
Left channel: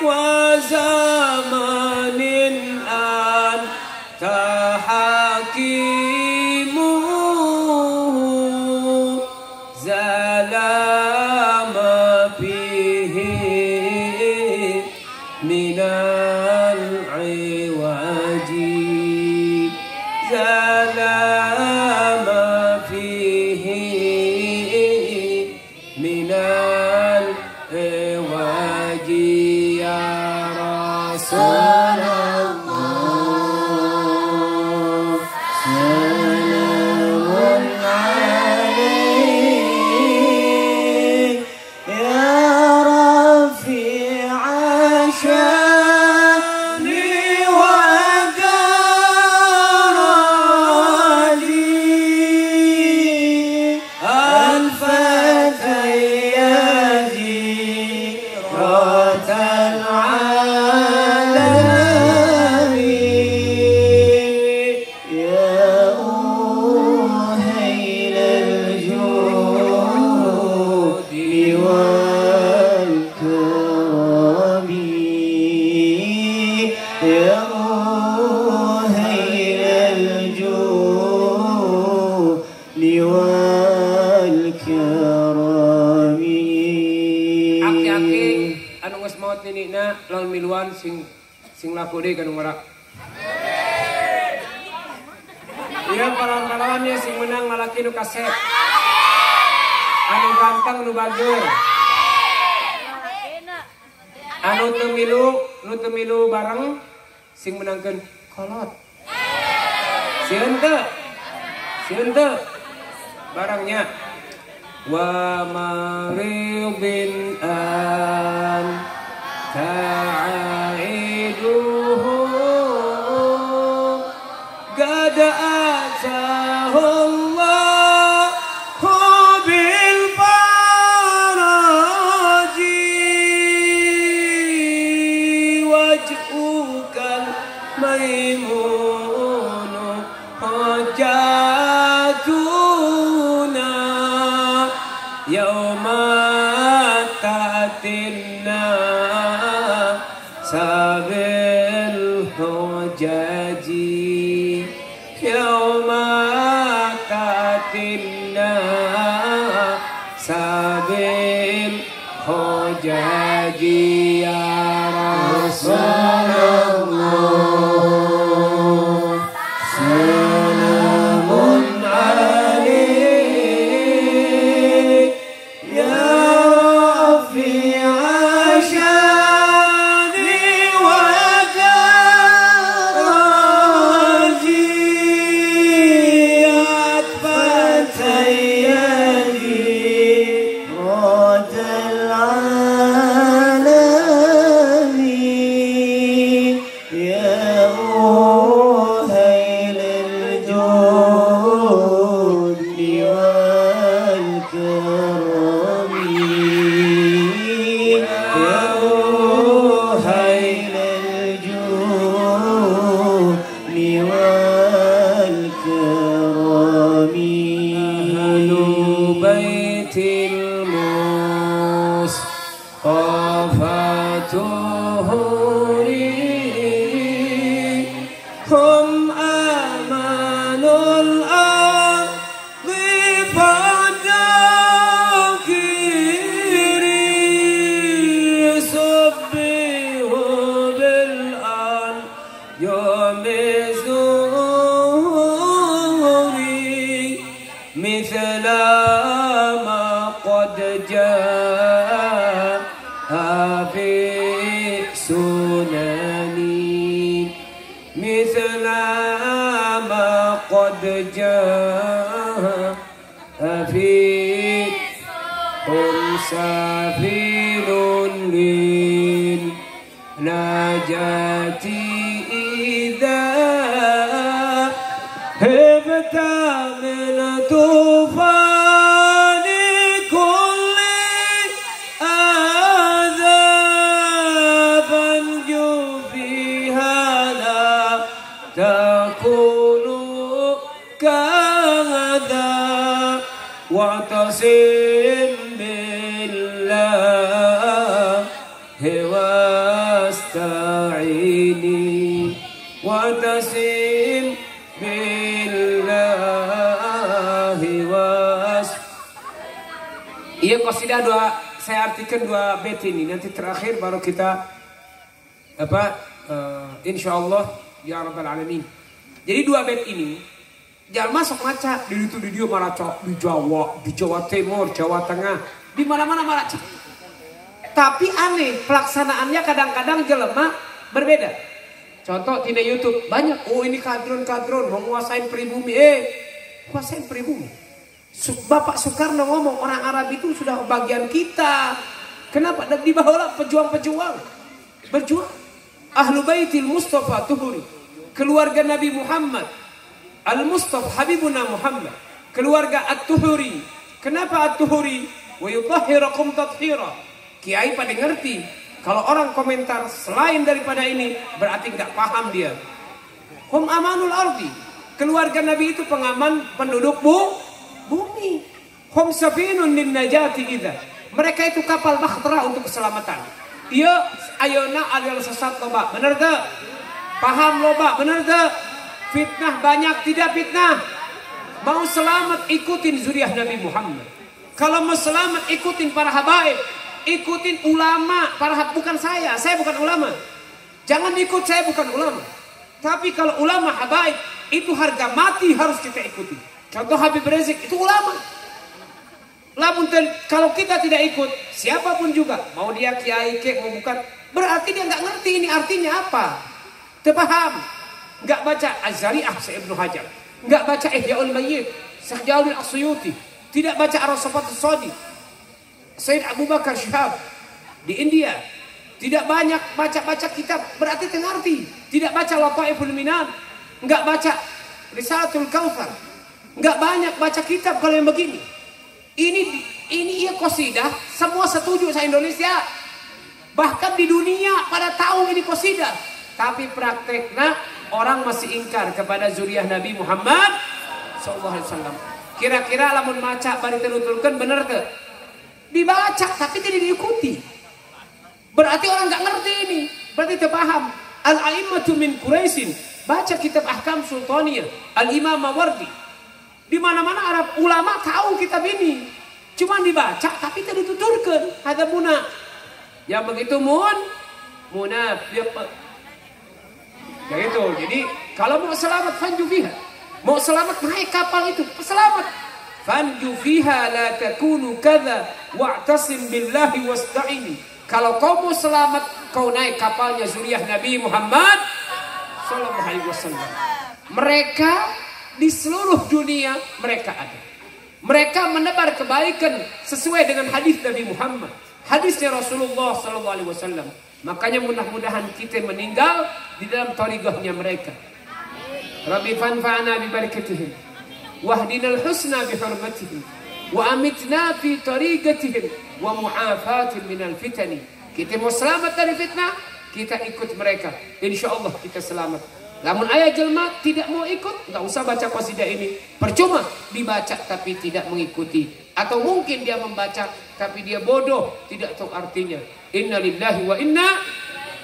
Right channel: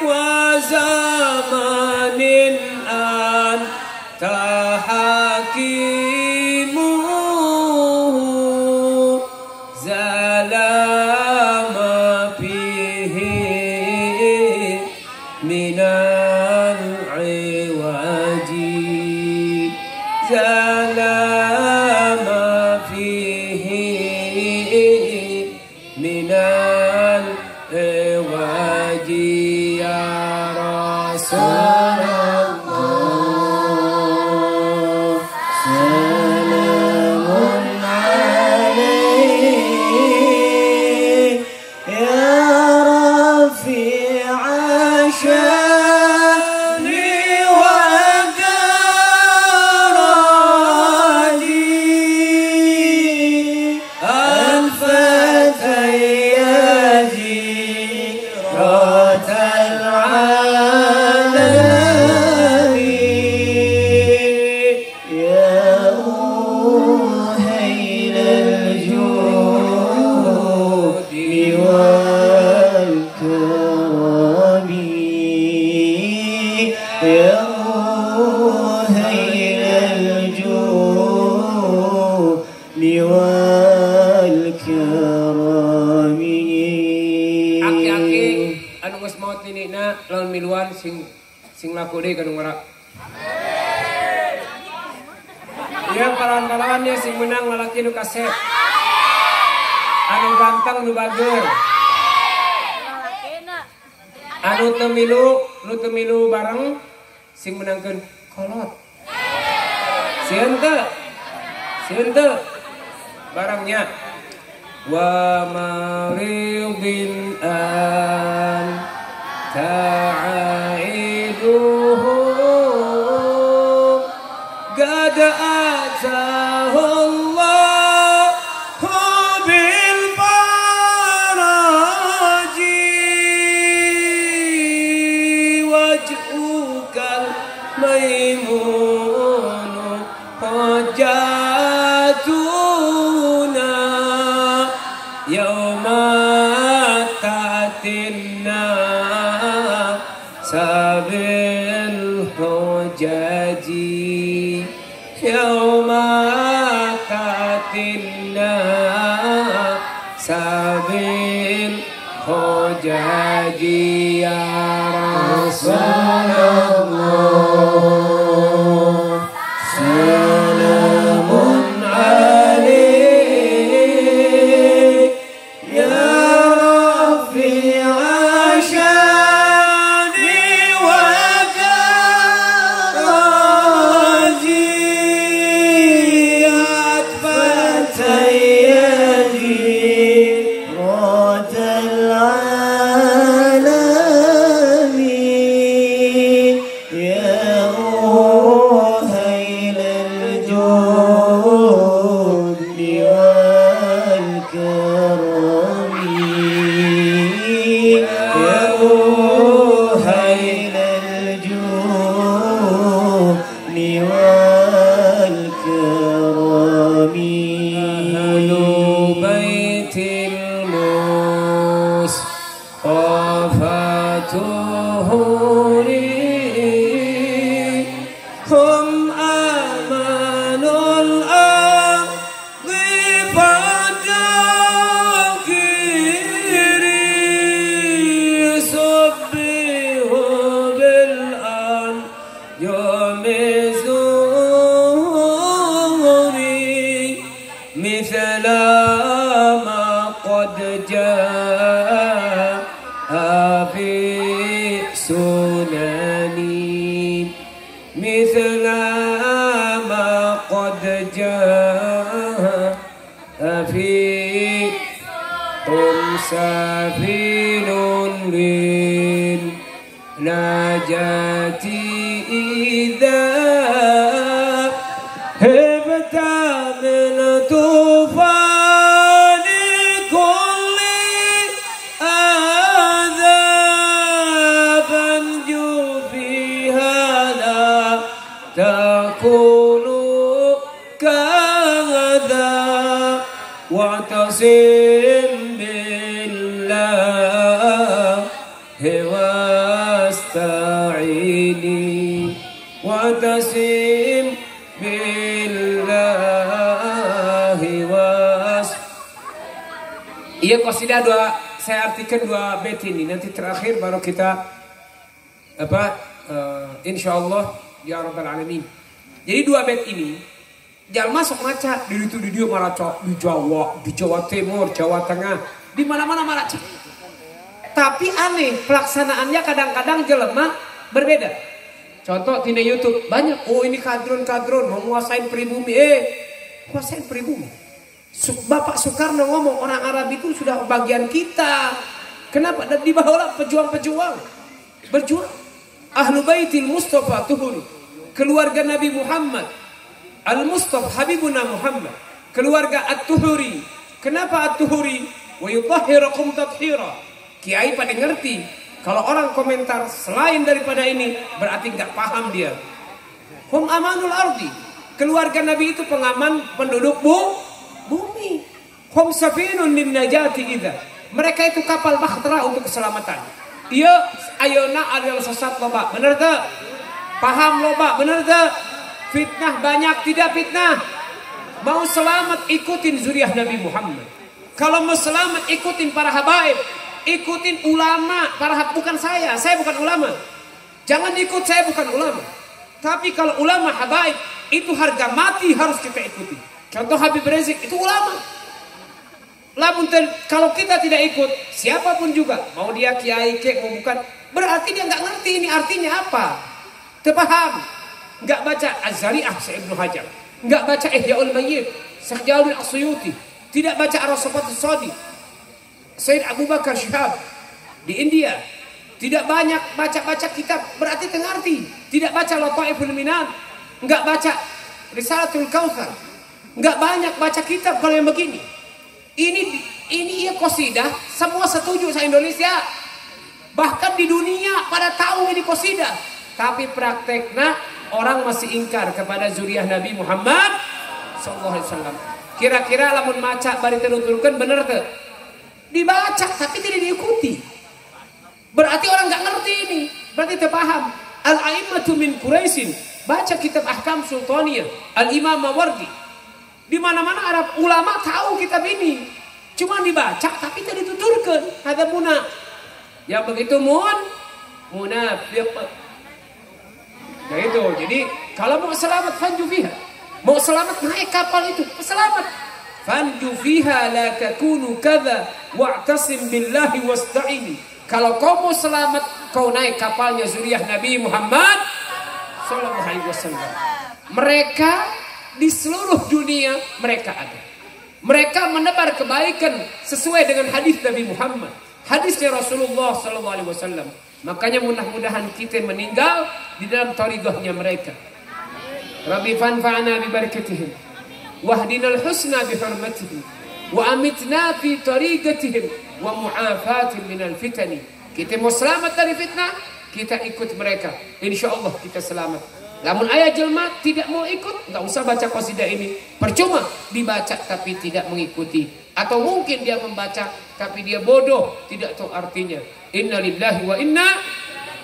wa zamanin an tahakimu zalama fihi minal iwaji zalama fihi minal iwaji ya Rasulullah salamun alaik ya Rafi'a syani wa darali al-fatayyaji ratal alami ya uhayl al-judi wal karami ya uhayl al-judi wal karami. Aki-aki anu geus maot ninina lawan miluan sing laku deui kana ngora. Iya palawan-palawannya sing menang lalaki nu kaset. Anu ganteng nu bageur. Anu teu milu bareng sing menangkeun kolot. Siente barangnya. Wa maridin an ta'iduhu gada atahullah bil faraji waj'ukal maimunu hajatuna yauma tatinna sabil hujaji yauma tatinna sabil hujaji ya Rasulullah salamun alaik ya rafi'a syani wa daraji akbar sayyidi radal alamin ya ruhail al-jud wal karami ya ruhail al-jud wal karami ahlu baitil musqafatuhuri hum amanul ardi fadakiri subbihu bil anjami zuhuri mithla ma qad jaa fi sunani mithla ma qad jaa fi safirun bin najati idza hebta min tufani kulli adhaban fi hada takunu kadha wa'tasim billahi wasta'ini wa'tasim billahi Iya qasidah saya artikan dua bait ini, nanti terakhir baru kita insyaallah ya rabbal alamin. Jadi dua bait ini jangan masuk maca di itu video maraca di Jawa Timur, Jawa Tengah, di mana-mana maraca. Tapi aneh pelaksanaannya kadang-kadang jelema berbeda. Contoh di YouTube banyak, oh ini kadron-kadron mau nguasain pribumi, kuasain pribumi. Bapak Soekarno ngomong orang Arab itu sudah bagian kita. Kenapa? Dan di bawah pejuang-pejuang berjuang. Ahlu Baitil Mustafa Tuhuri, keluarga Nabi Muhammad, Al-Mustafa Habibuna Muhammad, keluarga At-Tuhuri. Kenapa At-Tuhuri? Wa yutahhirakum tathira. Kiai pada ngerti. Kalau orang komentar selain daripada ini berarti nggak paham dia. Hum amanul ardi. Keluarga Nabi itu pengaman penduduk bumi. Hum safinun lin najati idza. Mereka itu kapal bahtera untuk keselamatan. Dia ayona adalah sesat loba. Benar tak? Paham loba. Benar tak? Fitnah banyak, tidak fitnah. Mau selamat ikutin zuriat Nabi Muhammad. Kalau mau selamat ikutin para habaib, ikutin ulama, bukan saya bukan ulama. Jangan ikut saya bukan ulama. Tapi kalau ulama habaib itu harga mati harus kita ikuti. Contoh Habib Rizik itu ulama. Kalau kita tidak ikut siapapun juga, mau dia kiai kek mau bukan, berarti dia nggak ngerti ini artinya apa. Terpaham. nggak baca Az-Zari'ah Ibnu Hajar, nggak baca Ihya'ul Mayyit Syekh Jalal As-Suyuti, tidak baca Ar-Rasafat As-Sadi, Sayyid Abu Bakar Shihab di India, tidak banyak baca kitab berarti tengarti, tidak baca Lataiful Minan, nggak baca Risalatul Kautsar, nggak banyak baca kitab kalau yang begini. Ini ya qasidah, semua setuju sa Indonesia. Bahkan di dunia pada tahu ini qasidah. Tapi prakteknya orang masih ingkar kepada zuriyah Nabi Muhammad sallallahu alaihi wasallam. Kira-kira lamun maca bari tenuturkeun bener teu? Dibaca tapi tidak diikuti. Berarti orang nggak ngerti ini, berarti tidak paham. Al-a'immatu min Quraisyin, baca kitab Ahkam Sultaniyah Al-Imam Mawardi. Di mana-mana Arab ulama tahu kitab ini. Cuma dibaca tapi tidak dituturkan. Ada muna. Yang begitu munafiq. Nah itu. Jadi kalau mau selamat fanju fiha. Mau selamat naik kapal itu, selamat. Fanju fiha la takunu kadza wa'tasim billahi wasta'in. Kalau kau mau selamat, kau naik kapalnya zuriyah Nabi Muhammad sallallahu alaihi wasallam. Mereka di seluruh dunia mereka ada. Mereka menebar kebaikan sesuai dengan hadis Nabi Muhammad, hadisnya Rasulullah sallallahu alaihi wasallam. Makanya mudah-mudahan kita meninggal di dalam thariqahnya mereka. Rabbi fanfa'na bi barakatihim wahdinal husna bi hurmatihim wa amitna fi tariqatihim wa mu'afatun minal fitani. Kita mau selamat dari fitnah, kita ikut mereka. Insyaallah kita selamat. Namun ayat jelma tidak mau ikut, enggak usah baca qasidah ini. Percuma dibaca tapi tidak mengikuti. Atau mungkin dia membaca tapi dia bodoh, tidak tahu artinya. Inna lillahi wa inna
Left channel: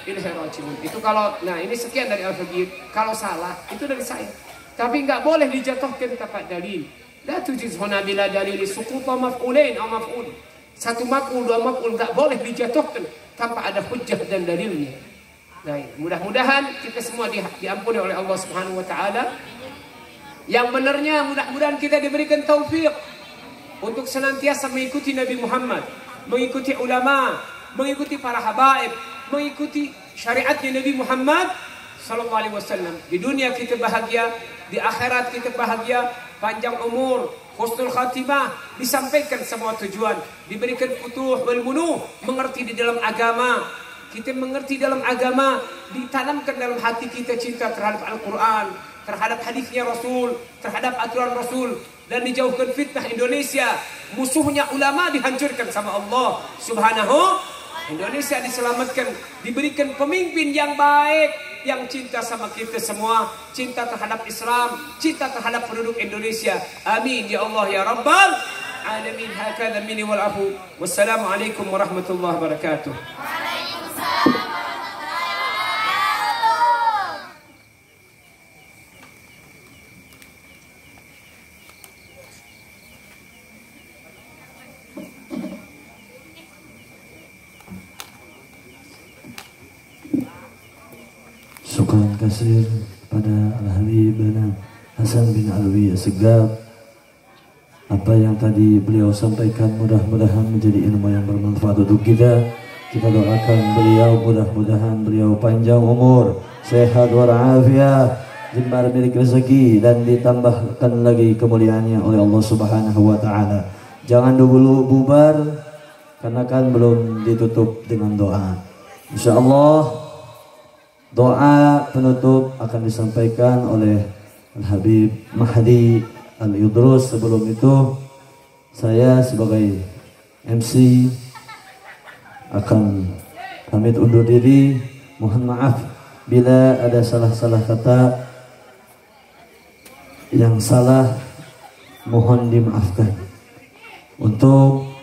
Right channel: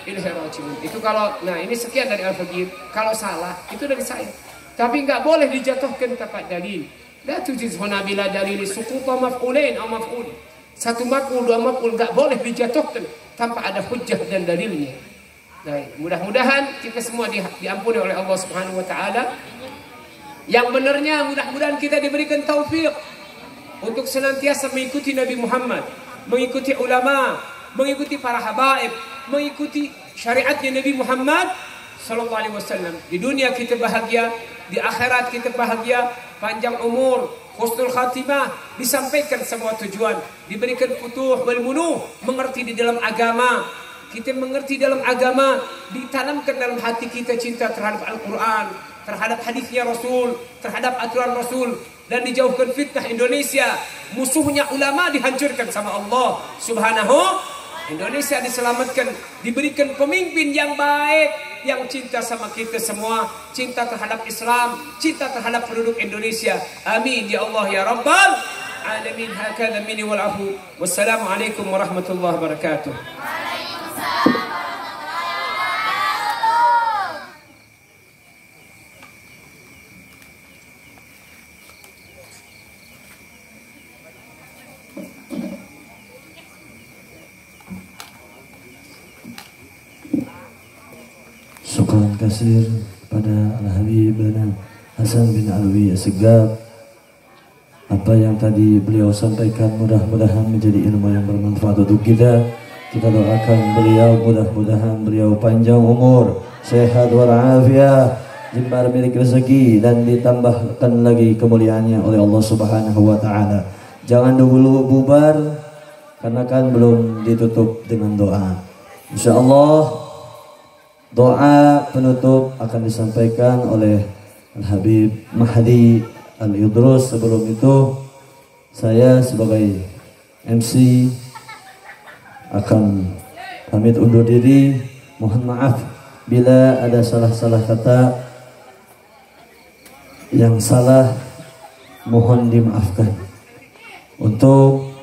ilaihi raji'un. Itu kalau, nah ini sekian dari Al-Faqih. Kalau salah itu dari saya. Tapi enggak boleh dijatuhkan tanpa dalil. La tujizhuna bila dalil suquta maf'ulain atau maf'ul. Satu maf'ul, dua maf'ul enggak boleh dijatuhkan tanpa ada hujjah dan dalilnya. Nah, mudah-mudahan kita semua diampuni oleh Allah Subhanahu wa taala. Yang benarnya mudah-mudahan kita diberikan taufik untuk senantiasa mengikuti Nabi Muhammad, mengikuti ulama, mengikuti para habaib, mengikuti syariatnya Nabi Muhammad sallallahu alaihi wasallam. Di dunia kita bahagia, di akhirat kita bahagia, panjang umur, husnul khatimah, disampaikan semua tujuan, diberikan futuh wal munuh, mengerti di dalam agama. Kita mengerti dalam agama, ditanamkan dalam hati kita cinta terhadap Al-Quran, terhadap hadisnya Rasul, terhadap aturan Rasul, dan dijauhkan fitnah Indonesia. Musuhnya ulama dihancurkan sama Allah Subhanahu. Indonesia diselamatkan, diberikan pemimpin yang baik, yang cinta sama kita semua, cinta terhadap Islam, cinta terhadap penduduk Indonesia. Amin ya Allah ya Rabbal alamin. Hakadha minni wal afu. Wassalamualaikum warahmatullahi wabarakatuh. Syukran kasir pada Al-Habib Hasan bin Alwi As-Segaf. Apa yang tadi beliau sampaikan mudah-mudahan menjadi ilmu yang bermanfaat untuk kita. Kita doakan beliau, mudah-mudahan beliau panjang umur, sehat walafiat, jembar milik rezeki, dan ditambahkan lagi kemuliaannya oleh Allah Subhanahu wa taala. Jangan dulu bubar karena kan belum ditutup dengan doa. Insyaallah doa penutup akan disampaikan oleh Al-Habib Mahdi Al-Idrus. Sebelum itu saya sebagai MC akan pamit undur diri. Mohon maaf bila ada salah-salah kata yang salah, mohon dimaafkan. Untuk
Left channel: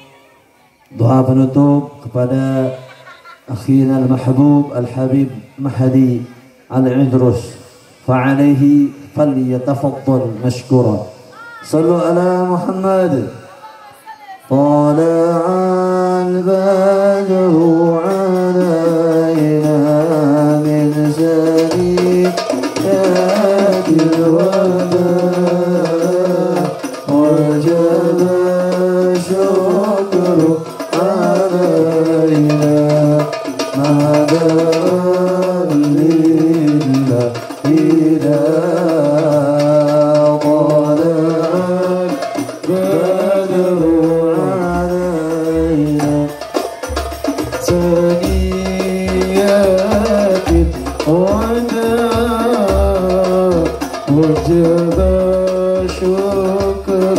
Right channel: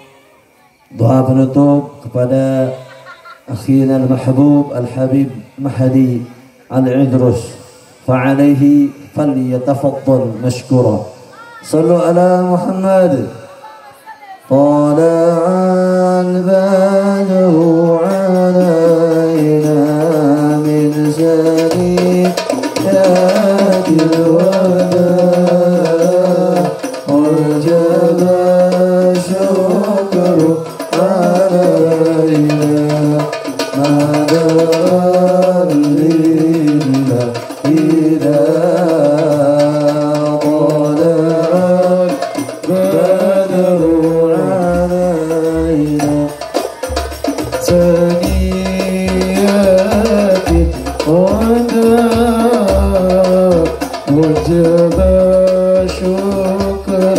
doa penutup kepada akhina al-mahbub Al-Habib Mahdi Al-Idrus, fa'alaihi falyatafaddal mashkura. Sallu ala Muhammad. طلع البدر علينا من ثنيات الوداع وجب الشكر علينا مدى لله إلى وجب شكر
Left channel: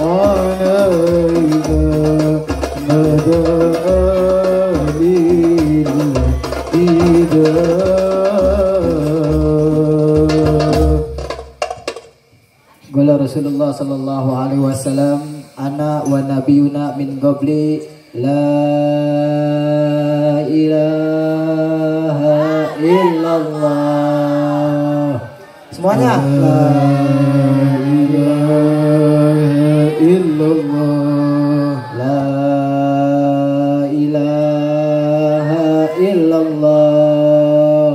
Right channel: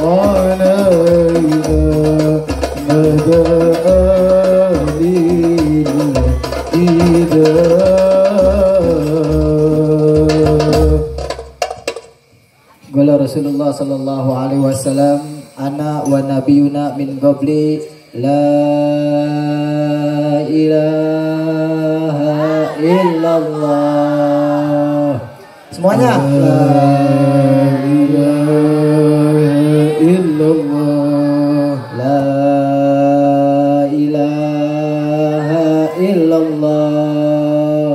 علينا مدى Qala Rasulullah sallallahu alaihi wasallam ana wa nabiyuna min qabli la ilaha illallah. Semuanya la ilaha illallah, la ilaha illallah,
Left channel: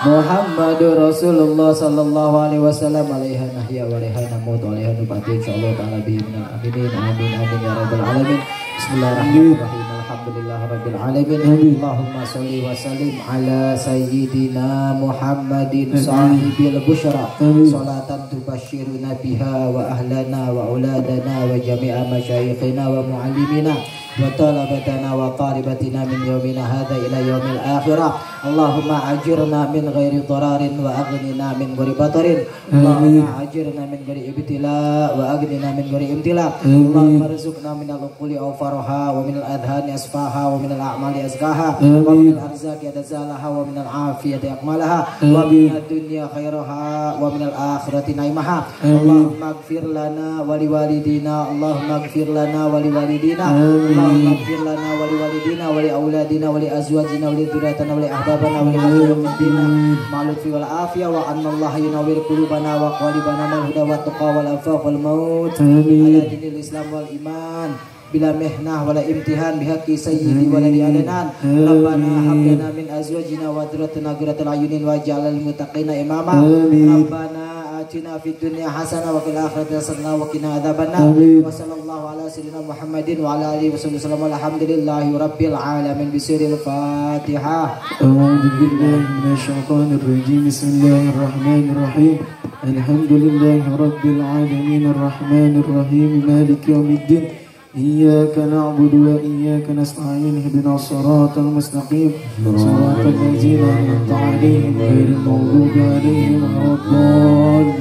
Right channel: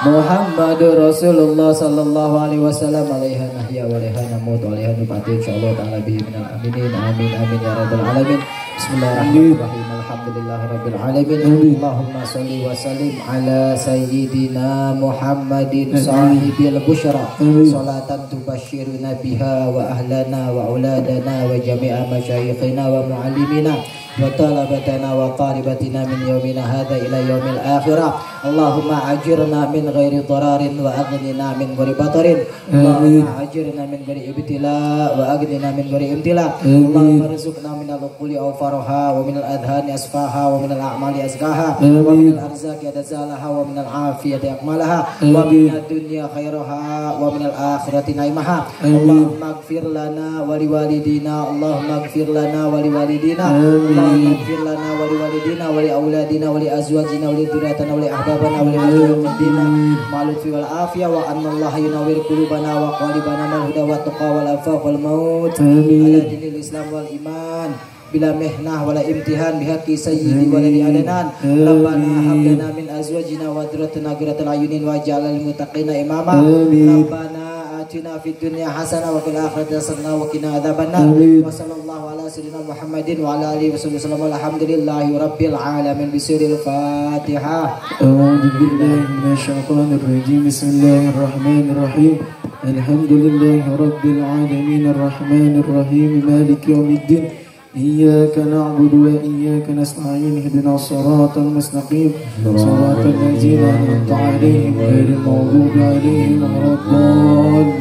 Muhammadur Rasulullah sallallahu alaihi wasallam alaiha nahya wa alaiha namut wa alaiha nubati insyaallah ta'ala bihi minal aminin amin amin ya rabbal alamin. Bismillahirrahmanirrahim. Alhamdulillah rabbil alamin. Allahumma sholli wa sallim ala sayyidina Muhammadin sahibil busyra salatan tubashshiruna biha wa ahlana wa auladana wa jami'a masyayikhina wa muallimina wa talabatana wa talibatina min yawmina hadha ila yaumil akhirah. Allahumma ajirna min ghairi dararin wa aghnina min ghairi batarin. Allahumma ajirna min ghairi ibtila wa aghnina min ghairi imtila. Allahumma rizqna min al-uquli awfaraha wa min al-adhani asfaha wa min al-a'mali azkaha wa min al-arzaqi adazalaha wa min al-afiyati akmalaha wa min ad-dunya khairaha wa min al-akhirati naimaha. Allahumma ighfir lana wa liwalidina. Allahumma ighfir lana wa liwalidina. Allahumma ighfir lana wa liwalidina wa li auladina wa li azwajina wa li dhurriyyatina wa li ahbabana wa li azwajina ma'lufi wal afiyah wa anna Allah yunawwir qulubana wa qalibana mal huda wa taqwa wal afaf wal maut ala dinil islam wal iman bila mihnah wala imtihan bihaqqi sayyidi waladi adanan. Rabbana hab lana min azwajina wa dhurriyyatina qurrata a'yunin waj'alna lil muttaqina imama. Rabbana atina fid dunya hasanah wa fil akhirati hasanah wa qina adzabannar. Wa sallallahu ala sayyidina Muhammadin wa ala alihi wasallam. Alhamdulillahi rabbil alamin. Bisuril Fatihah. A'udzu billahi minasy syaithanir rajim. Bismillahirrahmanirrahim. Alhamdulillahi rabbil alamin arrahmanir rahim maliki yaumiddin. إياك نعبد وإياك نستعين اهدنا الصراط المستقيم صراط الذين أنعمت عليهم غير المغضوب عليهم ولا الضالين